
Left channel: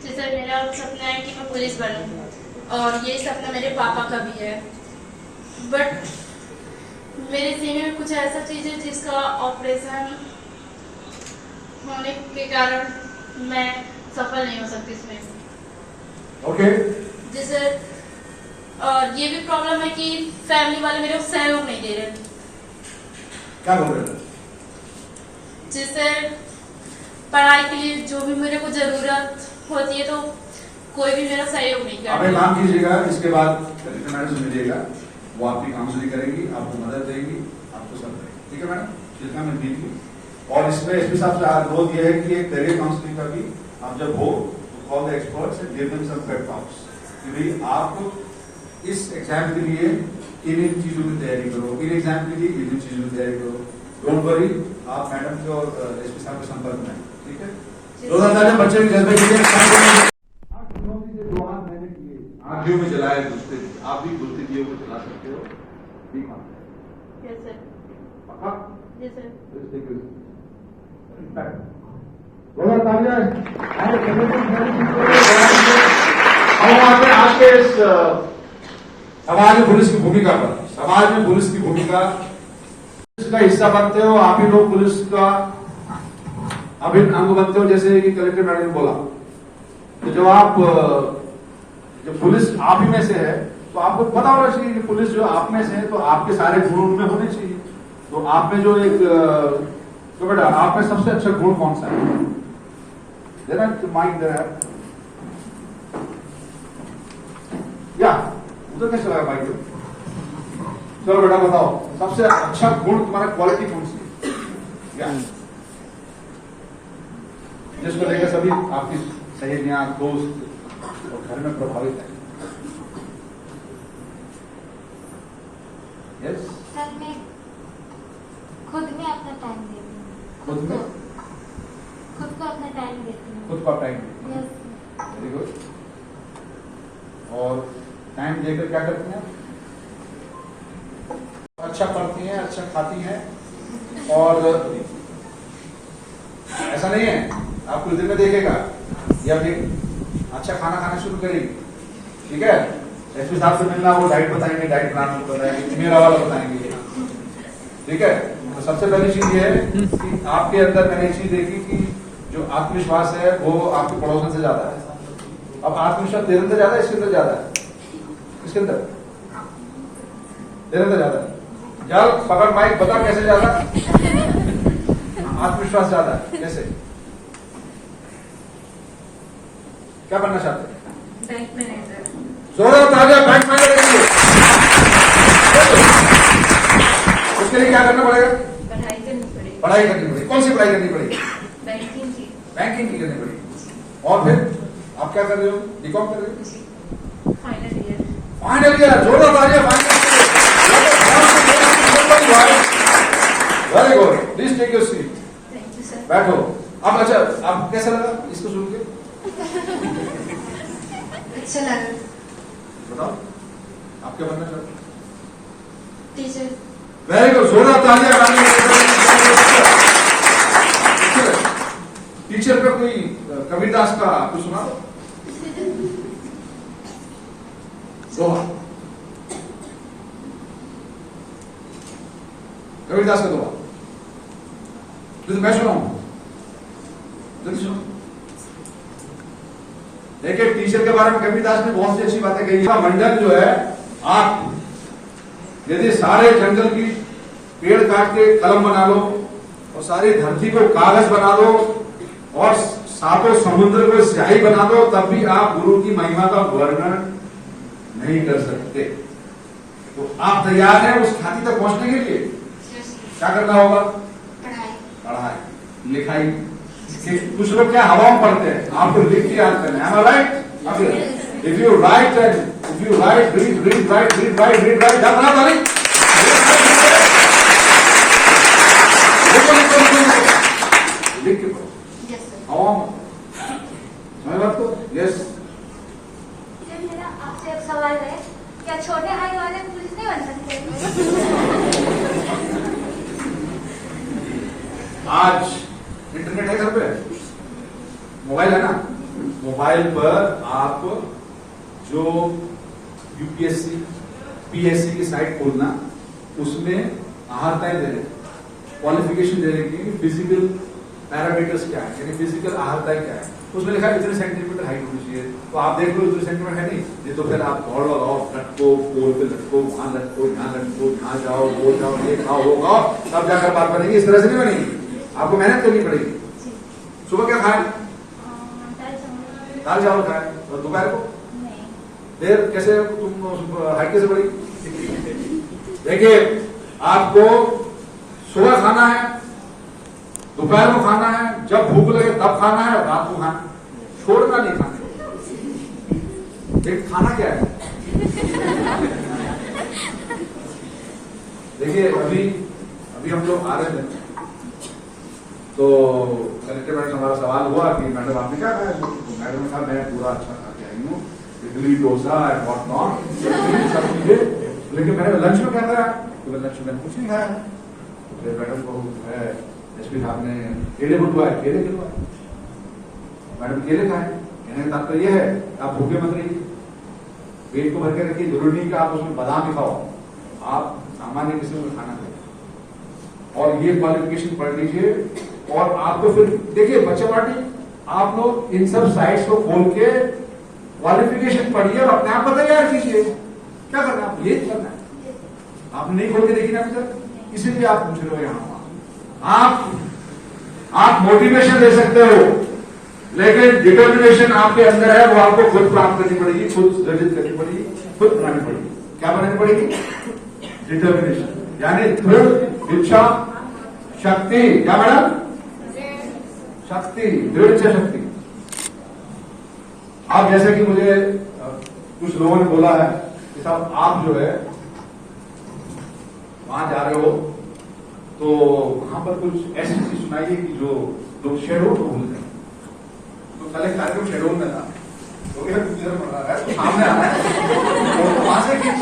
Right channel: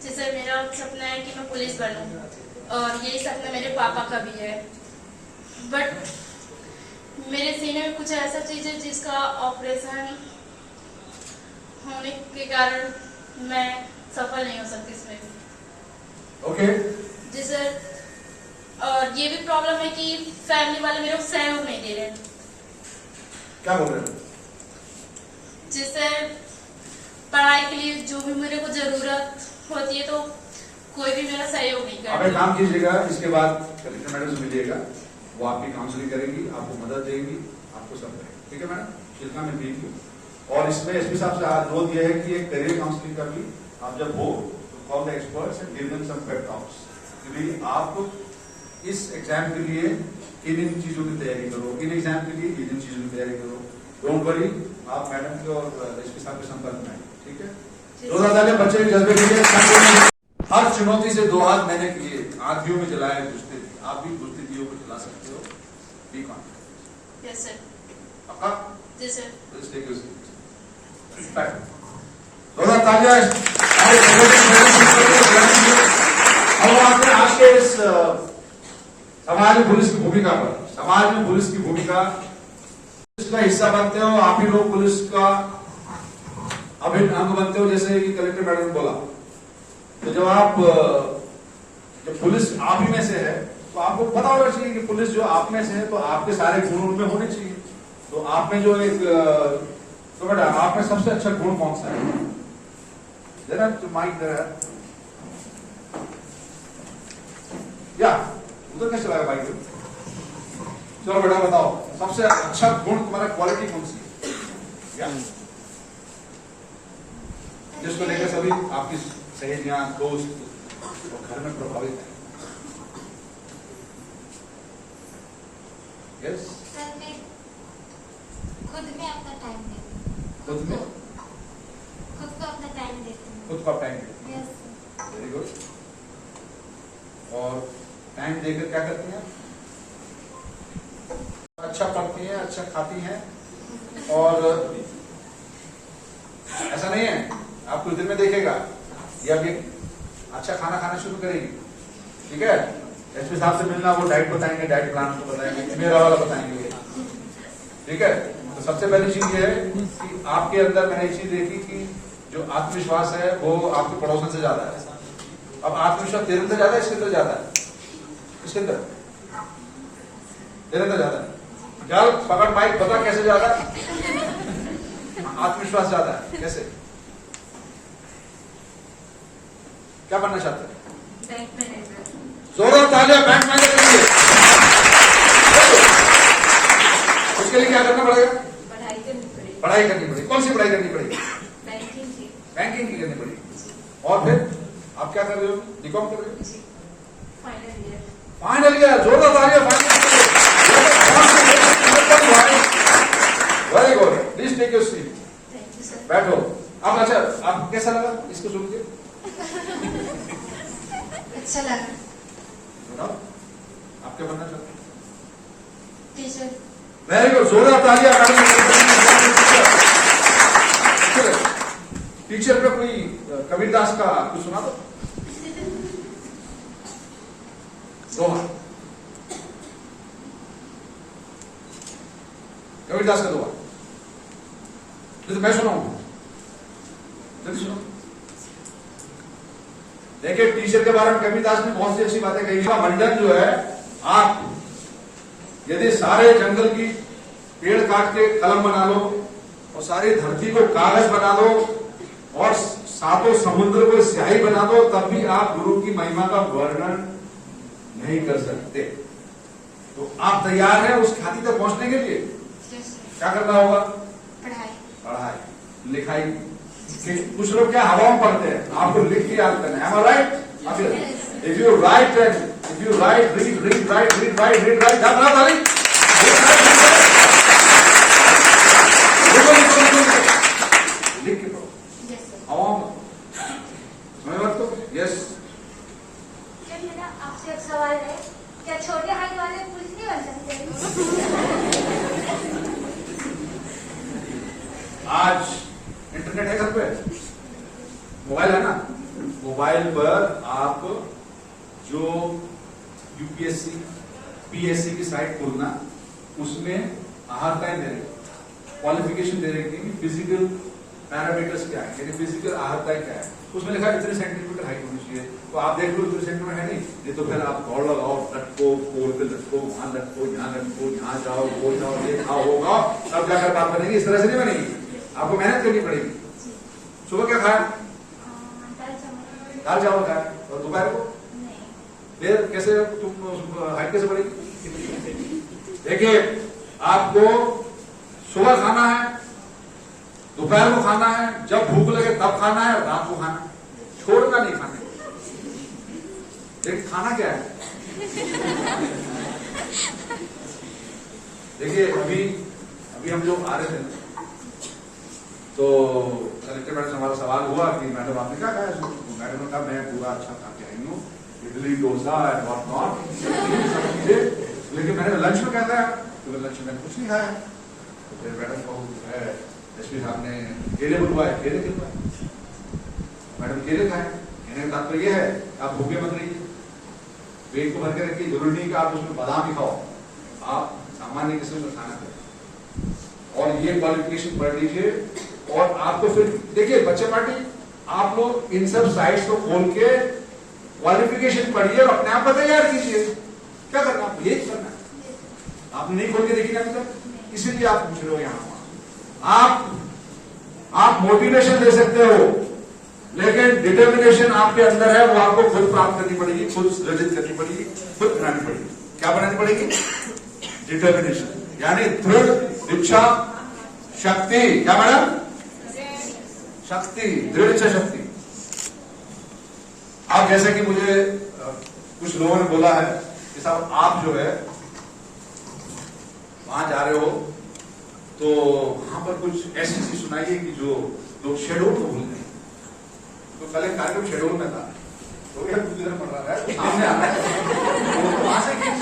जी सर, मेरा सपना है कि मैं पुलिस बनूं और ये सपना मेरे पापा का भी है, बट मेरे सीने में कुछ ऐसा चीज है जिसका ऑपरेशन होने के कारण मैं सफल नहीं हो सकती इसमें। ओके जी सर, और ये भी प्रॉब्लम है कि फैमिली वाले मेरे को सहयोग नहीं दे रहे। क्या बोल रहे हो? जी सर, पढ़ाई के लिए जो भी मेरे को जरूरत होती है तो कोई भी मेरा सहयोग नहीं आप एक करता। काम कीजिएगा, इसके बाद कलेक्टर मैडम से मिलिएगा, वो आपकी काउंसलिंग करेंगी, आपको मदद देंगी, आपको सब देंगे। ठीक है मैडम, जितना मैं दीजिए। और इसमें एसपी साहब से अनुरोध यह है कि एक करियर काउंसलिंग का भी आप जब हो तो call the experts and give them some pep talks कि भाई आप इस एग्जाम के लिए इन चीजों की तैयारी करो, इन एग्जाम के लिए इन चीजों की तैयारी करो। डोंट वरी, आप मैडम के और एसपी साहब के संपर्क में। ठीक है, 2000 बच्चे के जज्बे के लिए हर चुनौती से 2 हाथ मैंने किए, आंधियों में जलाए कुश्ती। आप भी कुश्ती किए को चला सकते हो। Be confident. Yes sir. पक्का? जी sir. Let's take your seat. 2000 तालियां हमारे हम आते हैं आज के इस समाज में पुलिस की भूमिका पर। समाज में पुलिस की भूमिका, पुलिस का हिस्सा बनते हो आप ही लोग, पुलिस का अभिन्न अंग बनते हो। जैसे कि कलेक्टर मैडम ने बोला, तो जब पुलिस आप ही में से है तो आपको पता होना चाहिए कि पुलिस जो आप में से है तो आपके सारे गुण उनमें होने चाहिए। तो आप में जो एक तो बेटा आप में सबसे अच्छा गुण कौन सा है? जरा माइंड या उधर कैसे लगा भाई? चलो बेटा बताओ, सबसे अच्छा गुण तुम्हारा क्वालिटी कौन सी है? या जिसको लेकर सभी आपकी सहेलियां, दोस्त और घर में प्रभावित है। यस, सर मैं खुद में अपना टाइम देती हूँ। खुद में खुद को अपना टाइम देती हूँ। खुद का टाइम देती हैं। यस। Very good. और टाइम देकर क्या करती हैं? अच्छा पढ़ती हैं, अच्छा खाती हैं, और ऐसा नहीं है आपको दिन में देखेगा या फिर अच्छा खाना खाना शुरू करेगी। ठीक है, एसपी साहब से मिलना, वो डाइट बताएंगे, डाइट प्लान बताएंगे, मेरा वाला बताएंगे। ठीक है, तो सबसे पहली चीज ये है कि आपके अंदर मैंने एक चीज देखी कि जो आत्मविश्वास है वो आपके पड़ोसन से ज्यादा है। अब आत्मविश्वास तेरे अंदर ज्यादा है, इसके अंदर ज्यादा है? इसके अंदर तेरे अंदर ज्यादा है। क्या पकड़ माइक बता कैसे ज्यादा? आत्मविश्वास ज्यादा है। कैसे? क्या बनना चाहते हैं? Bank manager. जोरदार तालियां बैंक मैनेजर के लिए। उसके लिए क्या करना पड़ेगा? पढ़ाई करनी पड़ेगी। पढ़ाई करनी पड़ेगी। कौन सी पढ़ाई करनी पड़ेगी? बैंकिंग की। बैंकिंग की करनी पड़ेगी। और फिर आप क्या कर रहे हो? बीकॉम कर रहे हो? Final year. Final year. जोरदार तालियां final year. Very good. Please take your seat. Thank you sir. बैठो। अब अच्छा, आप कैसा लगा इसको सुन के? अच्छा लगा। बताओ आप क्या बनना चाहते हैं? टीचर। Very good. जोरदार तालियां। टीचर का कोई कबीरदास का कुछ सुना दो। दोहा, कबीरदास का दोहा तो मैं सुनाऊंगा। देखिए, टीचर के बारे में कबीरदास ने बहुत सी अच्छी बातें कही। मंडल जो है, आप यदि सारे जंगल की पेड़ काट के कलम बना लो और सारी धरती को कागज बना दो और सातों समुद्र को स्याही बना दो, तब भी आप गुरु की महिमा का वर्णन नहीं कर सकते। तो आप तैयार हैं उस ख्याति तक पहुंचने के लिए? क्या करना होगा? पढ़ाई लिखाई। कुछ लोग क्या हवा में पढ़ते हैं, आपको लिख के याद करना है। Am I right? If you write read write, याद रहा तारीख? लिख के पढ़ो, हवा में समझ बात तो? यस। मेरा आपसे एक सवाल है, क्या छोटे हाइट वाले पुलिस नहीं बन सकते? आज इंटरनेट है घर पे, मोबाइल है ना, मोबाइल पर आप जो यूपीएससी पीएससी की साइट खोलना, उसमें आहारताएं दे रहे, क्वालिफिकेशन दे रहे कि फिजिकल पैरामीटर्स क्या है, यानी फिजिकल आहारताएं क्या है। उसमें लिखा है इतने सेंटीमीटर हाइट होनी चाहिए, तो आप देख लो इतने सेंटीमीटर है नहीं तो फिर आप दौड़ लगाओ, लटको, पोल पे लटको, वहां लटको, यहाँ लटको, यहाँ जाओ, वो जाओ, ये खाओ, वो खाओ, तब जाकर बात बनेगी। इस तरह से नहीं बनेगी, आपको मेहनत करनी पड़ेगी। सुबह क्या खाया? दाल चावल खाया, और दोपहर को फिर कैसे तुम हाइट कैसे बढ़ेगी? देखिए, आपको सुबह खाना है, दोपहर को खाना है, जब भूख लगे तब खाना है, और रात को खाना है, छोड़ना नहीं खाने। लेकिन खाना क्या है? देखिए, अभी हम लोग आ रहे थे तो कलेक्टर मैडम से हमारा सवाल हुआ कि मैडम आपने क्या खाया? तो मैडम ने कहा मैं पूरा अच्छा खा के आई हूँ, idli dosa and what not, सब चीजें। लेकिन मैंने लंच में क्या खाया? तो लंच में कुछ नहीं खाया। तो फिर मैडम को एसपी साहब ने केले बुलवाए, केले खिलवाए, मैडम केले खाए। कहने का तात्पर्य यह है आप भूखे मत रहिए, पेट को भर के रखिए। जरूरी नहीं कि आप उसमें बादाम ही खाओ, आप सामान्य किस्म का खाना खाओ। और ये क्वालिफिकेशन पढ़ लीजिए, और आपको फिर देखिए बच्चे पार्टी, आप लोग इन सब साइट्स को खोल के क्वालिफिकेशन पढ़िए और अपने आप को तैयार कीजिए। क्या करना है आपको? यही करना है। आपने नहीं खोल के देखी ना अभी तक, इसीलिए आप पूछ रहे हो यहाँ। आप मोटिवेशन दे सकते हो, लेकिन डिटर्मिनेशन आपके अंदर है, वो आपको खुद प्राप्त करनी पड़ेगी, खुद सृजित करनी पड़ेगी, खुद बनानी पड़ेगी। क्या बनानी पड़ेगी? डिटर्मिनेशन, यानी दृढ़ इच्छा शक्ति। क्या मैडम? शक्ति, दृढ़ इच्छा शक्ति। अब जैसे कि मुझे कुछ लोगों ने बोला है कि साहब आप जो है वहां जा रहे हो तो वहां पर कुछ ऐसी चीज सुनाइए कि जो लोग शेड्यूल को भूल गए। तो कल एक कार्यक्रम शेड्यूल में था, तो पढ़ रहा है, तो सामने आ रहा है, तो वहां से खींच,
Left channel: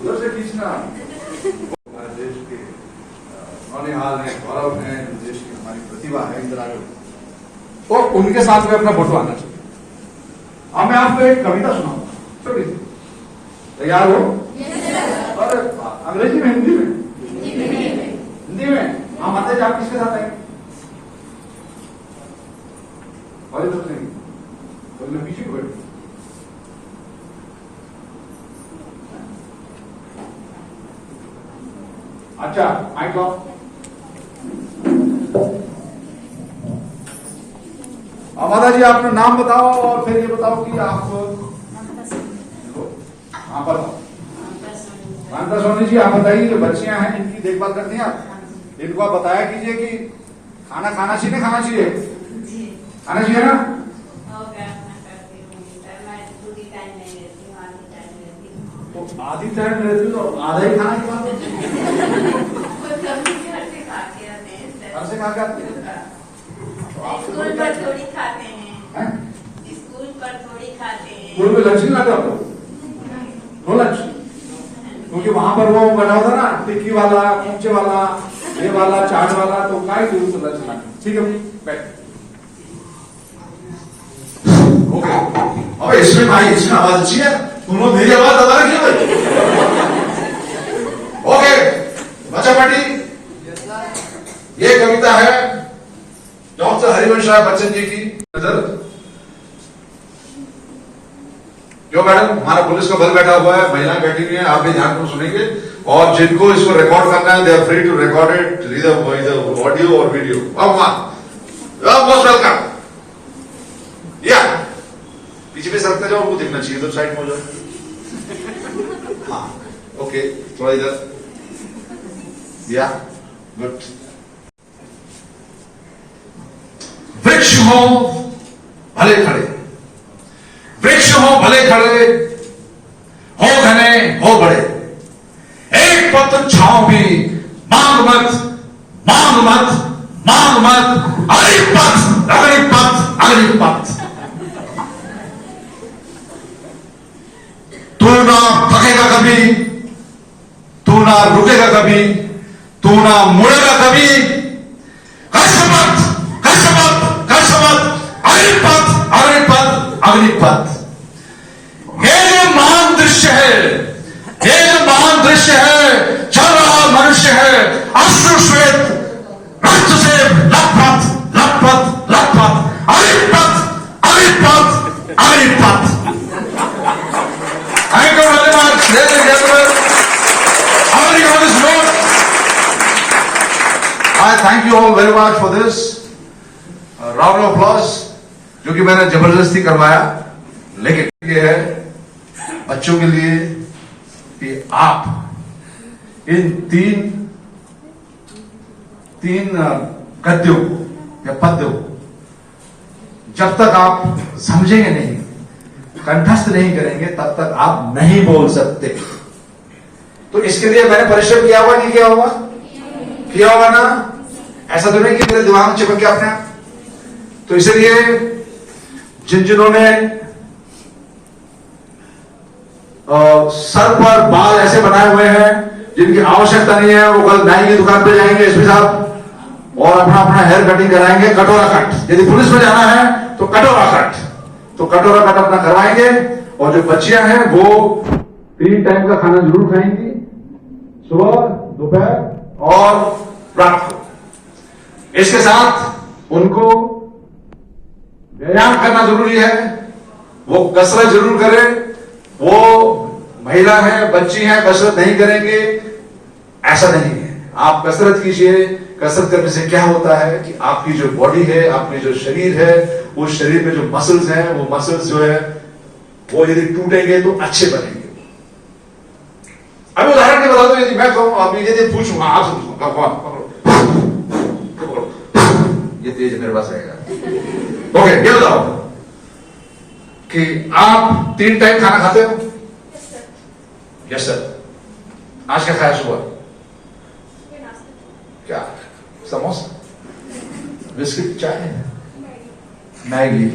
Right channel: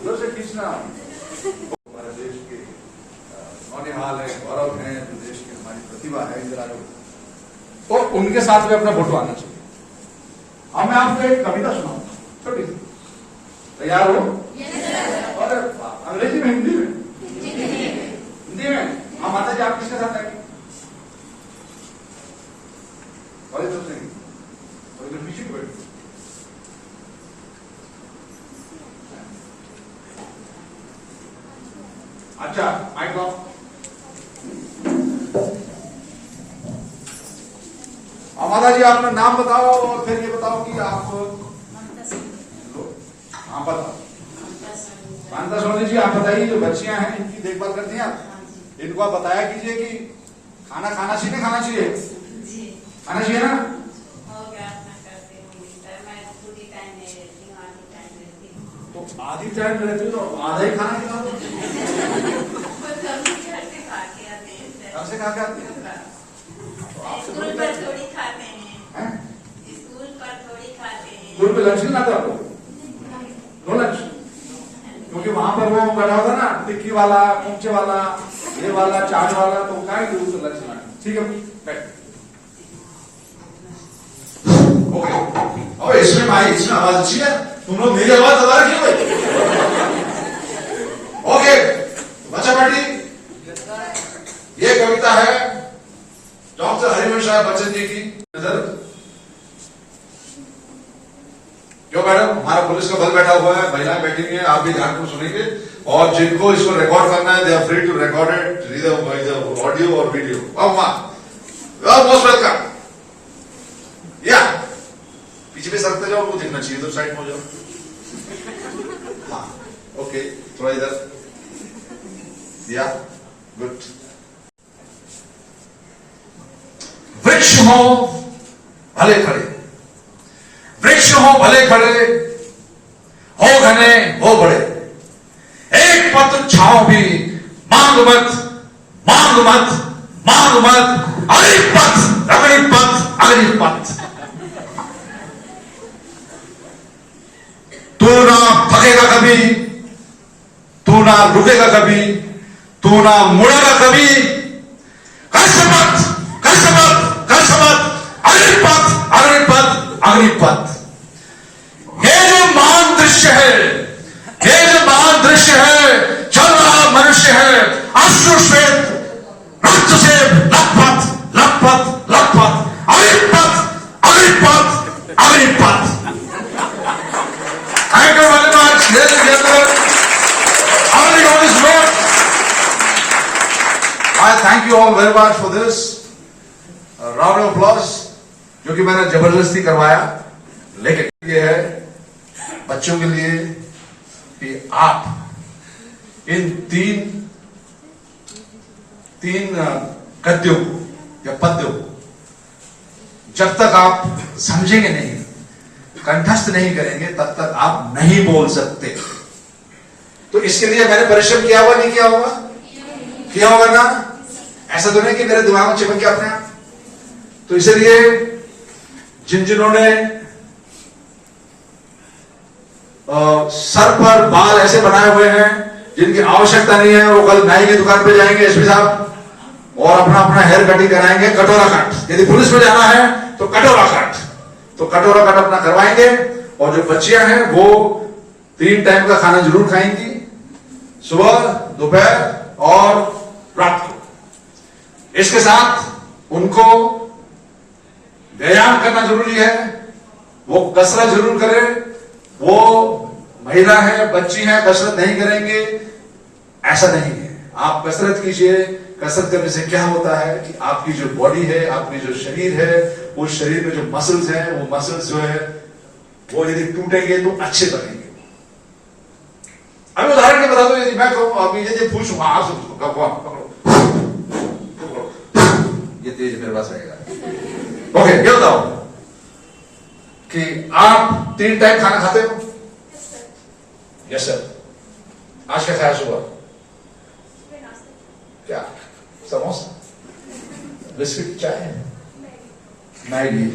उधर से खींचना। हमारे देश के नौनिहाल है, गौरव है, देश की हमारी प्रतिभा है, इंदिरा गांधी, तो उनके साथ में अपना फोटो आना चाहिए। अब मैं आपको एक कविता सुनाऊंगा, छोटी सी। तैयार हो? अरे अंग्रेजी में, हिंदी में? हिंदी में। हाँ माता जी, आप किसके साथ आएंगे? तो पीछे को बैठो। अच्छा, माइक लो। माता जी अपना नाम बताओ और फिर ये बताओ कि आप, हाँ बताओ। मानता सोनी जी, आप बताइए, जो बच्चियां हैं इनकी देखभाल करती हैं आप, इनको आप बताया कीजिए कि खाना खाना चाहिए, खाना चाहिए, खाना चाहिए ना? तो आधी टाइम रहती हो तो आधा ही खाना खिला दो। घर से खा के आते हैं, तो आपसे थोड़ी खाते हैं, स्कूल पर थोड़ी खाते हैं। स्कूल में लंच नहीं लाते आपको? No lunch? क्योंकि वहां पर वो बना होता ना टिक्की वाला, कुंचे वाला, ये वाला, चाट वाला, तो काय दूर से लंच लाते। ठीक है, बैठ। अबे इसमें भाई, इसमें आवाज अच्छी है, तुम लोग मेरी आवाज दबा रखी हो भाई। ओके बच्चा पार्टी, ये कविता है डॉक्टर हरिवंश राय बच्चन जी की। नजर क्यों मैडम, हमारा पुलिस का बल बैठा हुआ है, महिलाएं बैठी हुई हैं, आप भी ध्यान को सुनेंगे, और जिनको इसको रिकॉर्ड करना है, they are free to record it, read audio और वीडियो। Most welcome. या पीछे भी सरकते जाओ, उनको दिखना चाहिए, इधर साइड में हो जाओ। हाँ ओके, थोड़ा इधर, या गुड। वृक्ष हो भले खड़े, वृक्ष हो भले खड़े, हो घने हो बड़े, एक पत्र छाओ भी मांग मत, मांग मत, मांग मत, अग्निपथ अग्निपथ अग्निपथ। तू ना थकेगा कभी, तू ना रुकेगा कभी, तू ना मुड़ेगा कभी, कसमत कसमत कसमत, अग्निपथ अग्निपथ अग्निपथ। ये जो महान दृश्य है, ये जो महान दृश्य है, चल रहा मनुष्य है अश्रु श्वेत रक्त से लथपथ लथपथ लथपथ, Agnipath Agnipath Agnipath. Thank you very much, ladies and gentlemen. Everybody on this note, I thank you all very much for this round of applause, जो कि मैंने जबरदस्ती करवाया, लेकिन ये है बच्चों के लिए कि आप इन तीन गद्यों को या पद्यों को जब तक आप समझेंगे नहीं, कंठस्थ नहीं करेंगे, तब तक आप नहीं बोल सकते। तो इसके लिए मैंने परिश्रम किया हुआ नहीं किया हुआ? किया हुआ ना? ऐसा तो नहीं कि मेरे दिमाग में चिपक गया अपने आप। तो इसलिए जिन्होंने सर पर बाल ऐसे बनाए हुए हैं जिनकी आवश्यकता नहीं है, वो कल नाई की दुकान पे जाएंगे एसपी साहब और अपना अपना हेयर कटिंग कराएंगे, कटोरा कट। यदि पुलिस में जाना है तो कटोरा कट, तो कटोरा कट अपना करवाएंगे। और जो बच्चियां हैं वो 3 टाइम का खाना जरूर खाएंगी, सुबह, दोपहर और रात को। इसके साथ उनको व्यायाम करना जरूरी है, वो कसरत जरूर करें। वो महिला है, बच्ची है, कसरत नहीं करेंगे ऐसा नहीं है। आप कसरत कीजिए। कसरत करने से क्या होता है कि आपकी जो बॉडी है, आपकी जो शरीर है, वो शरीर में जो मसल्स हैं, वो मसल्स जो है वो यदि टूटेंगे तो अच्छे बनेंगे। अभी उदाहरण के बता दो, यदि मैं कहूं, अभी यदि पूछूंगा आप ये तेज मेरे पास रहेगा। ओके, ये बताओ कि आप 3 टाइम खाना खाते हो? Yes sir. आज क्या खाया सुबह? क्या? समोसा, बिस्किट, चाय, मैगी।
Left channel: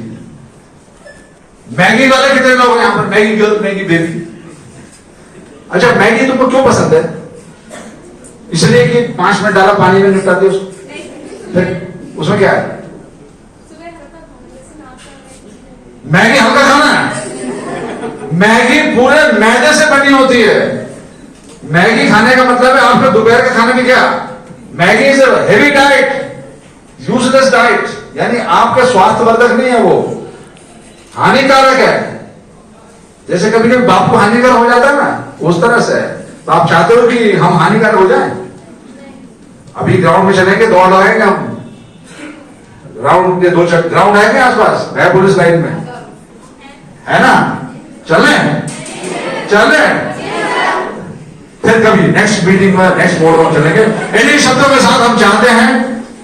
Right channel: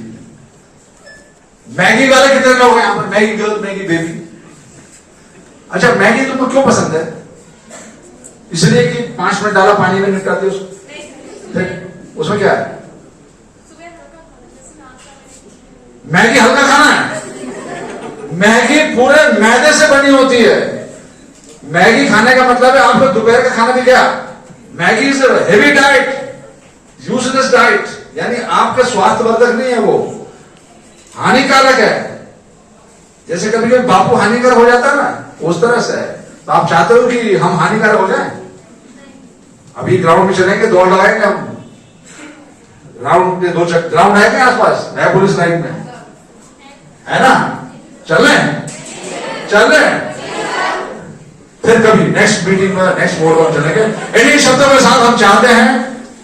मैगी वाले कितने लोग हैं यहां पर? Maggi girl, Maggi baby. अच्छा, मैगी तुमको क्यों पसंद है? इसलिए कि 5 मिनट डाला पानी में निपटाते हो उसको? फिर उसमें क्या है? मैगी हल्का खाना है। मैगी पूरे मैदे से बनी होती है। मैगी खाने का मतलब है आपका दोपहर का खाना भी क्या? Maggi is heavy diet, useless diet, यानी आपके स्वास्थ्यवर्धक नहीं है, वो हानिकारक है। जैसे कभी कभी बाप को हानिकारक हो जाता है ना, उस तरह से है। तो आप चाहते हो कि हम हानिकारक हो जाएं? अभी ग्राउंड में चलेंगे, दौड़ लगाएंगे हम। ग्राउंड के 2 ग्राउंड है क्या आसपास? है पुलिस लाइन में, है ना? चल रहे हैं। फिर कभी नेक्स्ट मीटिंग में, नेक्स्ट बोर्ड में चलेंगे। इन्हीं शब्दों के साथ हम चाहते हैं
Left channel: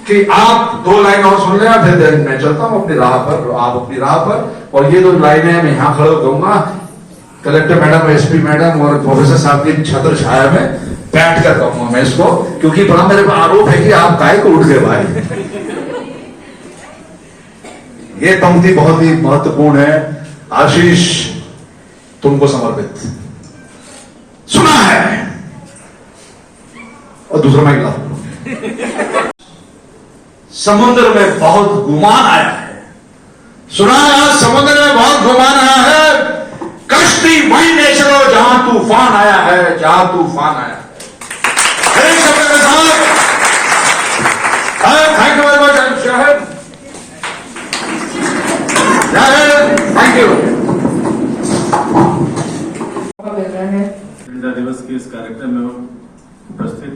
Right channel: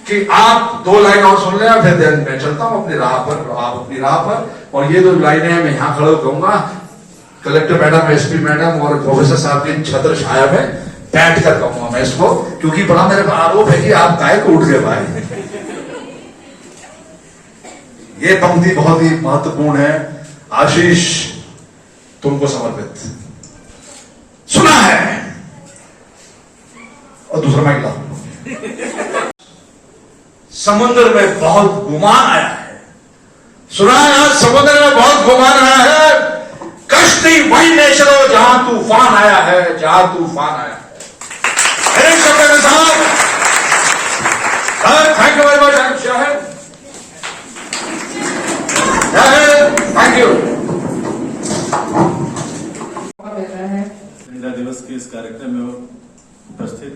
कि आप 2 लाइन और सुन लें, फिर मैं चलता हूं अपनी राह पर, आप अपनी राह पर। और ये 2 लाइनें मैं यहां खड़े कहूंगा, कलेक्टर मैडम, एसपी मैडम और प्रोफेसर साहब की छत्र छाया में बैठ कर कहूंगा मैं इसको, क्योंकि बड़ा मेरे आरोप है कि आप काय को उठ गए भाई। ये पंक्ति बहुत ही महत्वपूर्ण है, आशीष तुमको समर्पित। सुना है। और दूसरा मैं ला, समुद्र में बहुत गुमान आया है। सुना है, समुद्र में बहुत गुमान आया है। कश्ती वहीं में चलो जहां तूफान आया है, जहां तूफान आया है। एक शब्द के साथ थैंक यू वेरी मच शहर, थैंक यू। संविधान दिवस के इस कार्यक्रम में उपस्थित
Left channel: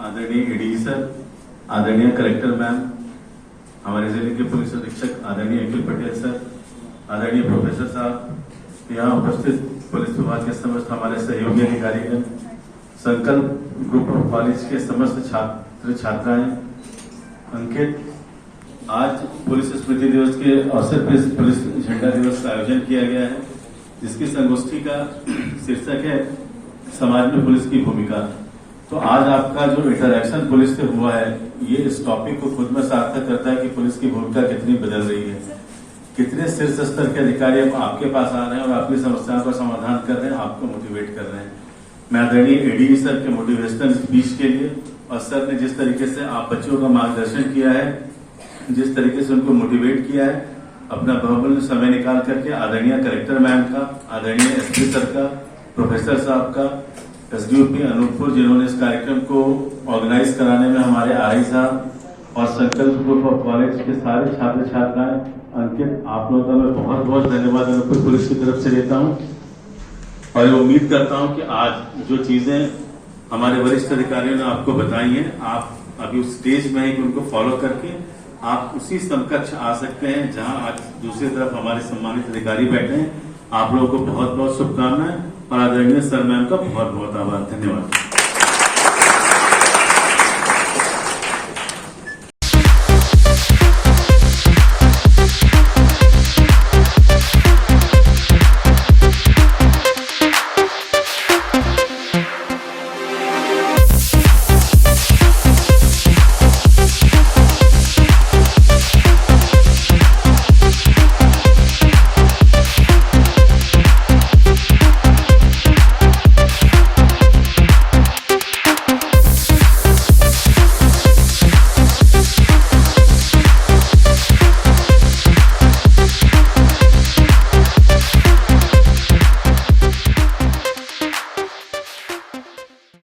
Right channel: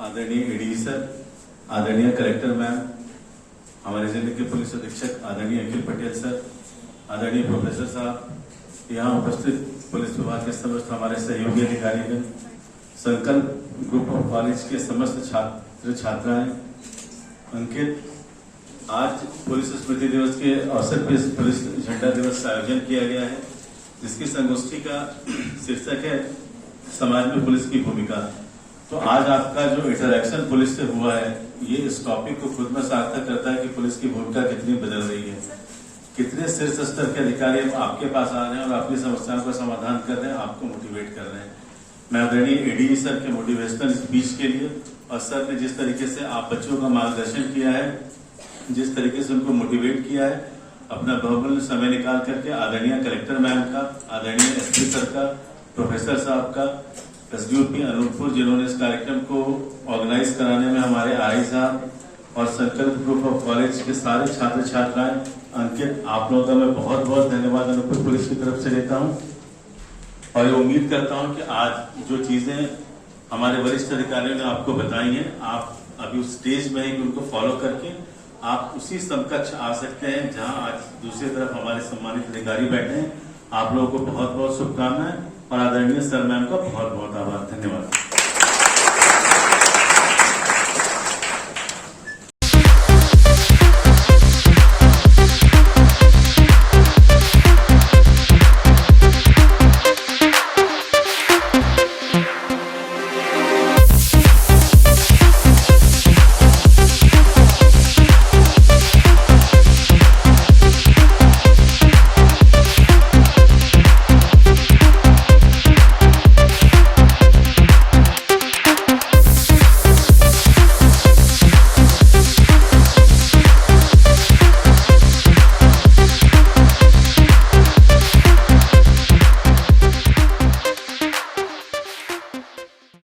आदरणीय एडीजी सर, आदरणीय कलेक्टर मैम, हमारे जिले के पुलिस अधीक्षक आदरणीय अखिल पटेल सर, आदरणीय प्रोफेसर साहब, यहाँ उपस्थित पुलिस विभाग के समस्त हमारे सहयोगी अधिकारीगण, संकल्प ग्रुप ऑफ कॉलेज के समस्त छात्र छात्राएं, अंकित, आज पुलिस स्मृति दिवस के अवसर पर पुलिस झंडा दिवस का आयोजन किया गया है, जिसकी संगोष्ठी का शीर्षक है समाज में पुलिस की भूमिका। तो आज आपका जो इंटरेक्शन पुलिस से हुआ है, ये इस टॉपिक को खुद में सार्थक करता है कि पुलिस की भूमिका कितनी बदल रही है, कितने शीर्ष स्तर के अधिकारी अब आपके पास आ रहे हैं और आपकी समस्याओं का समाधान कर रहे हैं, आपको मोटिवेट कर रहे हैं। मैं आदरणीय एडीजी सर के मोटिवेशनल स्पीच के लिए और सर ने जिस तरीके से आप बच्चों का मार्गदर्शन किया है, जिस तरीके से उनको मोटिवेट किया है, अपना बहुमूल्य समय निकाल करके आदरणीय कलेक्टर मैम का, आदरणीय एसपी सर का, प्रोफेसर साहब का, एसडीओपी अनूपपुर जिन्होंने इस कार्यक्रम को ऑर्गेनाइज कराने में, हमारे आरआई साहब और संकल्प ग्रुप ऑफ कॉलेज के सारे छात्र छात्राएं, अंकित, आप लोगों का मैं बहुत बहुत धन्यवाद अनूपपुर पुलिस की तरफ से लेता हूं और ये उम्मीद करता हूं कि आज जो चीजें हमारे वरिष्ठ अधिकारियों ने आपको बताई हैं, आप अभी उस स्टेज में हैं कि उनको फॉलो करके आप उसी समकक्ष आ सकते हैं जहां आज दूसरी तरफ हमारे सम्मानित अधिकारी बैठे हैं। आप लोगों को बहुत बहुत शुभकामनाएं और आदरणीय सर मैम का बहुत बहुत आभार। धन्यवाद।